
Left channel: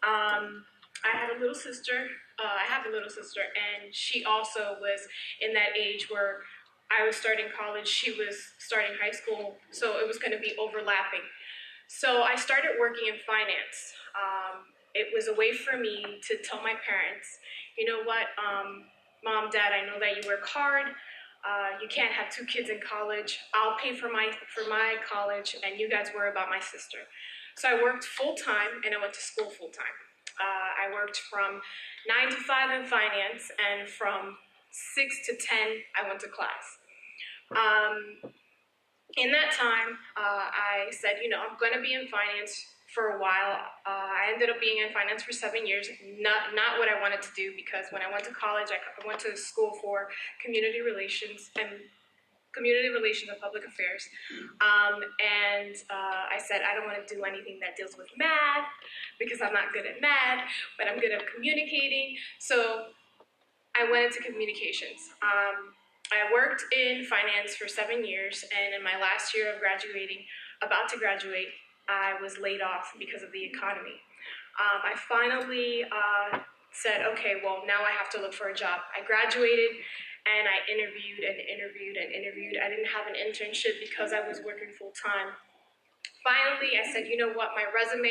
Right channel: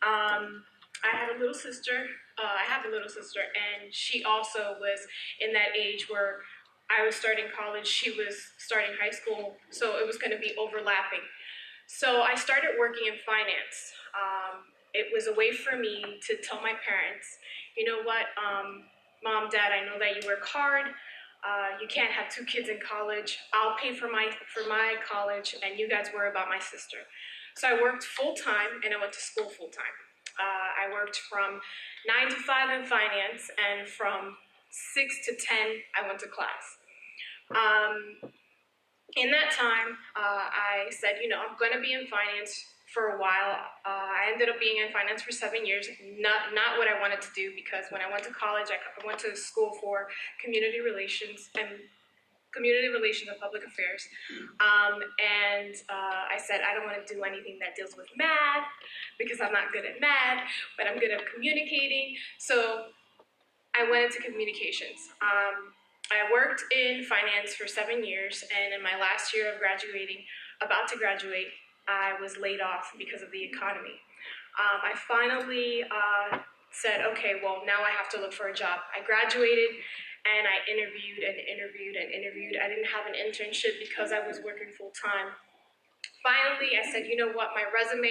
I have a little sister, and she also was in that age where I was starting college, she was starting high school, so it was going to be overlapping. So I started working in finance. It was a way for me to tell my parents, you know what, Mom, Dad, I know that you work hard. You can't have 2 kids in college. I'll pay for my college, and you guys worry about my sister. So I worked full-time, and I went to school full-time. I worked from 9 to 5 in finance, and from 6 to 10, I went to class. In that time, I said, I'm going to be in finance for a while. I ended up being in finance for 7 years, not what I wanted to do, because when I went to college, I went to school for community relations and public affairs. I said, I don't want to do anything that deals with math, because I'm not good at math, but I'm good at communicating. So I went into communications. I worked in finance for 7 years, and in my last year of graduating, about to graduate, I was laid off because of the economy. I finally said, okay, well, now I have to look for a job. I graduated, and I interviewed. I didn't have an internship because I was working full-time. Finally, I said, you know what, my resume,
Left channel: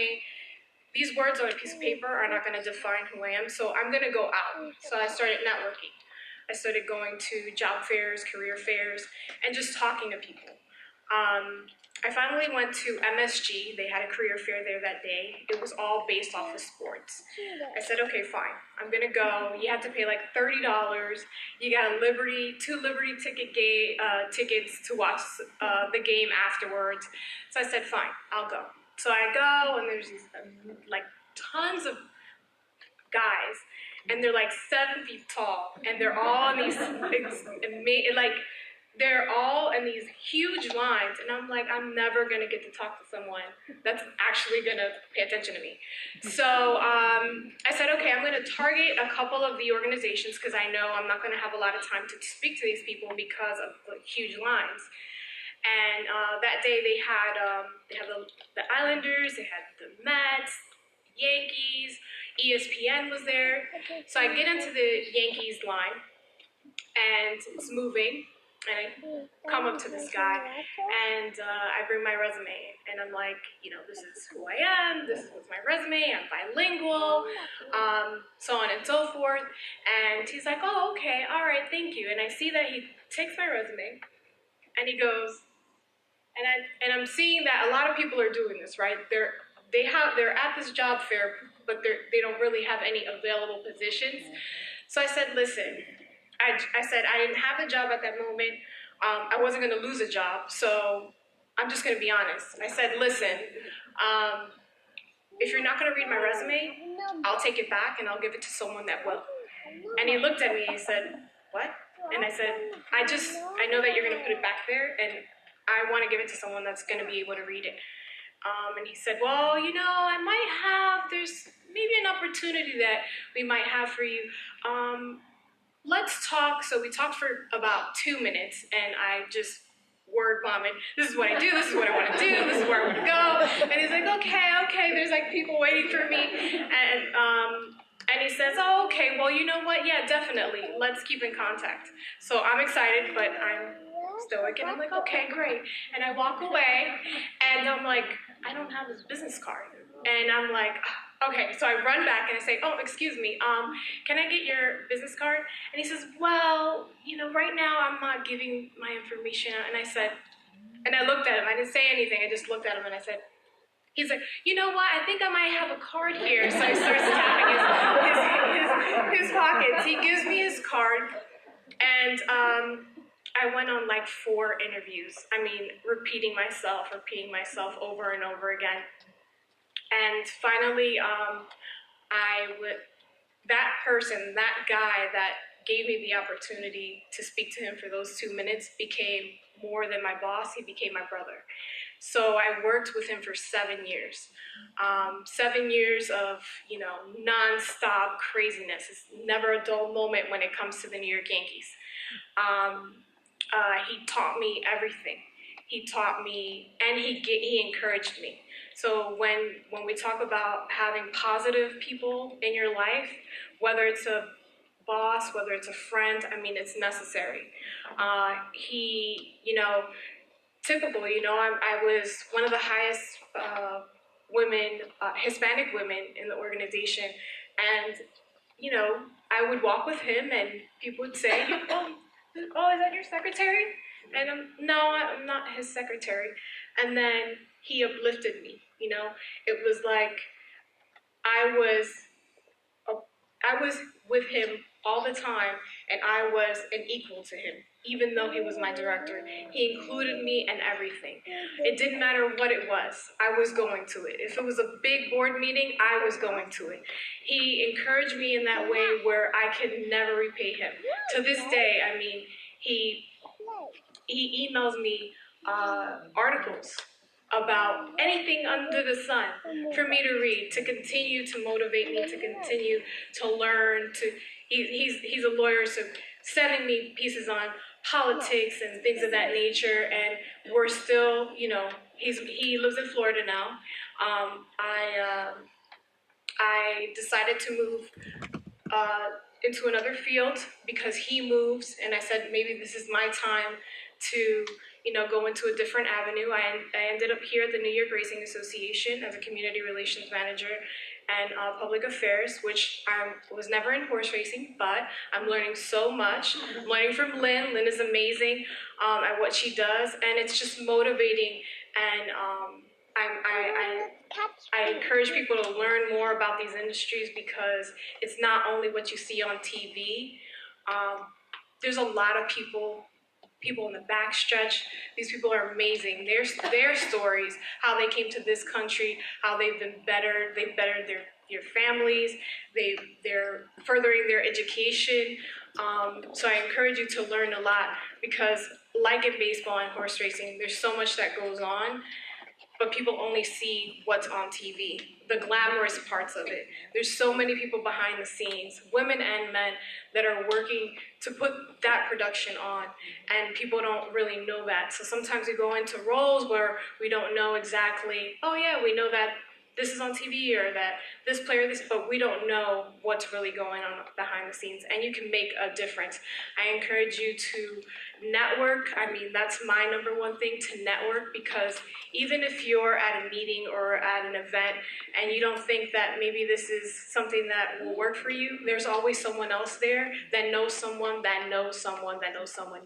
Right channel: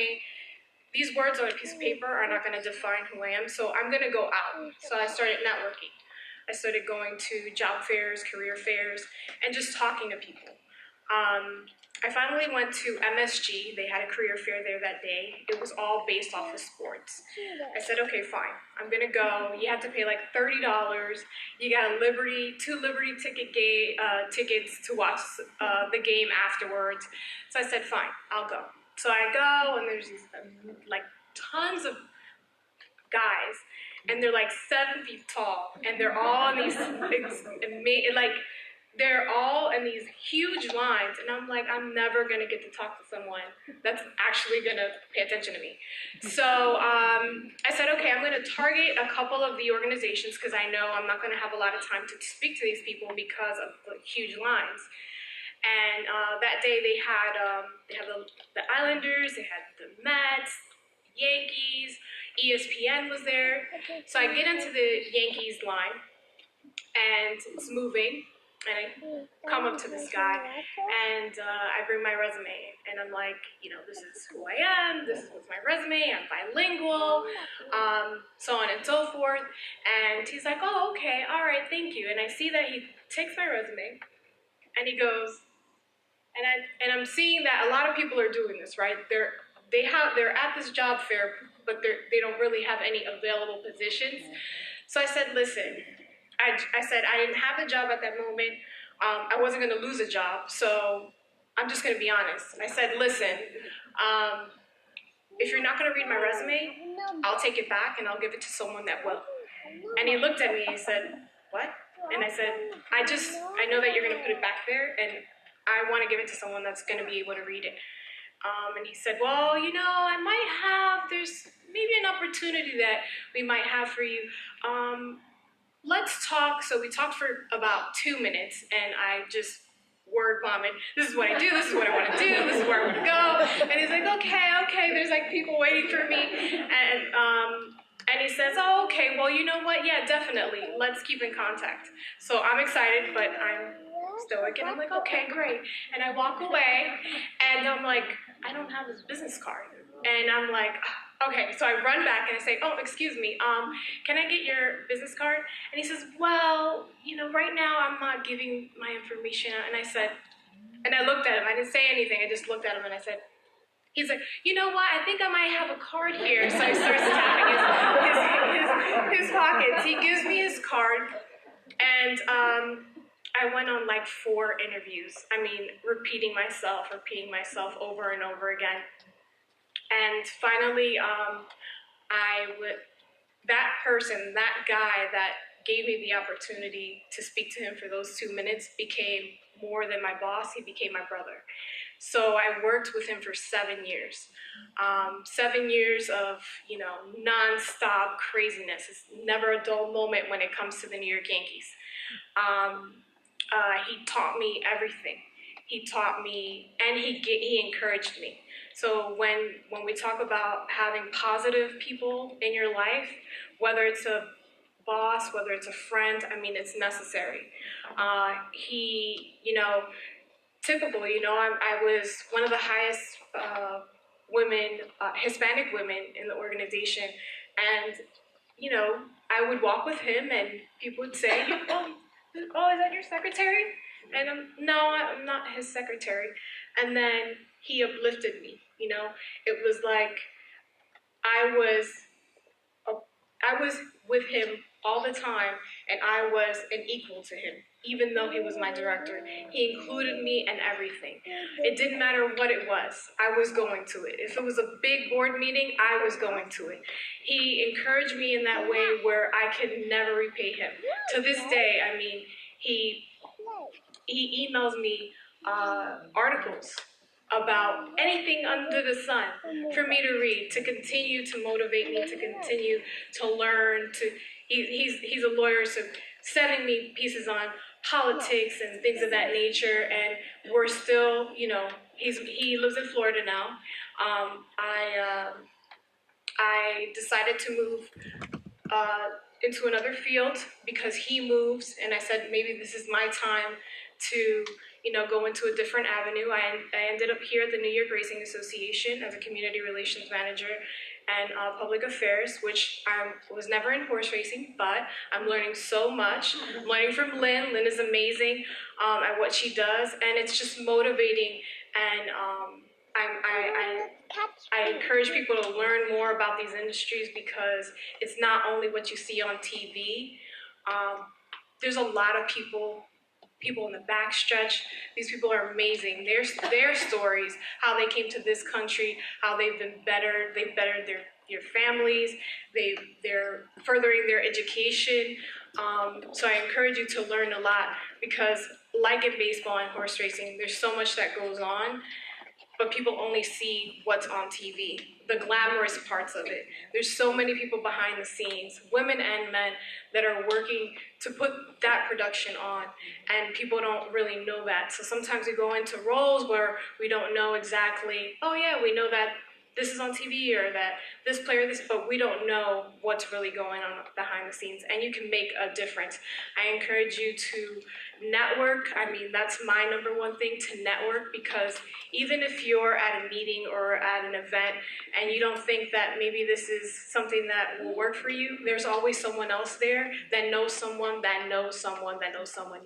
these words on a piece of paper are not going to define who I am, so I'm going to go out. So I started networking. I started going to job fairs, career fairs, and just talking to people. I finally went to MSG. They had a career fair there that day. It was all based off of sports. I said, okay, fine. I'm going to go. You have to pay like $30. You got two Liberty tickets to watch the game afterwards. So I said, fine, I'll go. So I go, and there's like tons of guys, and they're like 7 feet tall, and they're all in these they're all in these huge lines, and I'm like, I'm never gonna get to talk to someone that's actually gonna pay attention to me. So I said, okay, I'm gonna target a couple of the organizations, because I know I'm not gonna have a lot of time to speak to these people because of the huge lines. And that day they had the Islanders, they had the Mets, Yankees, ESPN was there. So I get into the Yankees line, and it's moving, and I come up to this guy, and I bring my resume, and I'm like, this is who I am, this is my resume, I'm bilingual, so on and so forth. And he's like, oh, okay, all right, thank you. And I see that he takes my resume, and he goes, and I'm seeing that a lot of people are doing this, right? They're at this job fair, but they don't really have any available positions. So I said, listen, I said I didn't have a job at that moment. I wasn't going to lose a job, so I'm just going to be honest. I said, listen, if you're not going to read my resume, I'll take it back and I'll give it to someone that will. And he looked at me and he said, what? And I said, I know that you're going to put it back there, and I want to give it to someone that's going to be able to read it. And he said, well, there's maybe an opportunity that we might have for you. Let's talk. So we talked for about 2 minutes, and I just word vomit. This is what I do. This is what I want to do. This is where I want to go. And he's like, okay. There's like people waiting for me. And he says, oh, okay, well, you know what? Yeah, definitely. Let's keep in contact. So I'm excited, but I'm stoic. And I'm like, okay, great. And I walk away, and I'm like, I don't have his business card. And I'm like, okay. So I run back and I say, oh, excuse me, can I get your business card? And he says, well, right now I'm not giving my information out. And I said, and I looked at him. I didn't say anything. I just looked at him and I said, he's like, you know what? I think I might have a card here. So I start tapping his pockets. He gives me his card, and I went on like 4 interviews. I mean, repeating myself over and over again. And finally, that guy that gave me the opportunity to speak to him for those 2 minutes became more than my boss. He became my brother. So I worked with him for 7 years. 7 years of, nonstop craziness. It's never a dull moment when it comes to the New York Yankees. He taught me everything. He taught me, and he encouraged me. So when we talk about having positive people in your life, whether it's a boss, whether it's a friend, I mean, it's necessary. I was one of the highest Hispanic women in the organization, and I would walk with him, and people would say, "Oh, is that your secretary?" And no, I'm not his secretary. And then he uplifted me. It was like I was with him all the time, and I was an equal to him, even though he was my director. He included me in everything. It didn't matter what it was. I was going to it. If it was a big board meeting, I was going to it. He encouraged me in that way where I could never repay him. To this day, I mean, he emails me articles about anything under the sun for me to read, to continue to motivate me, to continue to learn. He's a lawyer, so sending me pieces on politics and things of that nature. And we're still, he lives in Florida now. I decided to move into another field because he moves, and I said maybe this is my time to go into a different avenue. I ended up here at the New York Racing Association as a community relations manager and public affairs, which I was never in horse racing, but I'm learning so much. I'm learning from Lynn. Lynn is amazing at what she does, and it's just motivating. And I encourage people to learn more about these industries because it's not only what you see on TV. There's a lot of people in the backstretch. These people are amazing. Their stories, how they came to this country, how they've been better. They've bettered their families. They're furthering their education. So I encourage you to learn a lot because, like in baseball and horse racing, there's so much that goes on, but people only see what's on TV, the glamorous parts of it. There's so many people behind the scenes, women and men, that are working to put that production on, and people don't really know that. So sometimes we go into roles where we don't know exactly, oh yeah, we know that this is on TV or that this player, but we don't know what's really going on behind the scenes, and you can make a difference. I encourage you to network. I mean, that's my number one thing, to network, because even if you're at a meeting or at an event and you don't think that maybe this is something that will work for you, there's always someone else there that knows someone that knows someone that knows someone,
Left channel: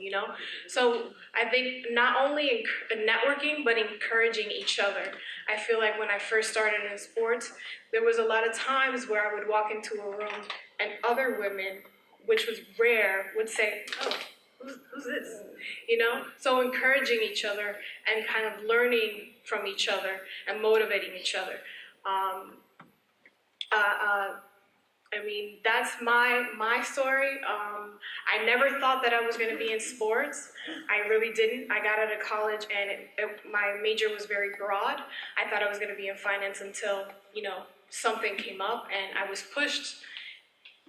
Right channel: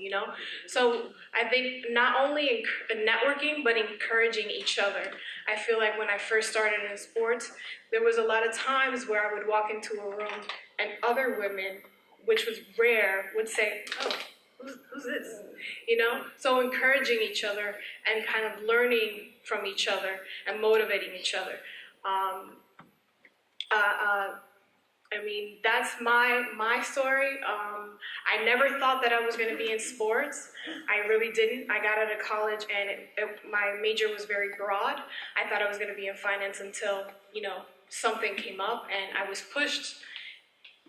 So I think not only networking, but encouraging each other. I feel like when I first started in sports, there was a lot of times where I would walk into a room and other women, which was rare, would say, oh, who's this? So encouraging each other and kind of learning from each other and motivating each other. I mean, that's my story. I never thought that I was going to be in sports. I really didn't. I got out of college and my major was very broad. I thought I was going to be in finance until, something came up and I was pushed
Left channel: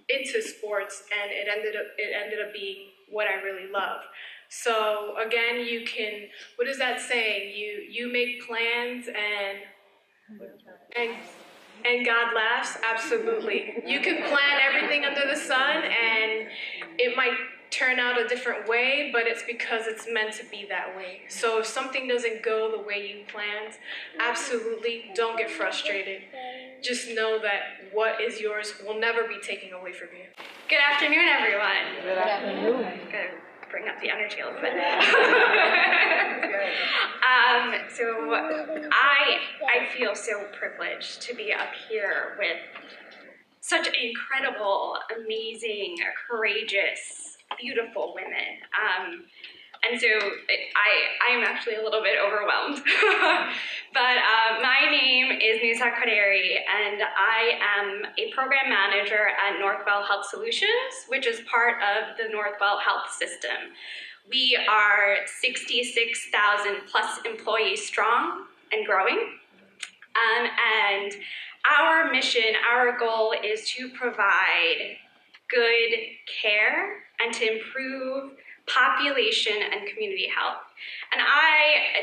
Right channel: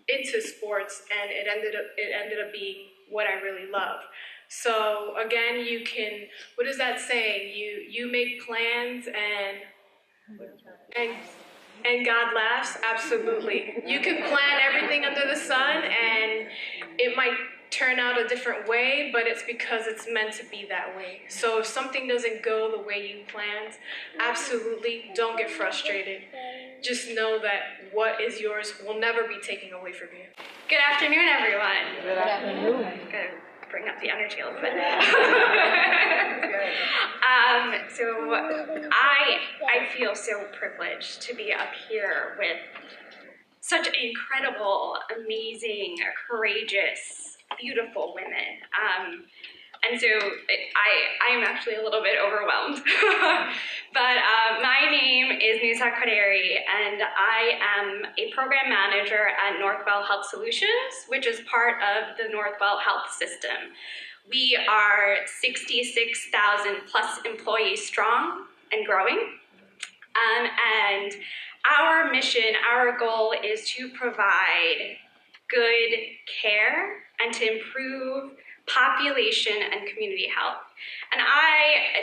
into sports, and it ended up being what I really love. So again, you can, what is that saying? You make plans and God laughs? Absolutely. You can plan everything under the sun and it might turn out a different way, but it's because it's meant to be that way. So if something doesn't go the way you planned, absolutely don't get frustrated. Just know that what is yours will never be taken away from you. Good afternoon, everyone. Good afternoon. Good. Bring up the energy a little bit. So I feel so privileged to be up here with such incredible, amazing, courageous, beautiful women. And so I am actually a little bit overwhelmed. But my name is Nusa Koderi, and I am a program manager at Northwell Health Solutions, which is part of the Northwell Health System. We are 66,000 plus employees strong and growing. And our mission, our goal is to provide good care and to improve population and community health. And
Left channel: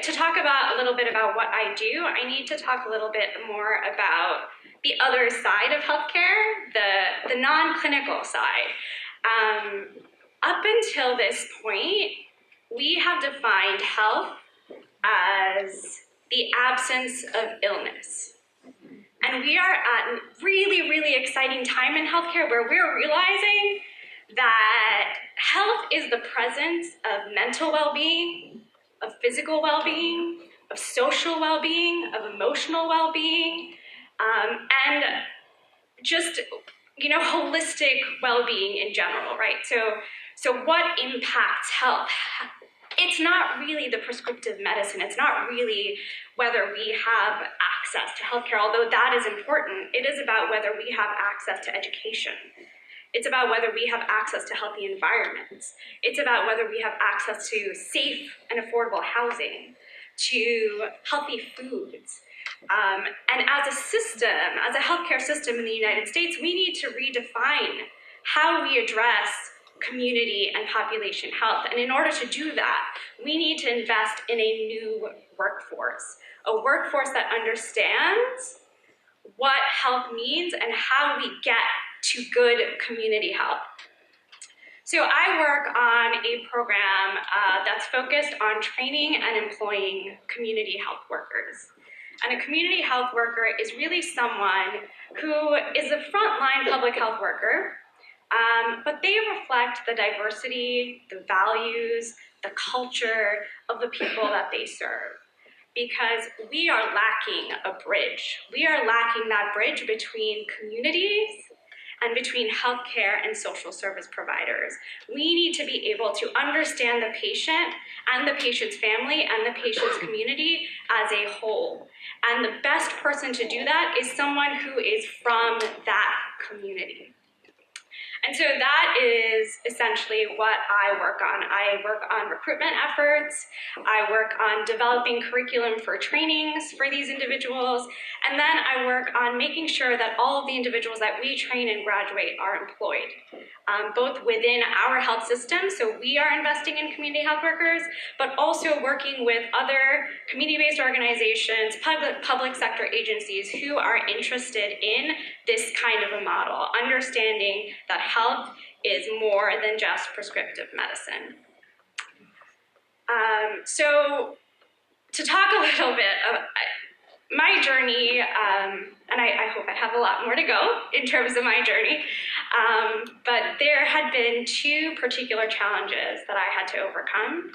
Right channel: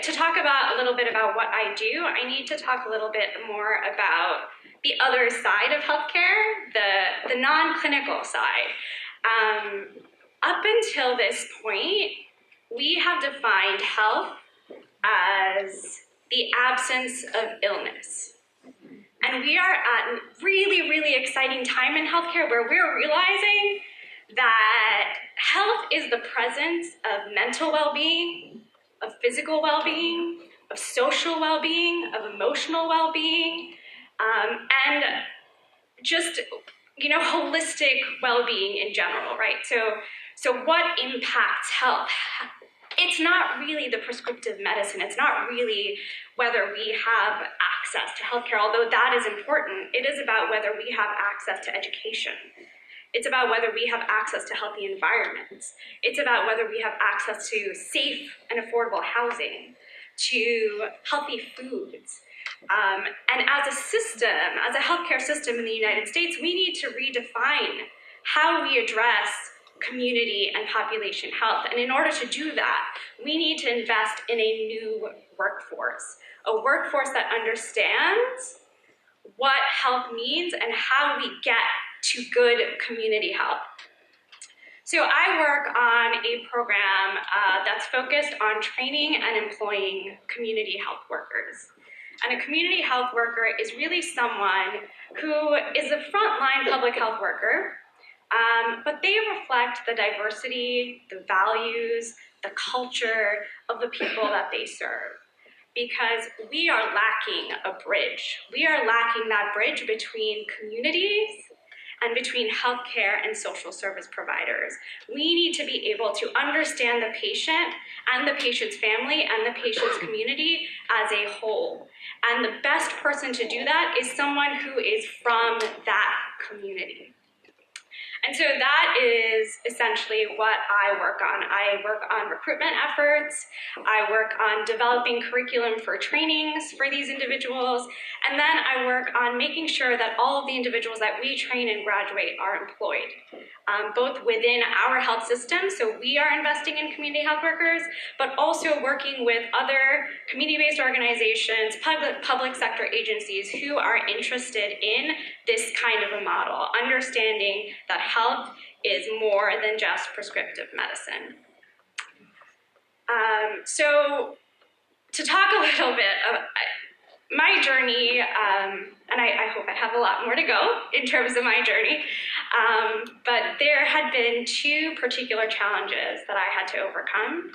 to talk about a little bit about what I do, I need to talk a little bit more about the other side of healthcare, the non-clinical side. Up until this point, we have defined health as the absence of illness. And we are at a really, really exciting time in healthcare where we're realizing that health is the presence of mental well-being, of physical well-being, of social well-being, of emotional well-being, and just, holistic well-being in general, right? So what impacts health? It's not really the prescriptive medicine. It's not really whether we have access to healthcare, although that is important. It is about whether we have access to education. It's about whether we have access to healthy environments. It's about whether we have access to safe and affordable housing, to healthy foods. And as a system, as a healthcare system in the United States, we need to redefine how we address community and population health. And in order to do that, we need to invest in a new workforce, a workforce that understands what health means and how we get to good community health. So I work on a program that's focused on training and employing community health workers. And a community health worker is really someone who is a frontline public health worker, but they reflect the diversity, the values, the culture of the people that they serve. Because we are lacking a bridge. We are lacking that bridge between communities and between healthcare and social service providers. We need to be able to understand the patient and the patient's family and the patient's community as a whole. And the best person to do that is someone who is from that community. And so that is essentially what I work on. I work on recruitment efforts. I work on developing curriculum for trainings for these individuals. And then I work on making sure that all of the individuals that we train and graduate are employed, both within our health system. So we are investing in community health workers, but also working with other community-based organizations, public sector agencies who are interested in this kind of a model, understanding that health is more than just prescriptive medicine. So to talk a little bit about my journey, and I hope I have a lot more to go in terms of my journey, but there had been two particular challenges that I had to overcome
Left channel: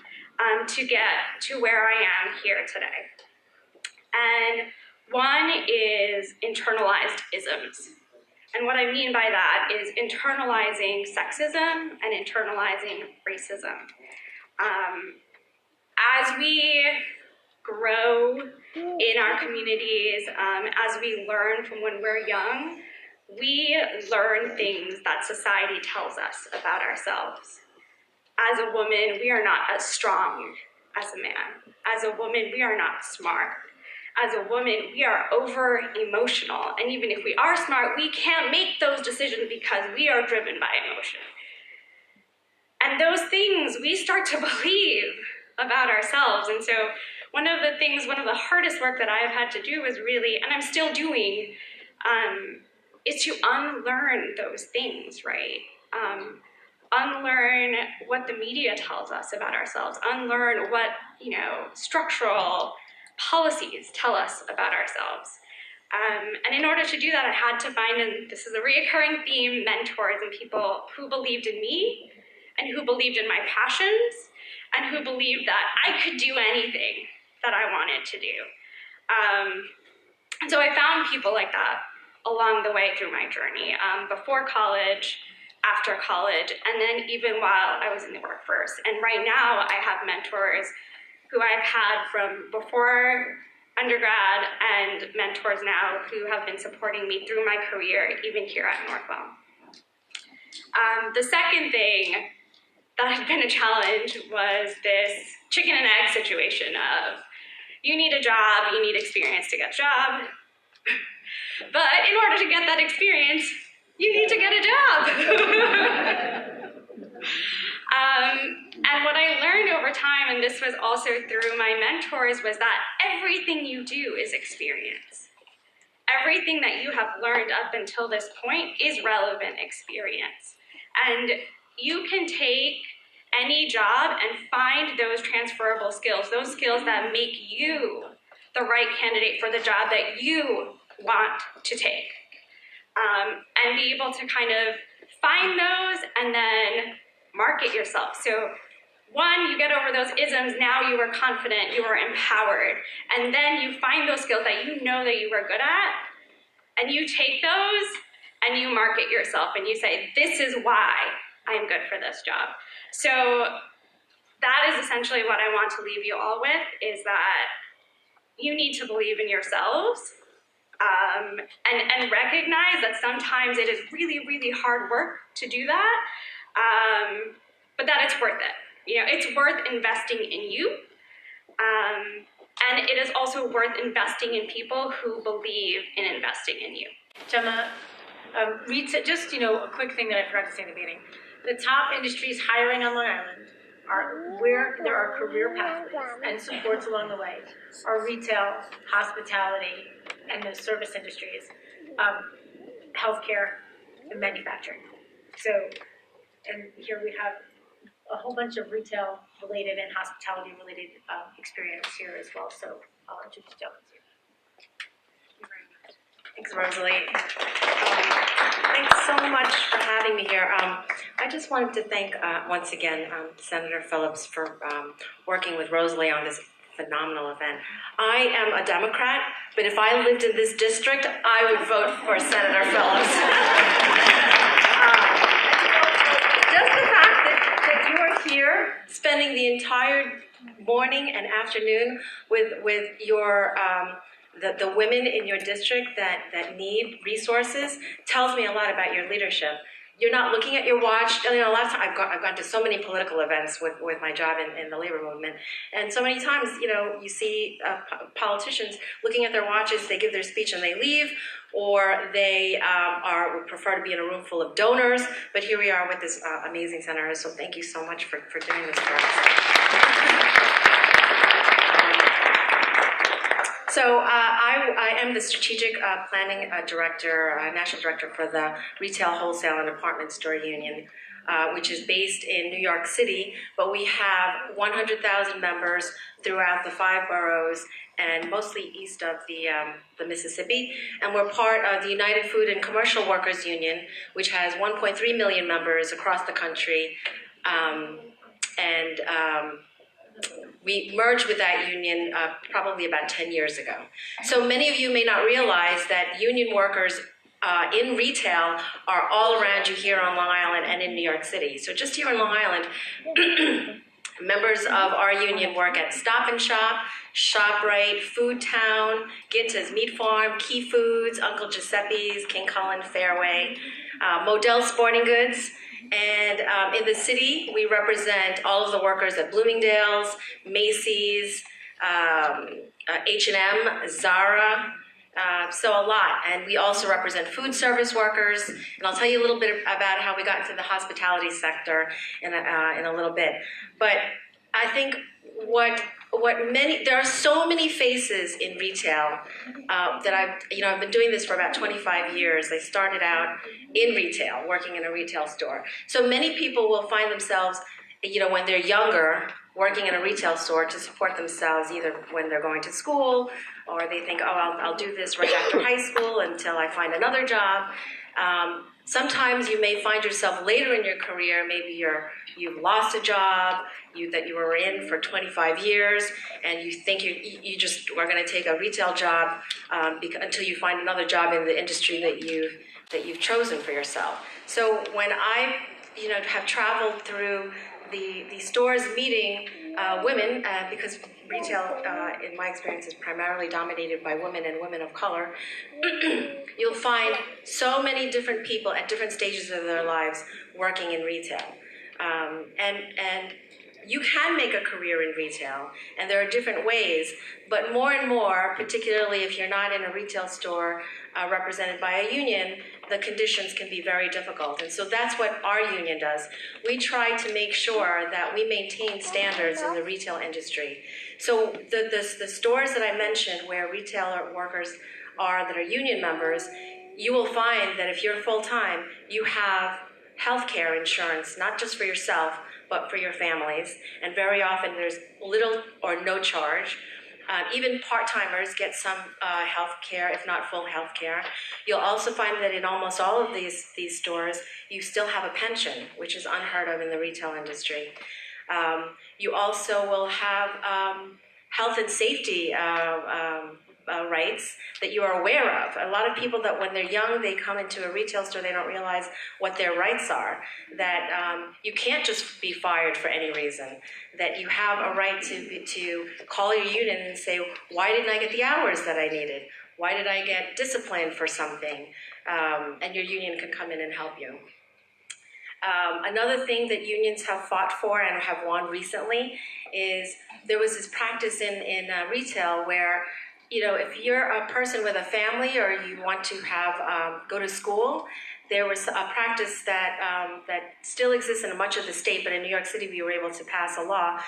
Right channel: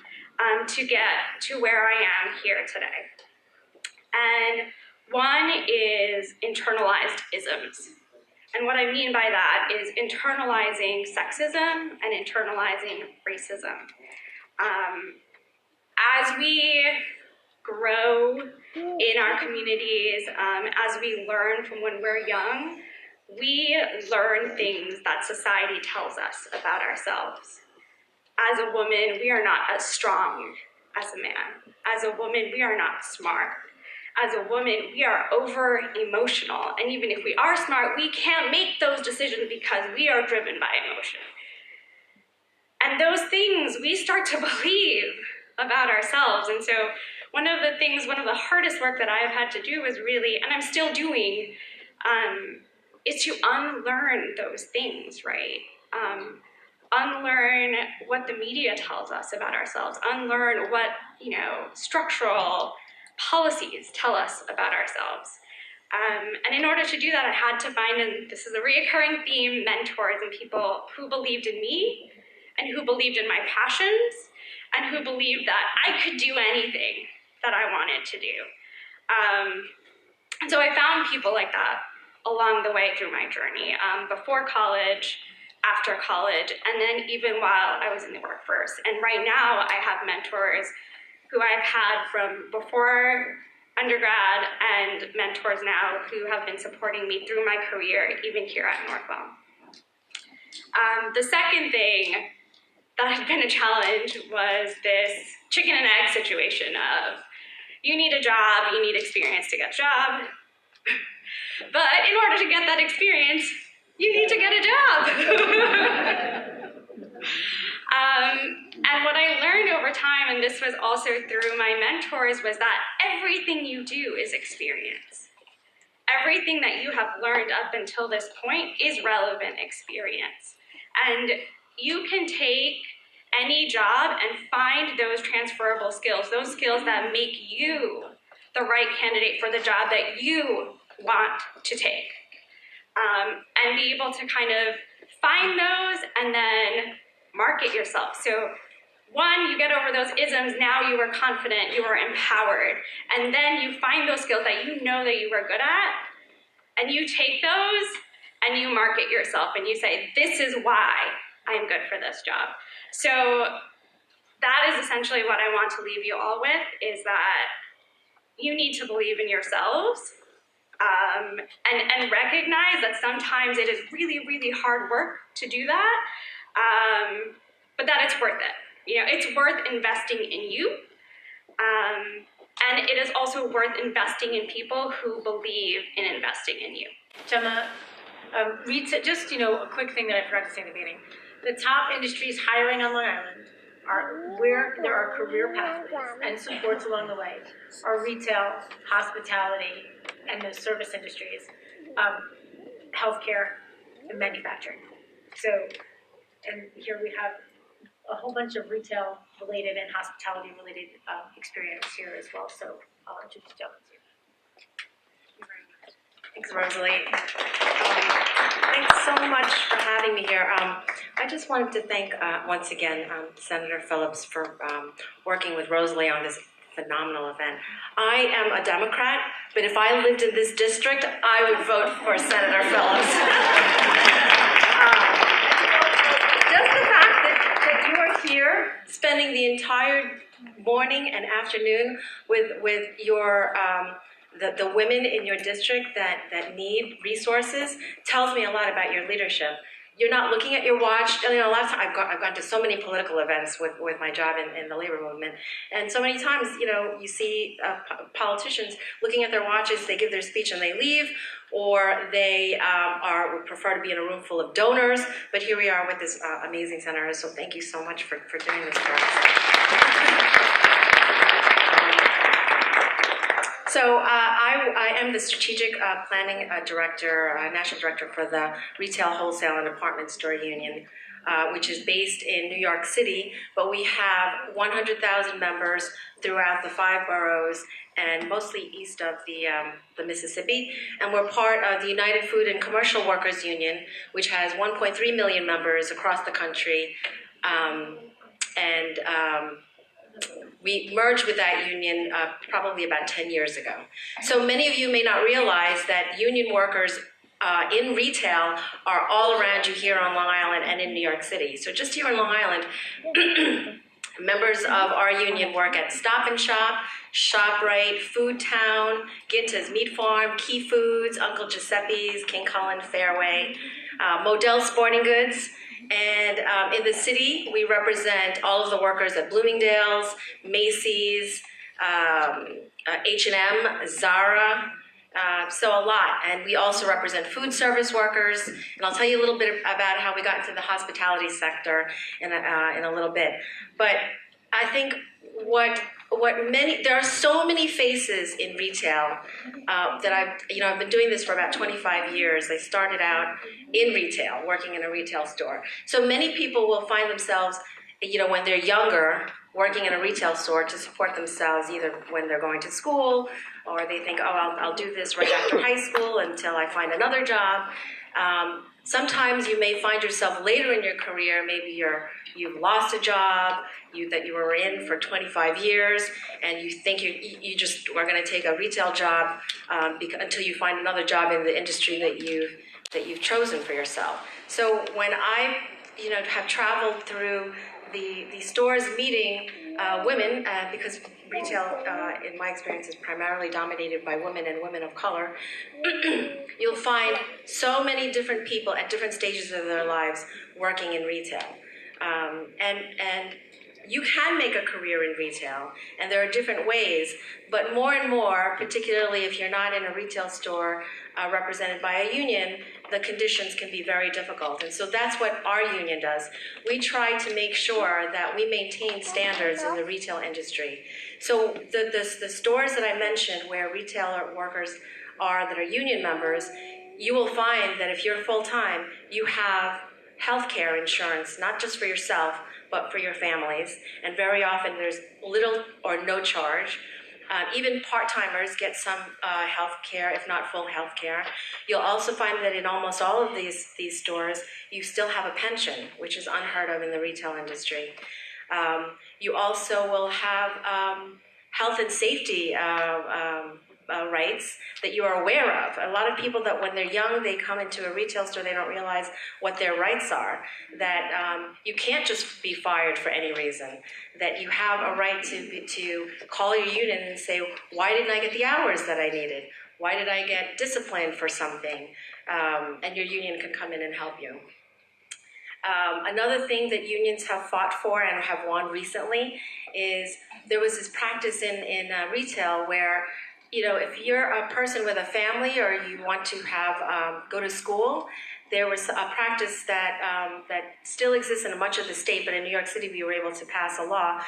to get to where I am here today. And one is internalized isms. And what I mean by that is internalizing sexism and internalizing racism. As we grow in our communities, as we learn from when we're young, we learn things that society tells us about ourselves. As a woman, we are not as strong as a man. As a woman, we are not smart. As a woman, we are over-emotional. And even if we are smart, we can't make those decisions because we are driven by emotion. And those things we start to believe about ourselves. And so one of the hardest work that I've had to do is really, and I'm still doing, is to unlearn those things, right? Unlearn what the media tells us about ourselves, unlearn what, structural policies tell us about ourselves. And in order to do that, I had to find, and this is a reoccurring theme, mentors and people who believed in me and who believed in my passions and who believed that I could do anything that I wanted to do. And so I found people like that along the way through my journey, before college, after college, and then even while I was in the workforce. And right now I have mentors who I've had from before undergrad and mentors now who have been supporting me through my career, even here at Northwell. The second thing that has been a challenge was this chicken and egg situation of, you need a job, you need experience to get a job. But in order to get that experience, you need to get a job. And what I learned over time, and this was also through my mentors, was that everything you do is experience. Everything that you have learned up until this point is relevant experience. And you can take any job and find those transferable skills, those skills that make you the right candidate for the job that you want to take. And be able to kind of find those and then market yourself. So one, you get over those isms, now you are confident, you are empowered. And then you find those skills that you know that you are good at, and you take those and you market yourself and you say, this is why I am good for this job. So that is essentially what I want to leave you all with, is that you need to believe in yourselves, and recognize that sometimes it is really, really hard work to do that, but that it's worth it. It's worth investing in you, and it is also worth investing in people who believe in investing in you. Gemma, just a quick thing that I forgot to say in the beginning. The top industries hiring on Long Island are where there are career pathways and supports along the way are retail, hospitality, and the service industries, healthcare, and manufacturing. So, and here we have a whole bunch of retail-related and hospitality-related experience here as well. So I'll introduce gentlemen to you. Thanks, Rosalie. Thanks so much for having me here. I just wanted to thank, once again, Senator Phillips for working with Rosalie on this phenomenal event. I am a Democrat, but if I lived in this district, I would vote for Senator Phillips. Just the fact that you are here spending the entire morning and afternoon with your the women in your district that need resources tells me a lot about your leadership. You're not looking at your watch. A lot of times I've gone to so many political events with my job in the labor movement, and so many times, you see politicians looking at their watches. They give their speech and they leave, or they would prefer to be in a room full of donors. But here we are with this amazing center. So thank you so much for doing this. So I am the Strategic Planning Director, National Director for the Retail, Wholesale, and Department Store Union, which is based in New York City, but we have 100,000 members throughout the 5 boroughs and mostly east of the Mississippi. And we're part of the United Food and Commercial Workers Union, which has 1.3 million members across the country. We merged with that union probably about 10 years ago. So many of you may not realize that union workers in retail are all around you here on Long Island and in New York City. So just here on Long Island, members of our union work at Stop and Shop, ShopRite, Food Town, Ginta's Meat Farm, Key Foods, Uncle Giuseppe's, King Cullen Fairway, Modell Sporting Goods. And in the city, we represent all of the workers at Bloomingdale's, Macy's, H&M, Zara, So a lot. And we also represent food service workers. And I'll tell you a little bit about how we got into the hospitality sector in a little bit. But I think there are so many faces in retail that I've been doing this for about 25 years. I started out in retail, working in a retail store. So many people will find themselves, when they're younger, working in a retail store to support themselves, either when they're going to school, or they think, oh, I'll do this right after high school until I find another job. Sometimes you may find yourself later in your career, maybe you've lost a job that you were in for 25 years, and you think you just are going to take a retail job until you find another job in the industry that you've chosen for yourself. So when I have traveled through the stores meeting women, because retail, in my experience, is primarily dominated by women and women of color, you'll find so many different people at different stages of their lives working in retail. And you can make a career in retail, and there are different ways, but more and more, particularly if you're not in a retail store represented by a union, the conditions can be very difficult. And so that's what our union does. We try to make sure that we maintain standards in the retail industry. So the stores that I mentioned where retailer workers that are union members, you will find that if you're full-time, you have healthcare insurance, not just for yourself, but for your families. And very often there's little or no charge. Even part-timers get some health care, if not full health care. You'll also find that in almost all of these stores, you still have a pension, which is unheard of in the retail industry. You also will have health and safety rights that you are aware of. A lot of people that when they're young, they come into a retail store, they don't realize what their rights are, that you can't just be fired for any reason, that you have a right to call your union and say, why didn't I get the hours that I needed? Why did I get disciplined for something? And your union can come in and help you. Another thing that unions have fought for and have won recently is there was this practice in retail where, if you're a person with a family or you want to go to school, there was a practice that still exists in much of the state, but in New York City we were able to pass a law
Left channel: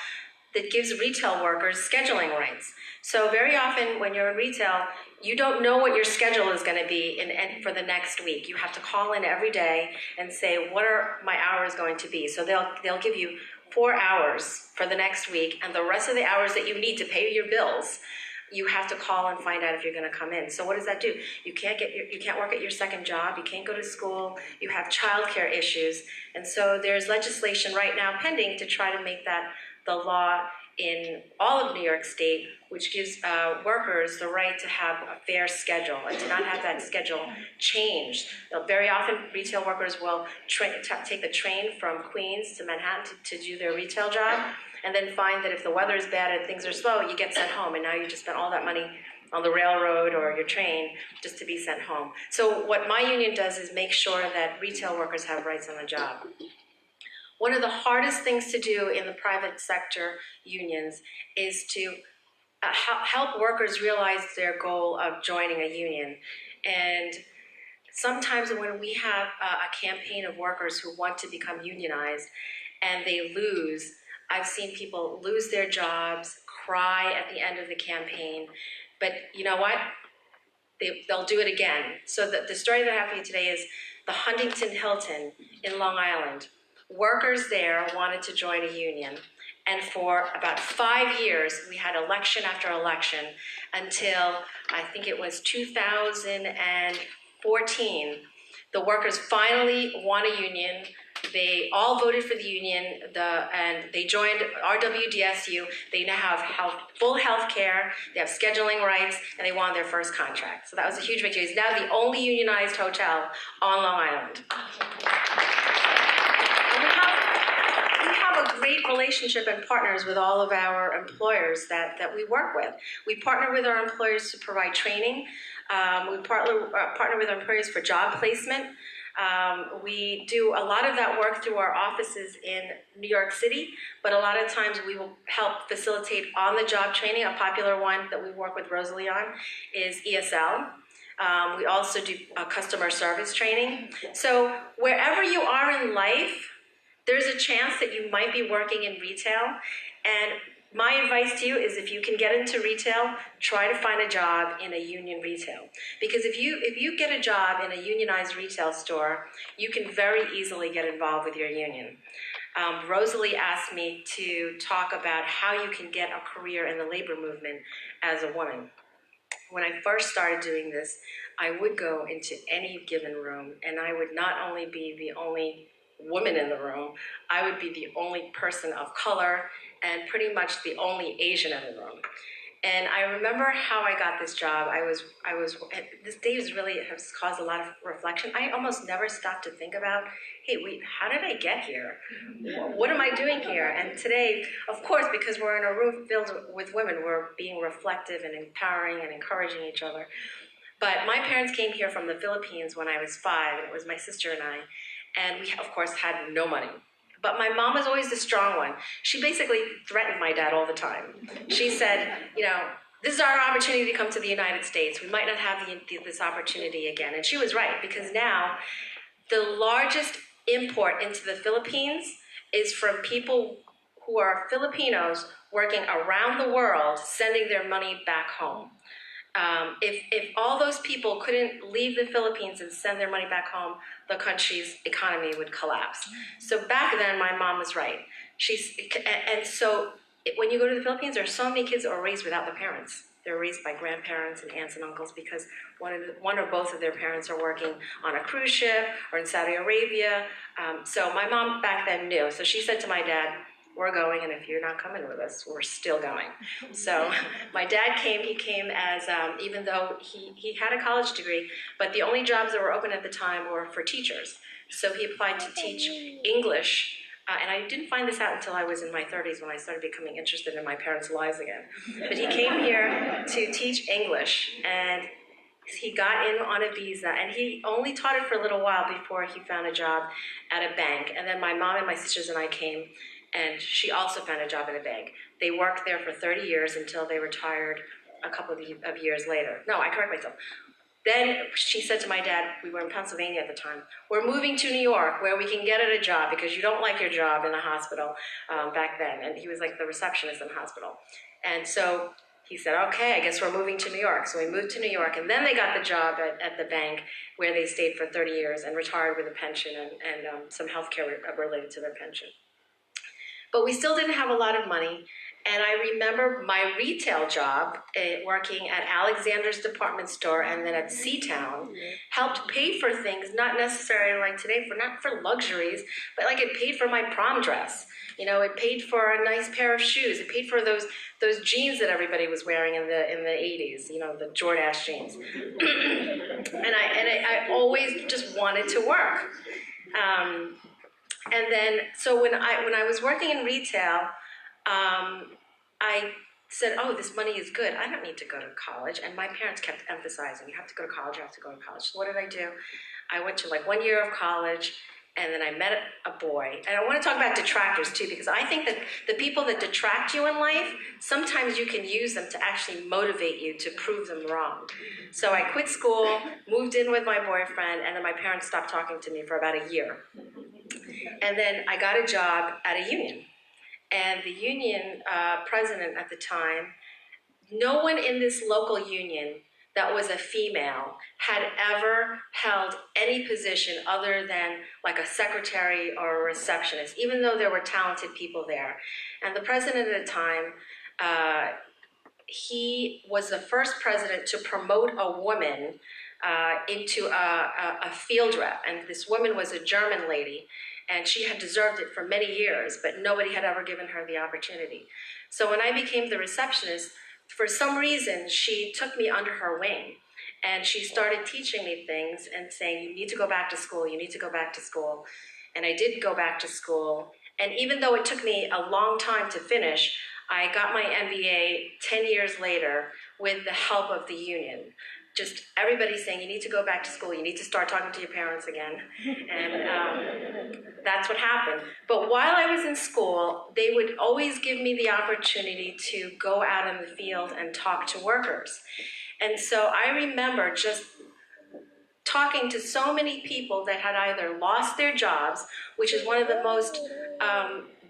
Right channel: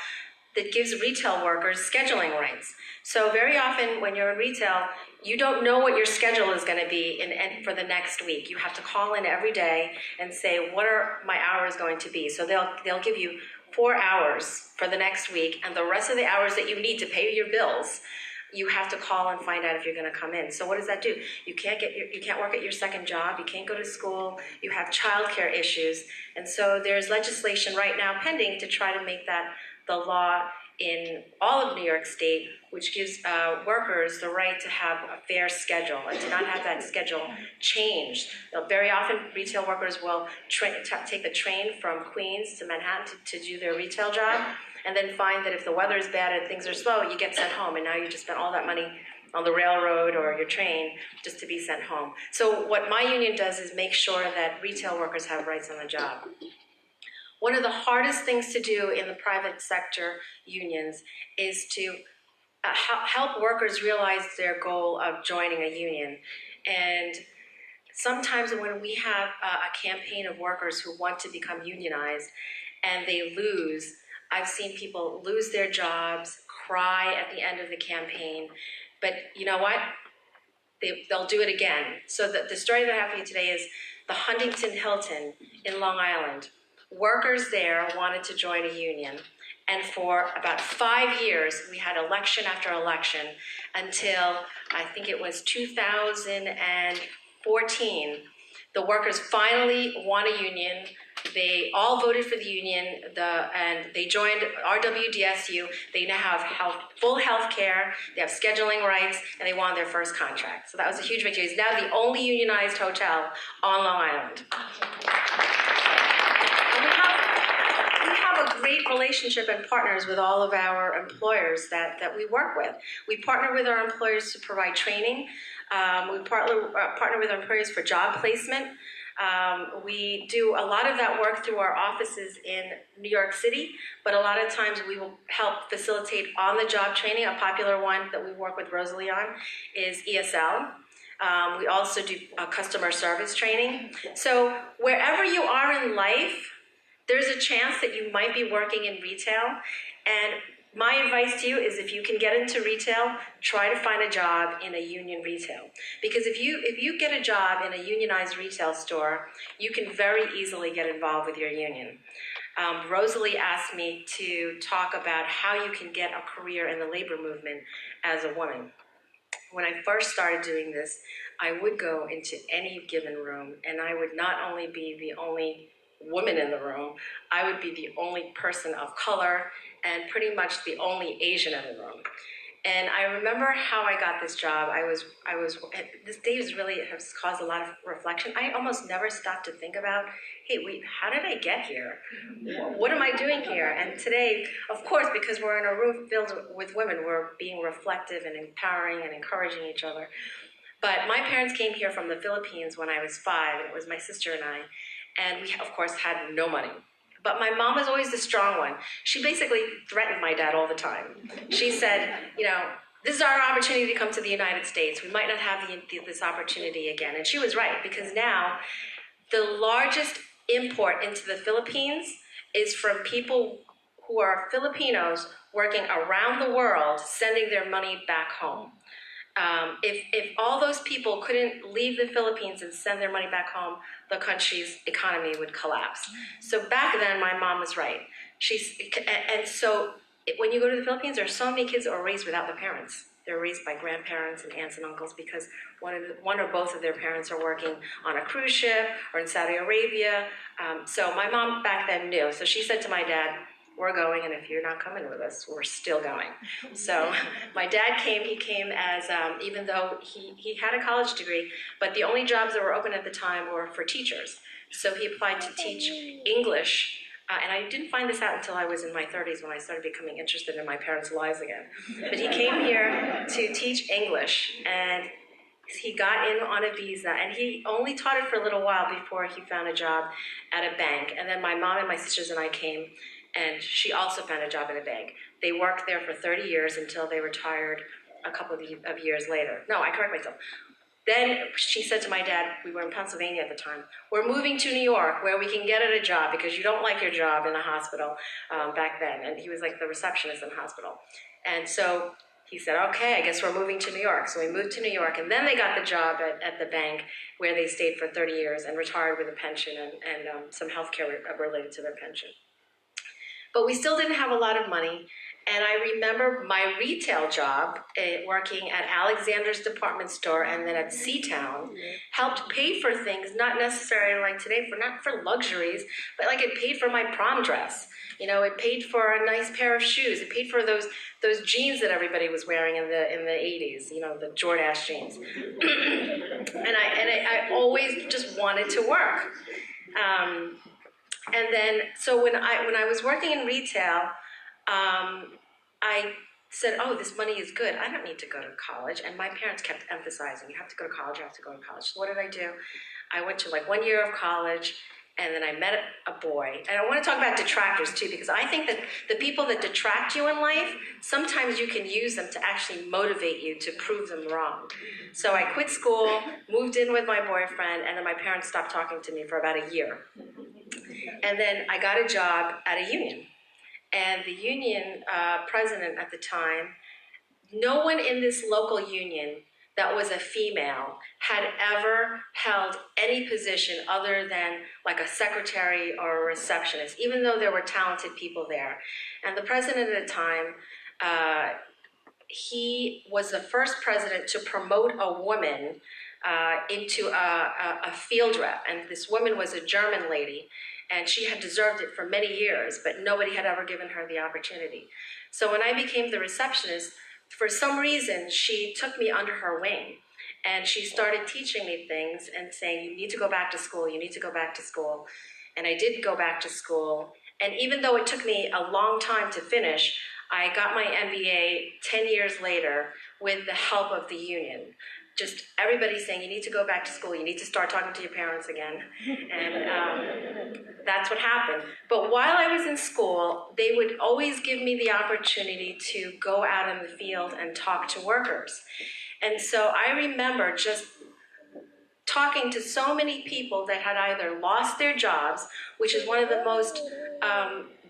that gives retail workers scheduling rights. So very often when you're in retail, you don't know what your schedule is going to be for the next week. You have to call in every day and say, what are my hours going to be? So they'll give you 4 hours for the next week, and the rest of the hours that you need to pay your bills, you have to call and find out if you're going to come in. So what does that do? You can't work at your second job. You can't go to school. You have childcare issues, and so there's legislation right now pending to try to make that the law in all of New York State, which gives workers the right to have a fair schedule and to not have that schedule changed. Very often, retail workers will take the train from Queens to Manhattan to do their retail job, and then find that if the weather is bad and things are slow, you get sent home, and now you just spent all that money on the railroad or your train just to be sent home. So what my union does is make sure that retail workers have rights on the job. One of the hardest things to do in the private sector unions is to help workers realize their goal of joining a union. And sometimes when we have a campaign of workers who want to become unionized and they lose, I've seen people lose their jobs, cry at the end of the campaign, but you know what? They'll do it again. So the story that happened today is the Huntington Hilton in Long Island. Workers there wanted to join a union, and for about 5 years we had election after election until I think it was 2014. The workers finally won a union. They all voted for the union, and they joined RWDSU. They now have full health care, they have scheduling rights, and they won their first contract. So that was a huge victory. It's now the only unionized hotel on Long Island. We have a great relationship and partners with all of our employers that we work with. We partner with our employers to provide training. We partner with our employers for job placement. We do a lot of that work through our offices in New York City, but a lot of times we will help facilitate on-the-job training. A popular one that we work with Rosalie on is ESL. We also do customer service training. So wherever you are in life, there's a chance that you might be working in retail. And my advice to you is if you can get into retail, try to find a job in a union retail. Because if you get a job in a unionized retail store, you can very easily get involved with your union. Rosalie asked me to talk about how you can get a career in the labor movement as a woman. When I first started doing this, I would go into any given room, and I would not only be the only woman in the room, I would be the only person of color and pretty much the only Asian in the room. And I remember how I got this job. This day really has caused a lot of reflection. I almost never stopped to think about, hey, wait, how did I get here? What am I doing here? And today, of course, because we're in a room filled with women, we're being reflective and empowering and encouraging each other. But my parents came here from the Philippines when I was 5, and it was my sister and I. And we, of course, had no money. But my mom was always the strong one. She basically threatened my dad all the time. She said, this is our opportunity to come to the United States. We might not have this opportunity again. And she was right, because now the largest import into the Philippines is from people who are Filipinos working around the world, sending their money back home. If all those people couldn't leave the Philippines and send their money back home, the country's economy would collapse. So back then, my mom was right. When you go to the Philippines, there are so many kids that are raised without their parents. They're raised by grandparents and aunts and uncles because one or both of their parents are working on a cruise ship or in Saudi Arabia. So my mom back then knew. So she said to my dad, we're going, and if you're not coming with us, we're still going. So my dad came, he came as, even though he had a college degree, but the only jobs that were open at the time were for teachers. So he applied to teach English, and I didn't find this out until I was in my 30s when I started becoming interested in my parents' lives again. But he came here to teach English, and he got in on a visa, and he only taught it for a little while before he found a job at a bank. And then my mom and my sisters and I came, and she also found a job at a bank. They worked there for 30 years until they retired a couple of years later. No, I correct myself. Then she said to my dad, we were in Pennsylvania at the time, we're moving to New York where we can get at a job because you don't like your job in a hospital back then. And he was like the receptionist in the hospital. And so he said, okay, I guess we're moving to New York. So we moved to New York, and then they got the job at the bank where they stayed for 30 years and retired with a pension and some health care related to their pension. But we still didn't have a lot of money. And I remember my retail job, working at Alexander's department store and then at Seatown, helped pay for things, not necessarily like today, not for luxuries, but like it paid for my prom dress. It paid for a nice pair of shoes. It paid for those jeans that everybody was wearing in the 80s, the Jordache jeans. and I always just wanted to work. And then, so when I was working in retail, I said, oh, this money is good. I don't need to go to college. And my parents kept emphasizing, you have to go to college, you have to go to college. So what did I do? I went to 1 year of college, and then I met a boy. And I want to talk about detractors too, because I think that the people that detract you in life, sometimes you can use them to actually motivate you to prove them wrong. So I quit school, moved in with my boyfriend, and then my parents stopped talking to me for about a year. And then I got a job at a union. And the union president at the time, no one in this local union that was a female had ever held any position other than like a secretary or a receptionist, even though there were talented people there. And the president at the time, he was the first president to promote a woman into a field rep. And this woman was a German lady, and she had deserved it for many years, but nobody had ever given her the opportunity. So when I became the receptionist, for some reason, she took me under her wing, and she started teaching me things and saying, you need to go back to school, you need to go back to school. And I did go back to school, and even though it took me a long time to finish, I got my MBA 10 years later with the help of the union. just everybody's saying you need to go back to school, you need to start talking to your parents again, and that's what happened. But while I was in school, they would always give me the opportunity to go out in the field and talk to workers. And so I remember just talking to so many people that had either lost their jobs, which is one of the most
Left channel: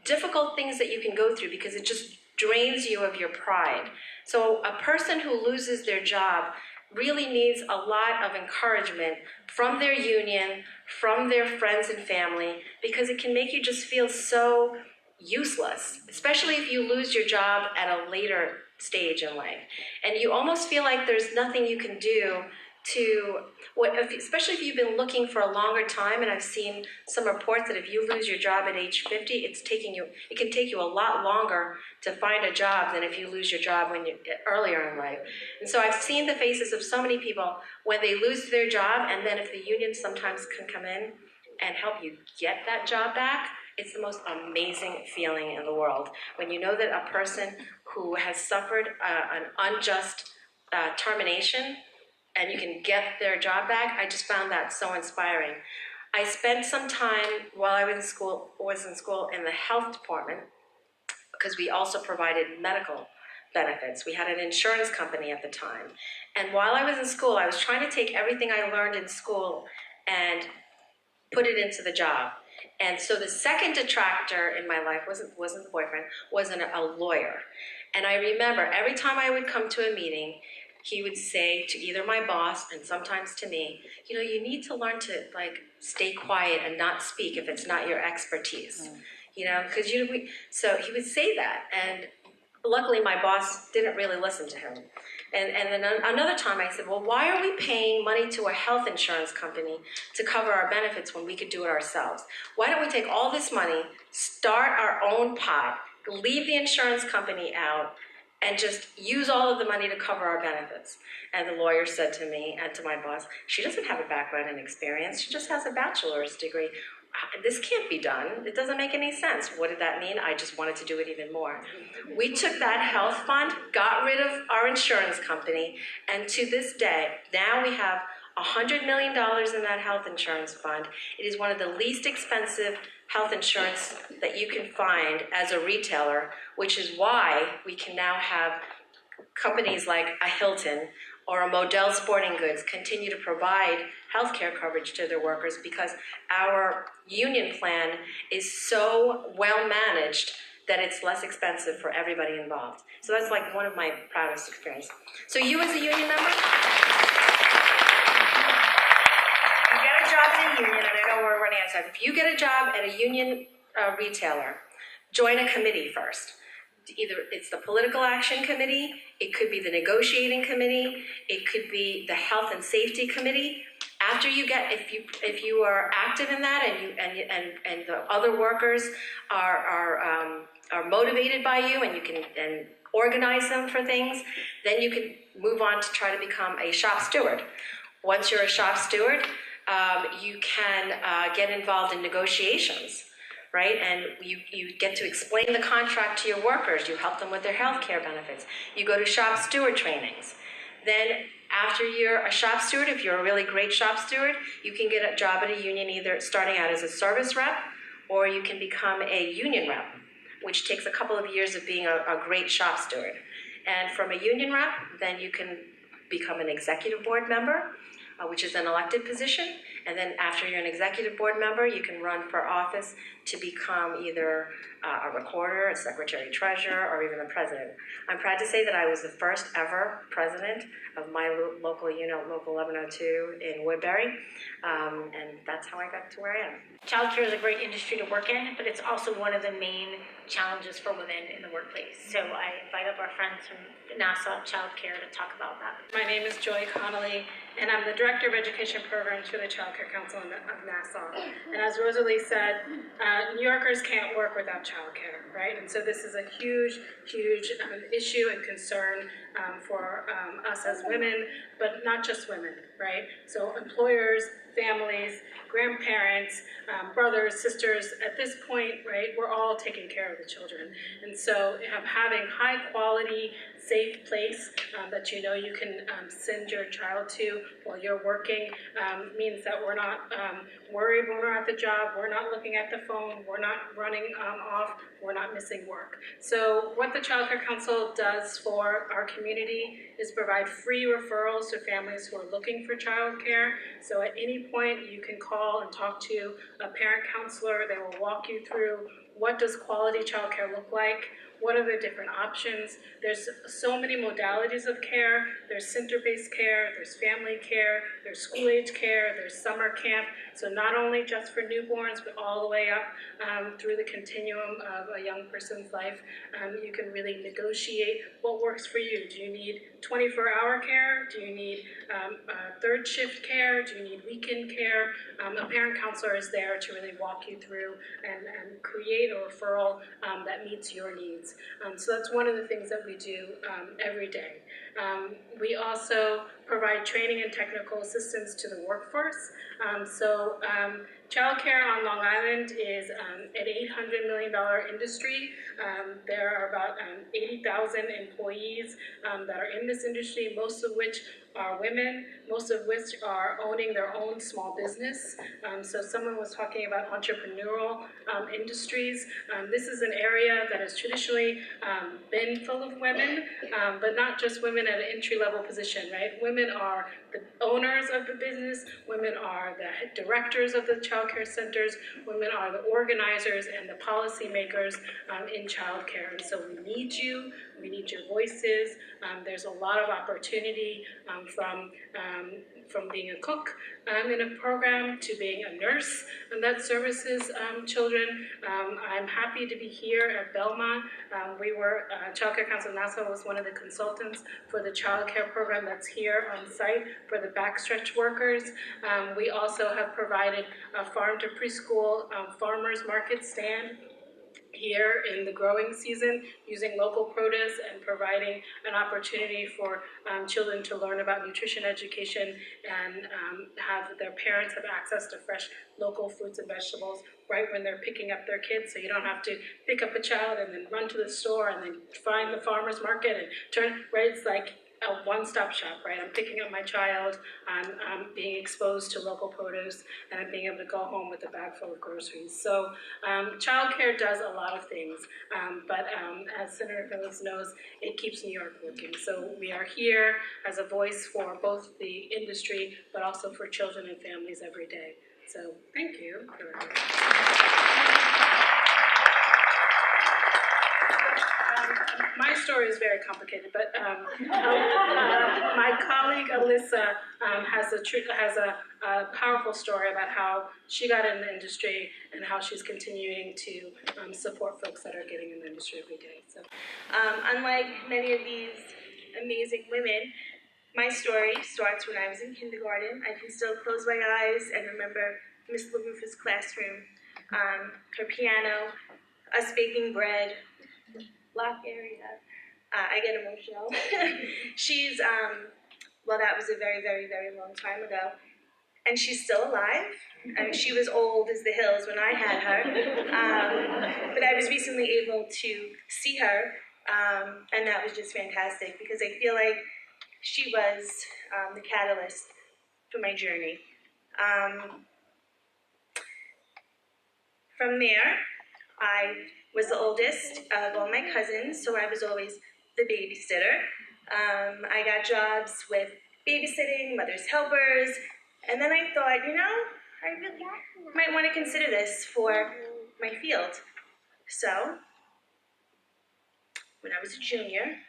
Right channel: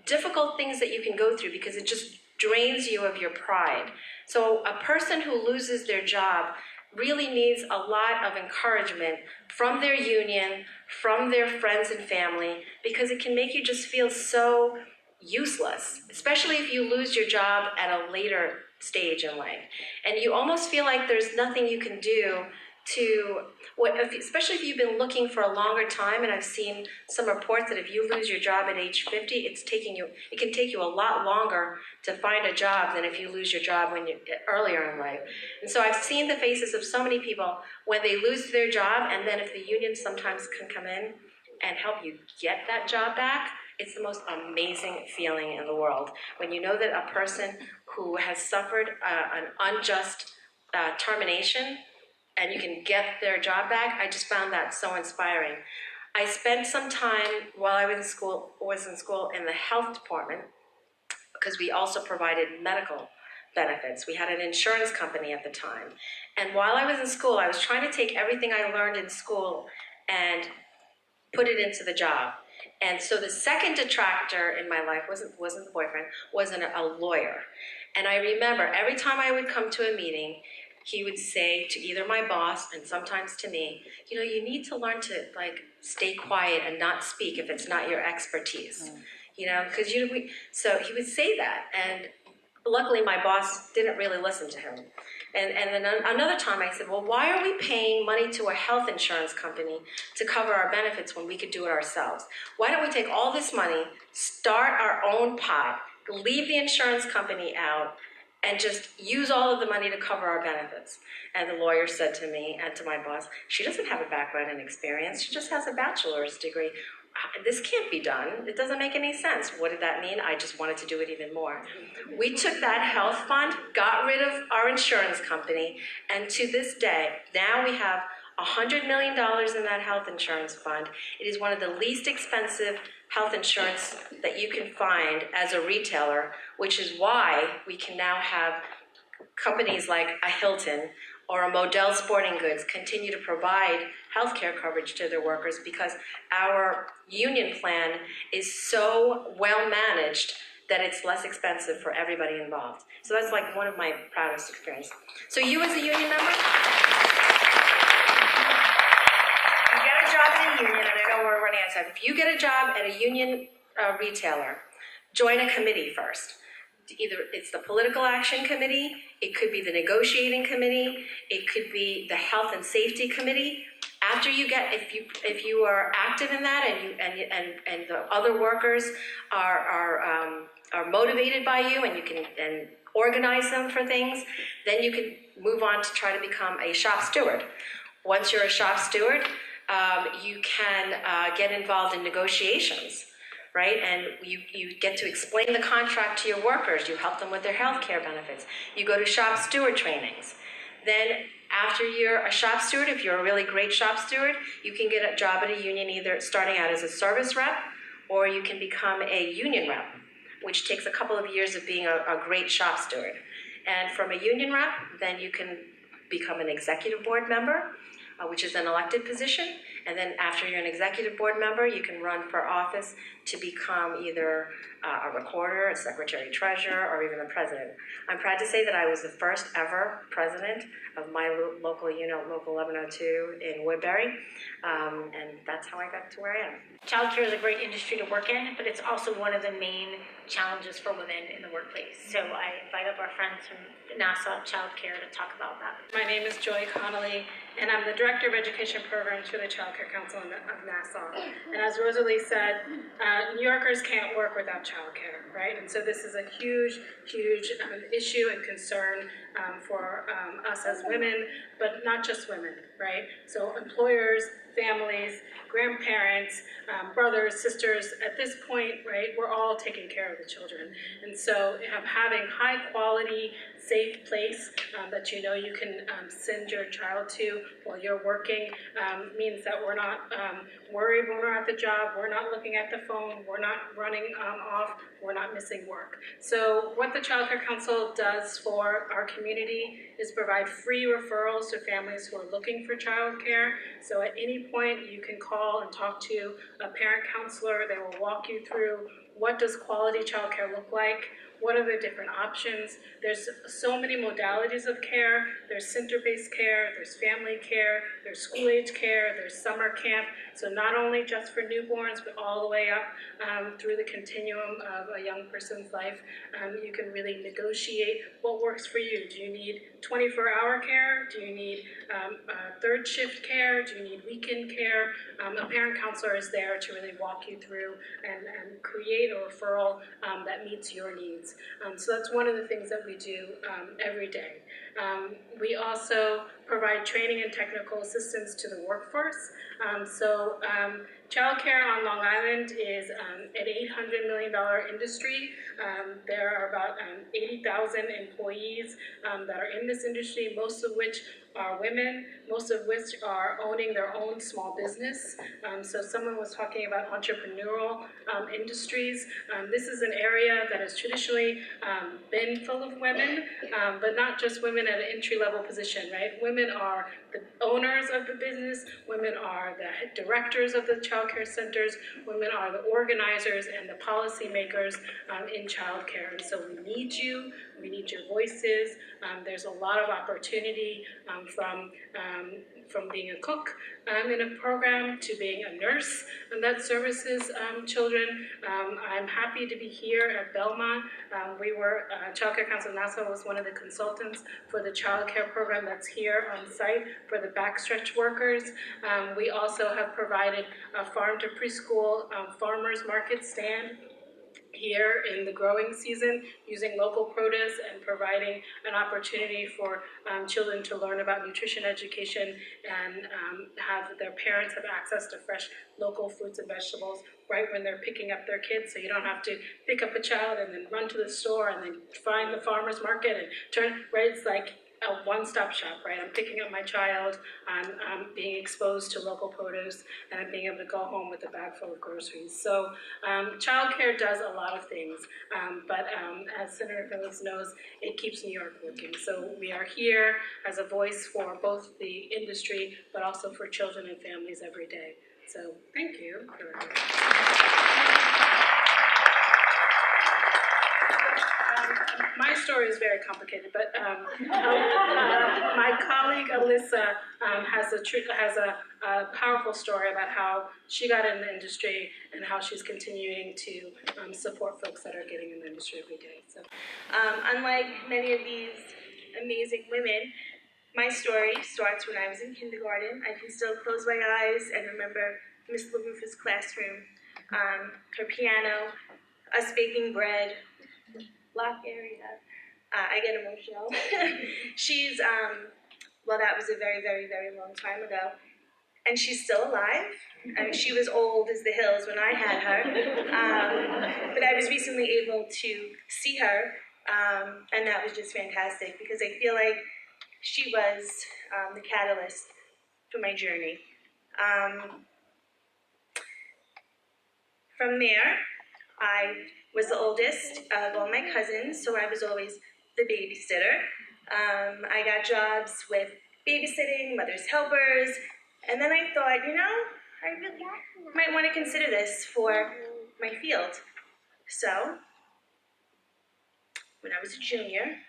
difficult things that you can go through because it just drains you of your pride. So a person who loses their job really needs a lot of encouragement from their union, from their friends and family, because it can make you just feel so useless, especially if you lose your job at a later stage in life. And you almost feel like there's nothing you can do to, especially if you've been looking for a longer time, and I've seen some reports that if you lose your job at age 50, it can take you a lot longer to find a job than if you lose your job when you're earlier in life. And so I've seen the faces of so many people when they lose their job, and then if the union sometimes can come in and help you get that job back, it's the most amazing feeling in the world. When you know that a person who has suffered an unjust termination and you can get their job back, I just found that so inspiring. I spent some time while I was in school in the health department because we also provided medical benefits. We had an insurance company at the time. And while I was in school, I was trying to take everything I learned in school and put it into the job. And so the second detractor in my life wasn't a boyfriend, wasn't a lawyer. And I remember every time I would come to a meeting, he would say to either my boss and sometimes to me, you know, you need to learn to stay quiet and not speak if it's not your expertise. You know, because so he would say that, and luckily my boss didn't really listen to him. And then another time I said, well, why are we paying money to a health insurance company to cover our benefits when we could do it ourselves? Why don't we take all this money, start our own pot, leave the insurance company out, and just use all of the money to cover our benefits? And the lawyer said to me and to my boss, she doesn't have a background in experience, she just has a bachelor's degree. This can't be done. It doesn't make any sense. What did that mean? I just wanted to do it even more. We took that health fund, got rid of our insurance company, and to this day, now we have $100 million in that health insurance fund. It is one of the least expensive health insurance that you can find as a retailer, which is why we can now have companies like a Hilton or a Model Sporting Goods continue to provide healthcare coverage to their workers because our union plan is so well managed that it's less expensive for everybody involved. So that's like one of my proudest experiences. So you as a union member, you get a job in a union, and I know we're running out of time. If you get a job at a union retailer, join a committee first. Either it's the political action committee, it could be the negotiating committee, it could be the health and safety committee. After you get, if you are active in that and the other workers are motivated by you and you can organize them for things, then you can move on to try to become a shop steward. Once you're a shop steward, you can get involved in negotiations. Right? And you get to explain the contract to your workers. You help them with their health care benefits. You go to shop steward trainings. Then after you're a shop steward, if you're a really great shop steward, you can get a job at a union either starting out as a service rep or you can become a union rep, which takes a couple of years of being a great shop steward. And from a union rep, then you can become an executive board member, which is an elected position. And then after you're an executive board member, you can run for office to become either a recorder, a secretary treasurer, or even a president. I'm proud to say that I was the first ever president of my local unit, Local 1102 in Woodbury, and that's how I got to where I am. Childcare is a great industry to work in, but it's also one of the main challenges for women in the workplace. So I invite up our friends from Nassau Childcare to talk about that. My name is Joy Connolly, and I'm the Director of Education Programs for the Child Care Council of Nassau. And as Rosalie said, New Yorkers can't work without childcare, right? And so this is a huge, huge issue and concern for us as women, but not just women, right? So employers, families, grandparents, brothers, sisters. At this point, right, we're all taking care of the children. And so having high quality, safe place that you know you can send your child to while you're working means that we're not worried when we're at the job, we're not looking at the phone, we're not running off, we're not missing work. So what the Child Care Council does for our community is provide free referrals to families who are looking for child care. So at any point you can call and talk to a parent counselor. They will walk you through what does quality child care look like, what are the different options. There's so many modalities of care. There's center-based care, there's family care, there's school-age care, there's summer camp. So not only just for newborns, but all the way up through the continuum of a young person's life. You can really negotiate what works for you. Do you need 24-hour care? Do you need third shift care? Do you need weekend care? A parent counselor is there to really walk you through and create a referral that meets your needs. So that's one of the things that we do every day. We also provide training and technical assistance to the workforce. Childcare on Long Island is an $800 million industry. There are about 80,000 employees that are in this industry, most of which are women, most of which are owning their own small business. So someone was talking about entrepreneurial industries. This is an area that has traditionally been full of women, but not just women at an entry-level position, right? Women are the owners of the business, women are the directors of the child care centers, women are the organizers and the policymakers in child care. And so we need you, we need your voices. There's a lot of opportunity from being a cook in a program to being a nurse that services children. I'm happy to be here at Belmont. Child Care Council of Nassau was one of the consultants for the child care program that's here on site for the backstretch workers. We also have provided a farm to preschool farmers market stand here in the growing season, using local produce and providing an opportunity for children to learn about nutrition education and have their parents have access to fresh local fruits and vegetables right when they're picking up their kids, so you don't have to pick up a child and then run to the store and then find the farmer's market and turn, right? It's like a one-stop shop, right? I'm picking up my child, I'm being exposed to local produce, and I'm being able to go home with a bag full of groceries. So childcare does a lot of things, but as Senator Phillips knows, it keeps New York working. So we are here as a voice for both the industry, but also for children and families every day. So thank you. My story is very complicated, but my colleague Alyssa has a powerful story about how she got in the industry and how she's continuing to support folks that are getting in the industry every day. So, unlike many of these amazing women, my story starts when I was in kindergarten. I can still close my eyes and remember Miss LaRufa's classroom, her piano, us baking bread, block area. I get emotional. She's, well, that was a very, very, very long time ago. And she's still alive. I mean, she was old as the hills when I had her. But I was recently able to see her, and that was just fantastic because I feel like she was the catalyst for my journey. From there, I was the oldest of all my cousins, so I was always the babysitter. I got jobs with babysitting, mother's helpers, and then I thought, you know, I really might want to consider this for my field. So, when I was a junior,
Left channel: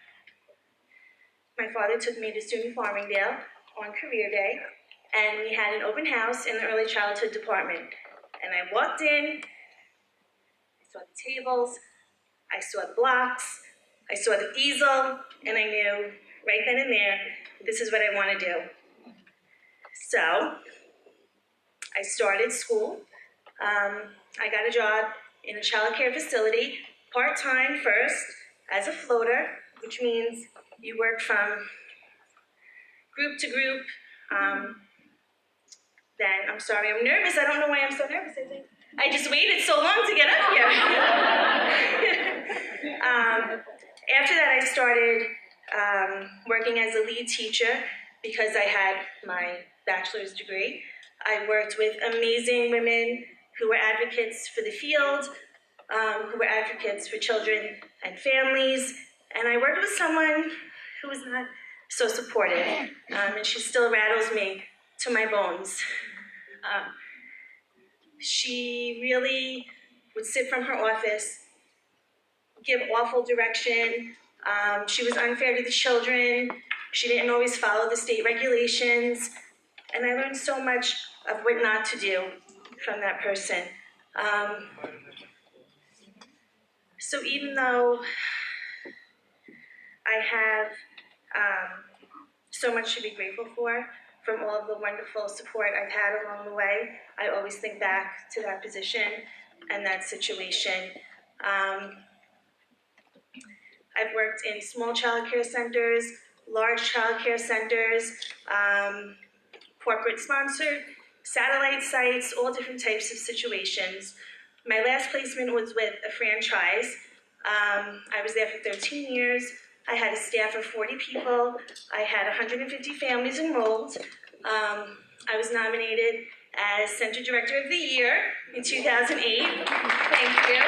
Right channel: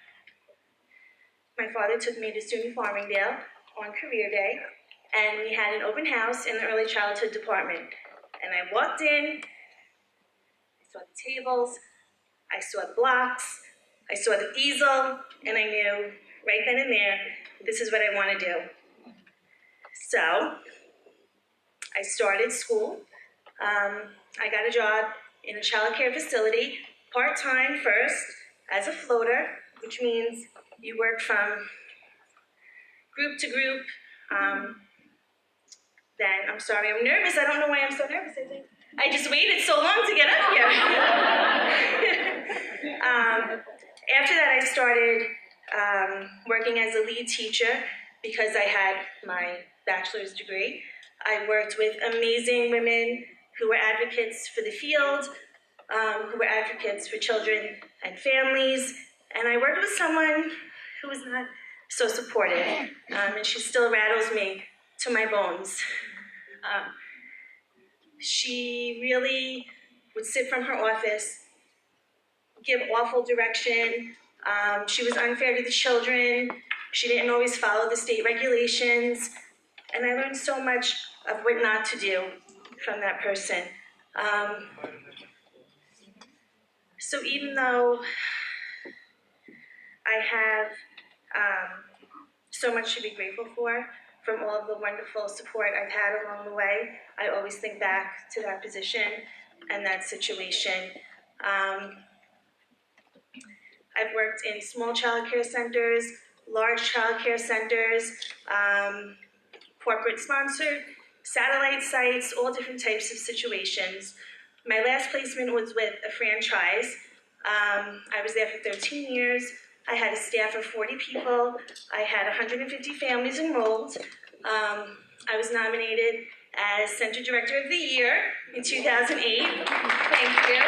my father took me to SUNY Farmingdale on career day, and we had an open house in the early childhood department. And I walked in, I saw the tables, I saw the blocks, I saw the easel, and I knew right then and there, this is what I want to do. So, I started school. I got a job in a child care facility, part-time first, as a floater, which means you work from group to group, then, I'm sorry, I'm nervous. I don't know why I'm so nervous. I just waited so long to get up here. After that, I started working as a lead teacher because I had my bachelor's degree. I worked with amazing women who were advocates for the field, who were advocates for children and families, and I worked with someone who was not so supportive, and she still rattles me to my bones. She really would sit from her office, give awful direction. She was unfair to the children. She didn't always follow the state regulations. And I learned so much of what not to do from that person. So even though I have so much to be grateful for, from all of the wonderful support I've had along the way, I always think back to that position and that situation. I've worked in small child care centers, large child care centers, corporate sponsored, satellite sites, all different types of situations. My last placement was with a franchise. I was there for 13 years. I had a staff of 40 people. I had 150 families enrolled. I was nominated as Center Director of the Year in 2008. Thank you.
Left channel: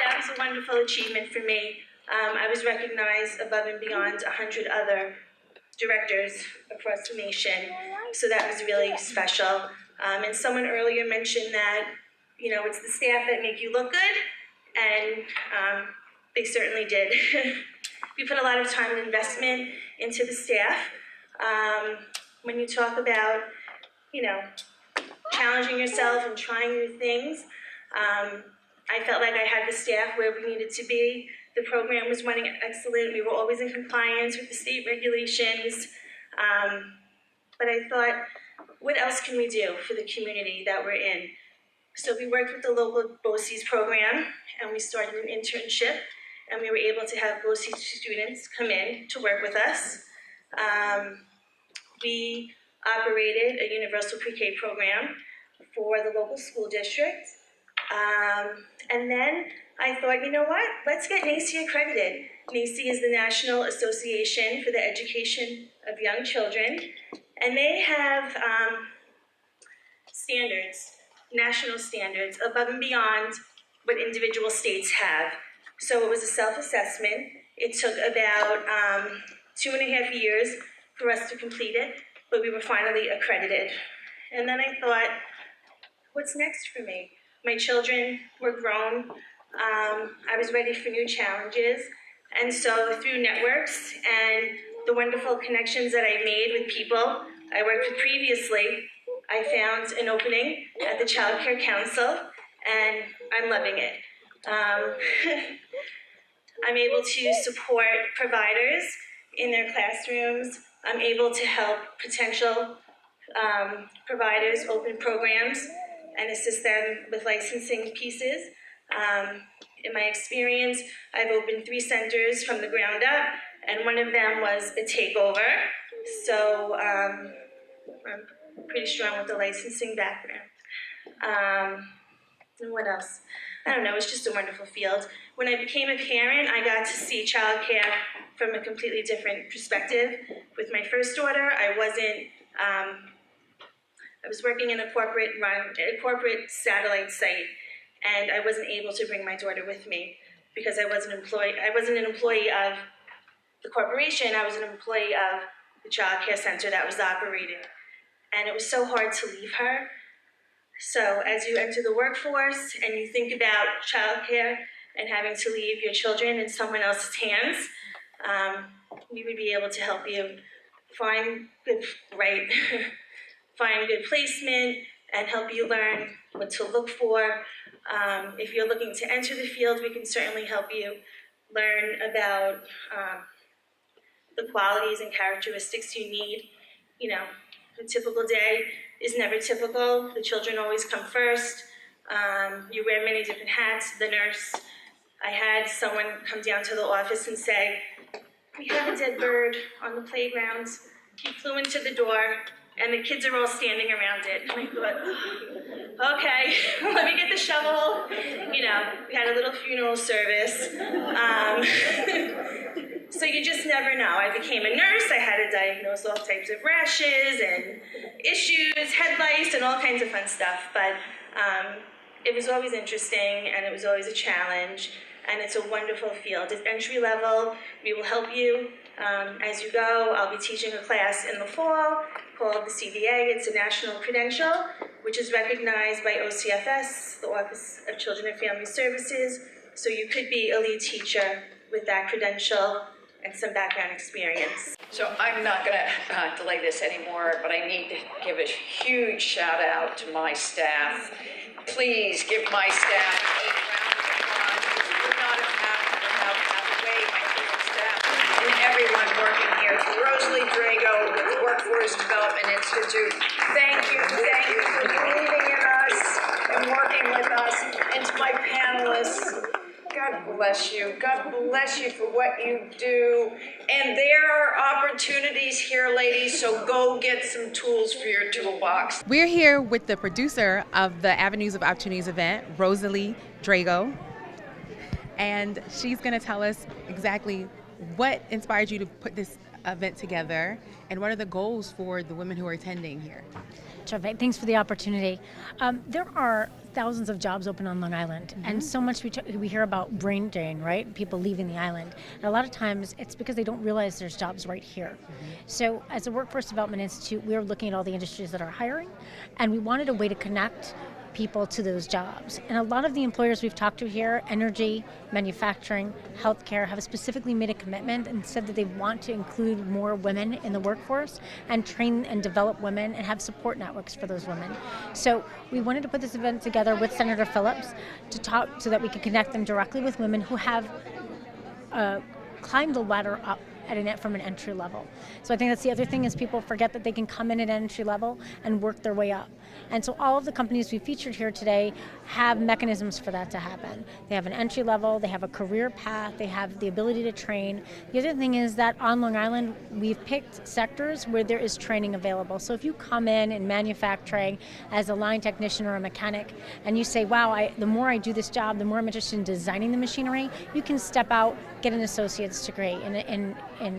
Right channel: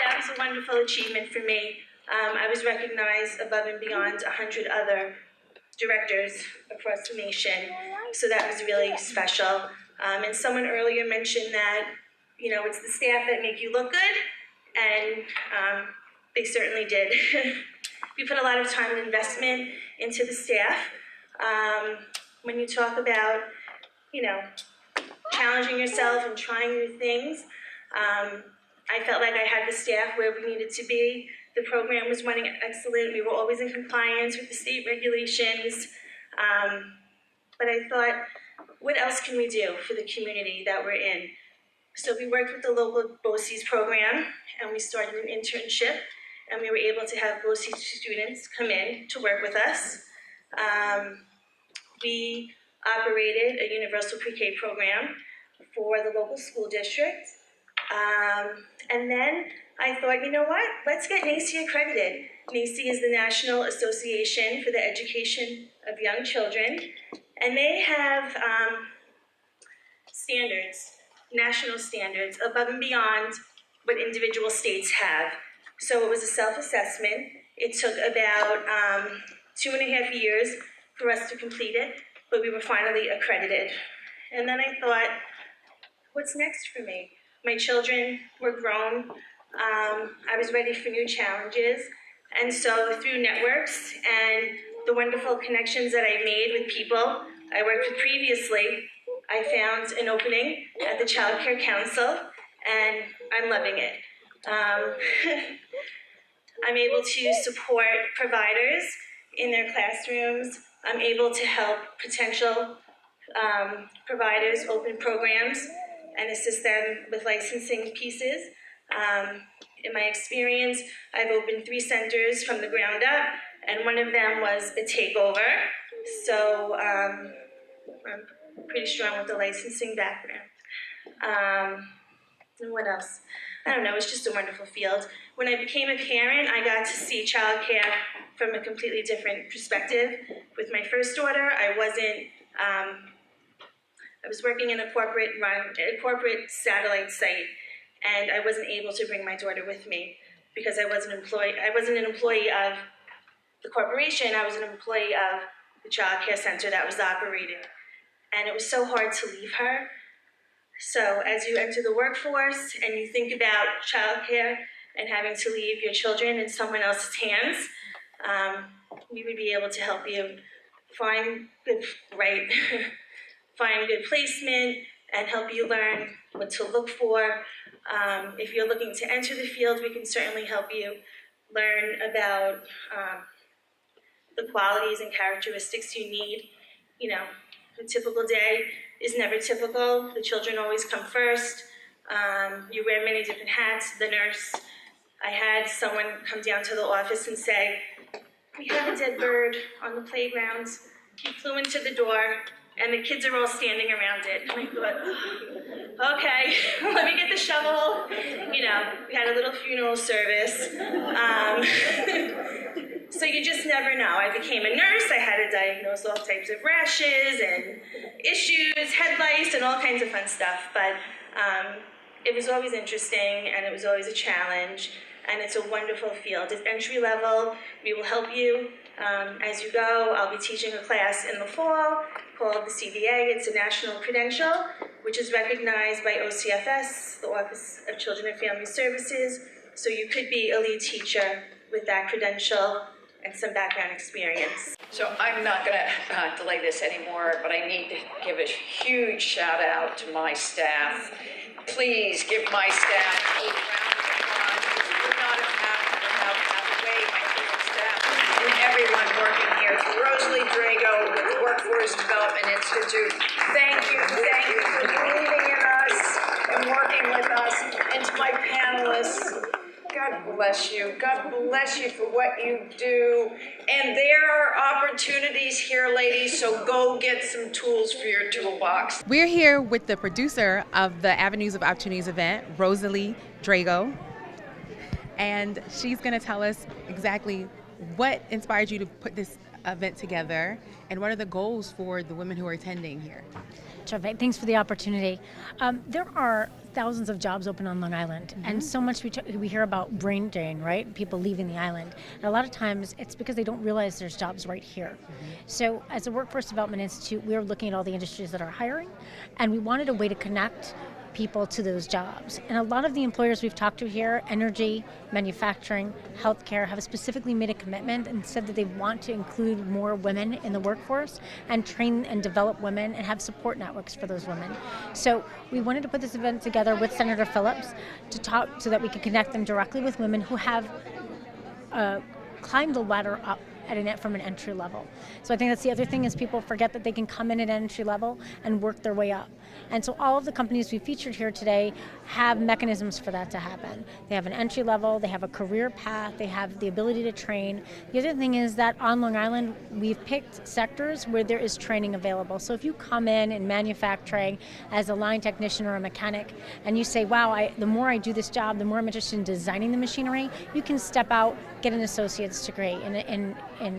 That was a wonderful achievement for me. I was recognized above and beyond 100 other directors across the nation, so that was really special. And someone earlier mentioned that, it's the staff that make you look good, and they certainly did. We put a lot of time and investment into the staff. When you talk about, challenging yourself and trying new things, I felt like I had the staff where we needed to be. The program was running excellent. We were always in compliance with the state regulations. But I thought, what else can we do for the community that we're in? So we worked with the local BOCES program, and we started an internship, and we were able to have BOCES students come in to work with us. We operated a universal pre-K program for the local school district. And then I thought, you know what? Let's get NACCE accredited. NACCE is the National Association for the Education of Young Children, and they have standards, national standards, above and beyond what individual states have. So it was a self-assessment. It took about 2.5 years for us to complete it, but we were finally accredited. And then I thought, what's next for me? My children were grown. I was ready for new challenges. And so through networks and the wonderful connections that I made with people I worked with previously, I found an opening at the Child Care Council, and I'm loving it. I'm able to support providers in their classrooms. I'm able to help potential providers open programs and assist them with licensing pieces. In my experience, I've opened 3 centers from the ground up, and one of them was a takeover. So I'm pretty strong with the licensing background. And what else? I don't know, it's just a wonderful field. When I became a parent, I got to see childcare from a completely different perspective. With my first daughter, I was working in a corporate satellite site, and I wasn't able to bring my daughter with me because I wasn't an employee of the corporation. I was an employee of the child care center that was operating, and it was so hard to leave her. So as you enter the workforce and you think about childcare and having to leave your children in someone else's hands, we would be able to help you find good placement and help you learn what to look for. If you're looking to enter the field, we can certainly help you learn about the qualities and characteristics you need. You know, a typical day is never typical. The children always come first. You wear many different hats. The nurse, I had someone come down to the office and say, "We have a dead bird on the playground. He flew into the door. and the kids are all standing around it. And I thought, okay, let me get the shovel. You know, we had a little funeral service. So you just never know. I became a nurse. I had to diagnose all types of rashes and issues, head lice, and all kinds of fun stuff. But it was always interesting, and it was always a challenge. And it's a wonderful field. It's entry level. We will help you as you go. I'll be teaching a class in the fall called the CVA. It's a national credential, which is recognized by OCFS, the Office of Children and Family Services. So you could be a lead teacher with that credential and some background experience. So I'm not going to delay this anymore, but I need to give a huge shout out to my staff. Please give my staff a round of applause. We would not have happened without Hathaway, my favorite staff, and everyone working here. To Rosalie Drago with the Workforce Development Institute, thank you for believing in us and working with us. And to my panelists, God bless you. God bless you for what you do. And there are opportunities here, ladies, so go get some tools for your toolbox. We're here with the producer of the Avenues of Opportunities event, Rosalie Drago. And she's going to tell us exactly what inspired you to put this event together and what are the goals for the women who are attending here. Terrific. Thanks for the opportunity. There are thousands of jobs open on Long Island, and so much we hear about brain drain, right? People leaving the island. And a lot of times it's because they don't realize there's jobs right here. So as a Workforce Development Institute, we're looking at all the industries that are hiring, and we wanted a way to connect people to those jobs. And a lot of the employers we've talked to here, energy, manufacturing, healthcare, have specifically made a commitment and said that they want to include more women in the workforce and train and develop women and have support networks for those women. So we wanted to put this event together with Senator Phillips to talk so that we could connect them directly with women who have climbed the ladder up from an entry level. So I think that's the other thing is people forget that they can come in at entry level and work their way up. And so all of the companies we featured here today have mechanisms for that to happen. They have an entry level, they have a career path, they have the ability to train. The other thing is that on Long Island, we've picked sectors where there is training available. So if you come in manufacturing as a line technician or a mechanic, and you say, wow, the more I do this job, the more I'm interested in designing the machinery, you can step out, get an associate's degree in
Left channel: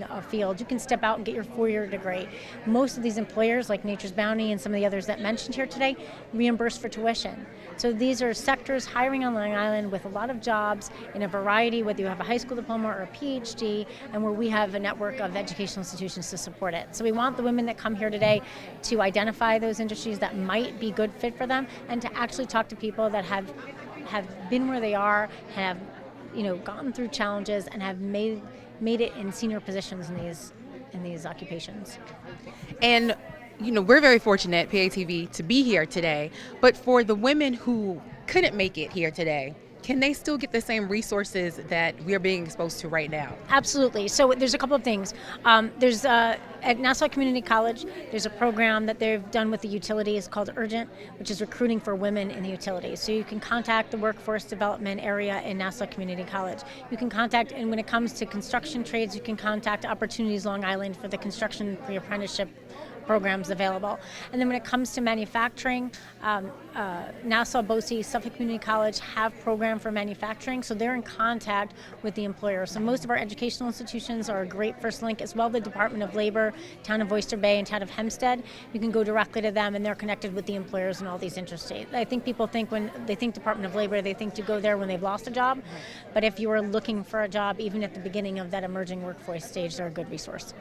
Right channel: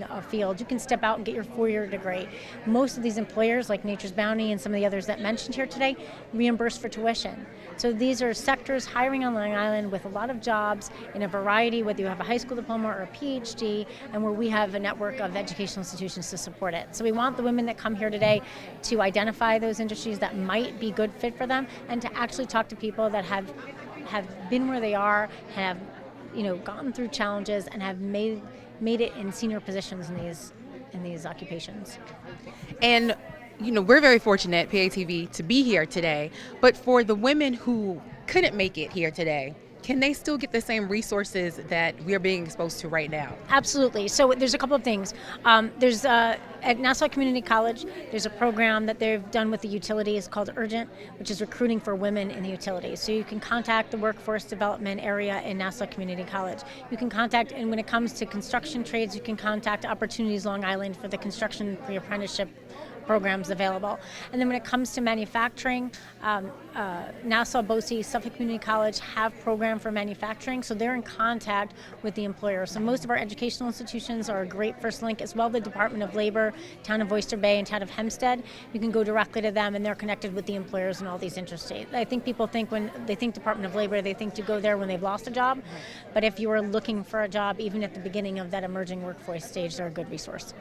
a field. You can step out and get your 4-year degree. Most of these employers, like Nature's Bounty and some of the others that mentioned here today, reimburse for tuition. So these are sectors hiring on Long Island with a lot of jobs in a variety, whether you have a high school diploma or a PhD, and where we have a network of educational institutions to support it. So we want the women that come here today to identify those industries that might be good fit for them and to actually talk to people that have been where they are, have gotten through challenges and have made it in senior positions in these occupations. And we're very fortunate, PATV, to be here today. But for the women who couldn't make it here today, can they still get the same resources that we are being exposed to right now? Absolutely. So there's a couple of things. There's at Nassau Community College, there's a program that they've done with the utilities called Urgent, which is recruiting for women in the utilities. So you can contact the workforce development area in Nassau Community College. You can contact, and when it comes to construction trades, you can contact Opportunities Long Island for the construction pre-apprenticeship programs available. And then when it comes to manufacturing, Nassau, BOCES, Suffolk Community College have program for manufacturing, so they're in contact with the employer. So most of our educational institutions are a great first link, as well the Department of Labor, Town of Oyster Bay, and Town of Hempstead. You can go directly to them, and they're connected with the employers in all these industries. I think people think when they think Department of Labor, they think to go there when they've lost a job. But if you are looking for a job, even at the beginning of that emerging workforce stage, they're a good resource.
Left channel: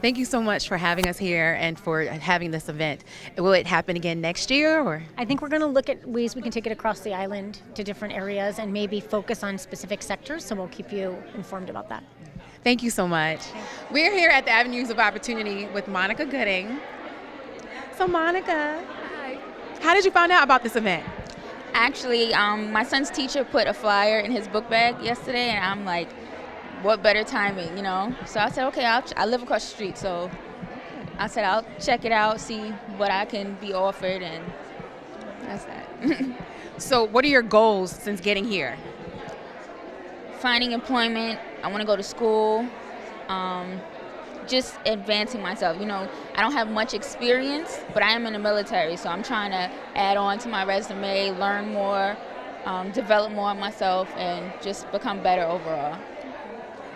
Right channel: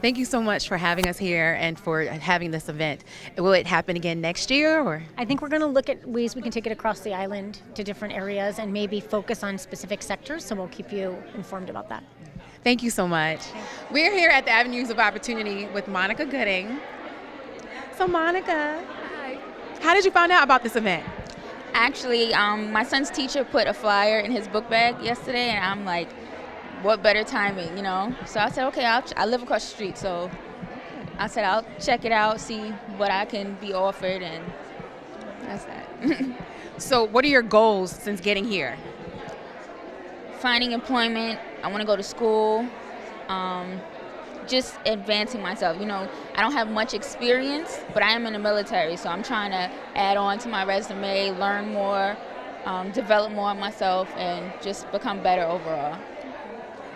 Thank you so much for having us here and for having this event. Will it happen again next year? Or I think we're going to look at ways we can take it across the island to different areas and maybe focus on specific sectors, so we'll keep you informed about that. Thank you so much. We're here at the Avenues of Opportunity with Monica Gooding. So Monica, hi. How did you find out about this event? Actually, my son's teacher put a flyer in his book bag yesterday, and I'm like, what better timing, So I said, okay, I live across the street, so I said I'll check it out, see what I can be offered, and that's that. So what are your goals since getting here? Finding employment. I want to go to school, just advancing myself. You know, I don't have much experience, but I am in the military, so I'm trying to add on to my resume, learn more, develop more of myself, and just become better overall.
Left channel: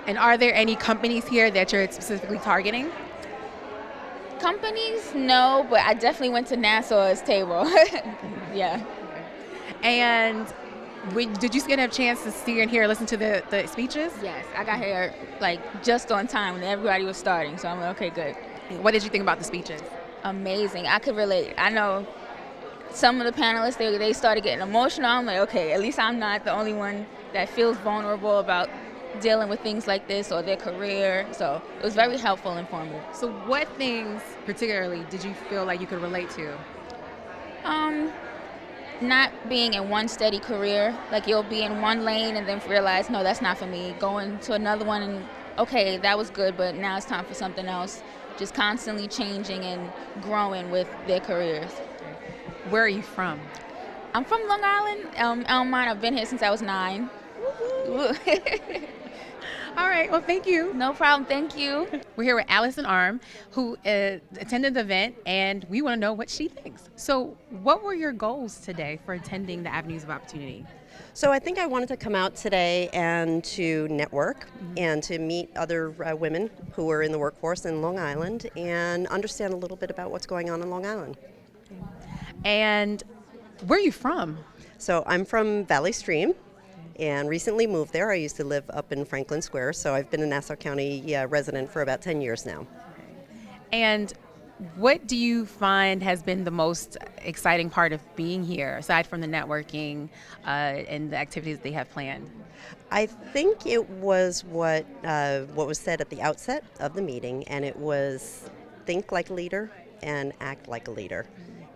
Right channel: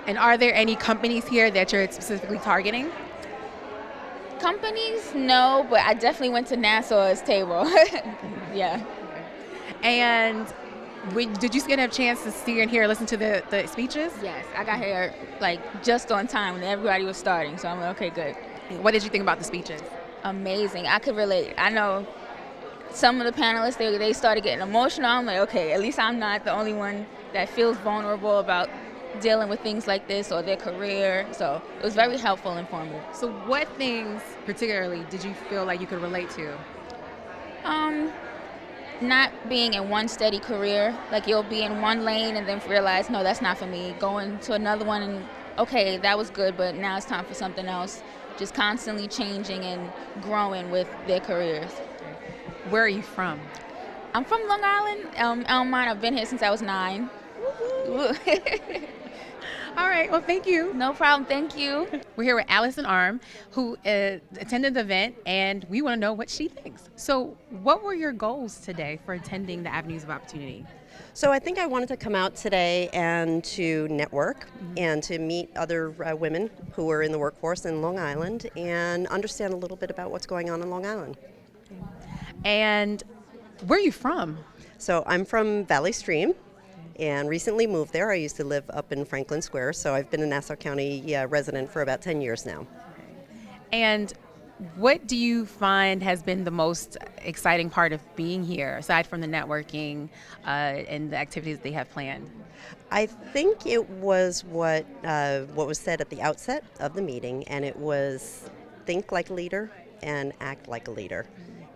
And are there any companies here that you're specifically targeting? Companies, no, but I definitely went to NASA's table. Yeah. And did you get a chance to see and hear and listen to the speeches? Yes, I got here like just on time when everybody was starting, so I'm like, okay, good. What did you think about the speeches? Amazing. I could relate. I know some of the panelists, they started getting emotional. I'm like, okay, at least I'm not the only one that feels vulnerable about dealing with things like this or their career. So it was very helpful and informative. So what things particularly did you feel like you could relate to? Not being in one steady career. Like you'll be in one lane and then realize, no, that's not for me. Going to another one and, okay, that was good, but now it's time for something else. Just constantly changing and growing with their careers. Where are you from? I'm from Long Island, Elmont. I've been here since I was 9. All right, well, thank you. No problem, thank you. We're here with Allison Arm, who attended the event, and we want to know what she thinks. So what were your goals today for attending the Avenues of Opportunity? So I think I wanted to come out today and to network and to meet other women who are in the workforce in Long Island and understand a little bit about what's going on in Long Island. And where are you from? So I'm from Valley Stream and recently moved there. I used to live up in Franklin Square, so I've been a Nassau County resident for about 10 years now. And what do you find has been the most exciting part of being here, aside from the networking and the activities they have planned? I think it was what was said at the outset of the meeting, and it was think like a leader and act like a leader.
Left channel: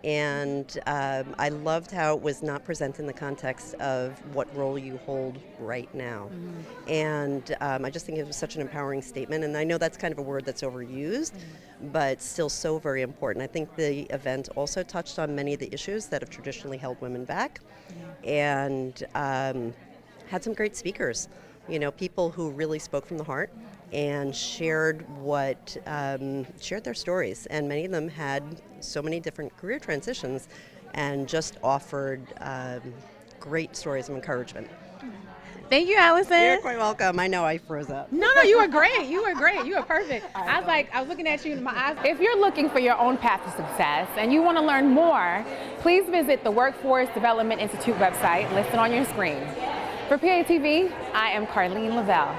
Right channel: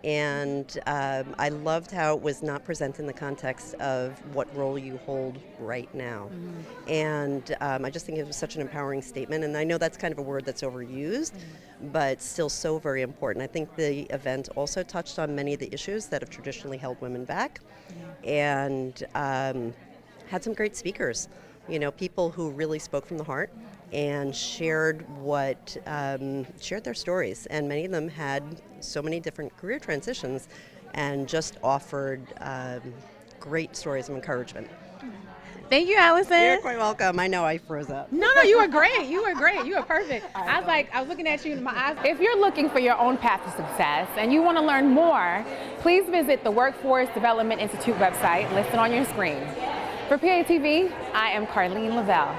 And I loved how it was not presented in the context of what role you hold right now. And I just think it was such an empowering statement. And I know that's kind of a word that's overused, but still so very important. I think the event also touched on many of the issues that have traditionally held women back, and had some great speakers. You know, people who really spoke from the heart and shared their stories, and many of them had so many different career transitions and just offered great stories of encouragement. Thank you, Allison. You're quite welcome. I know I froze up. No, you were great. You were great. You were perfect. I was looking at you in my eyes. If you're looking for your own path to success and you want to learn more, please visit the Workforce Development Institute website listed on your screen. For PATV, I am Carlene Lavelle.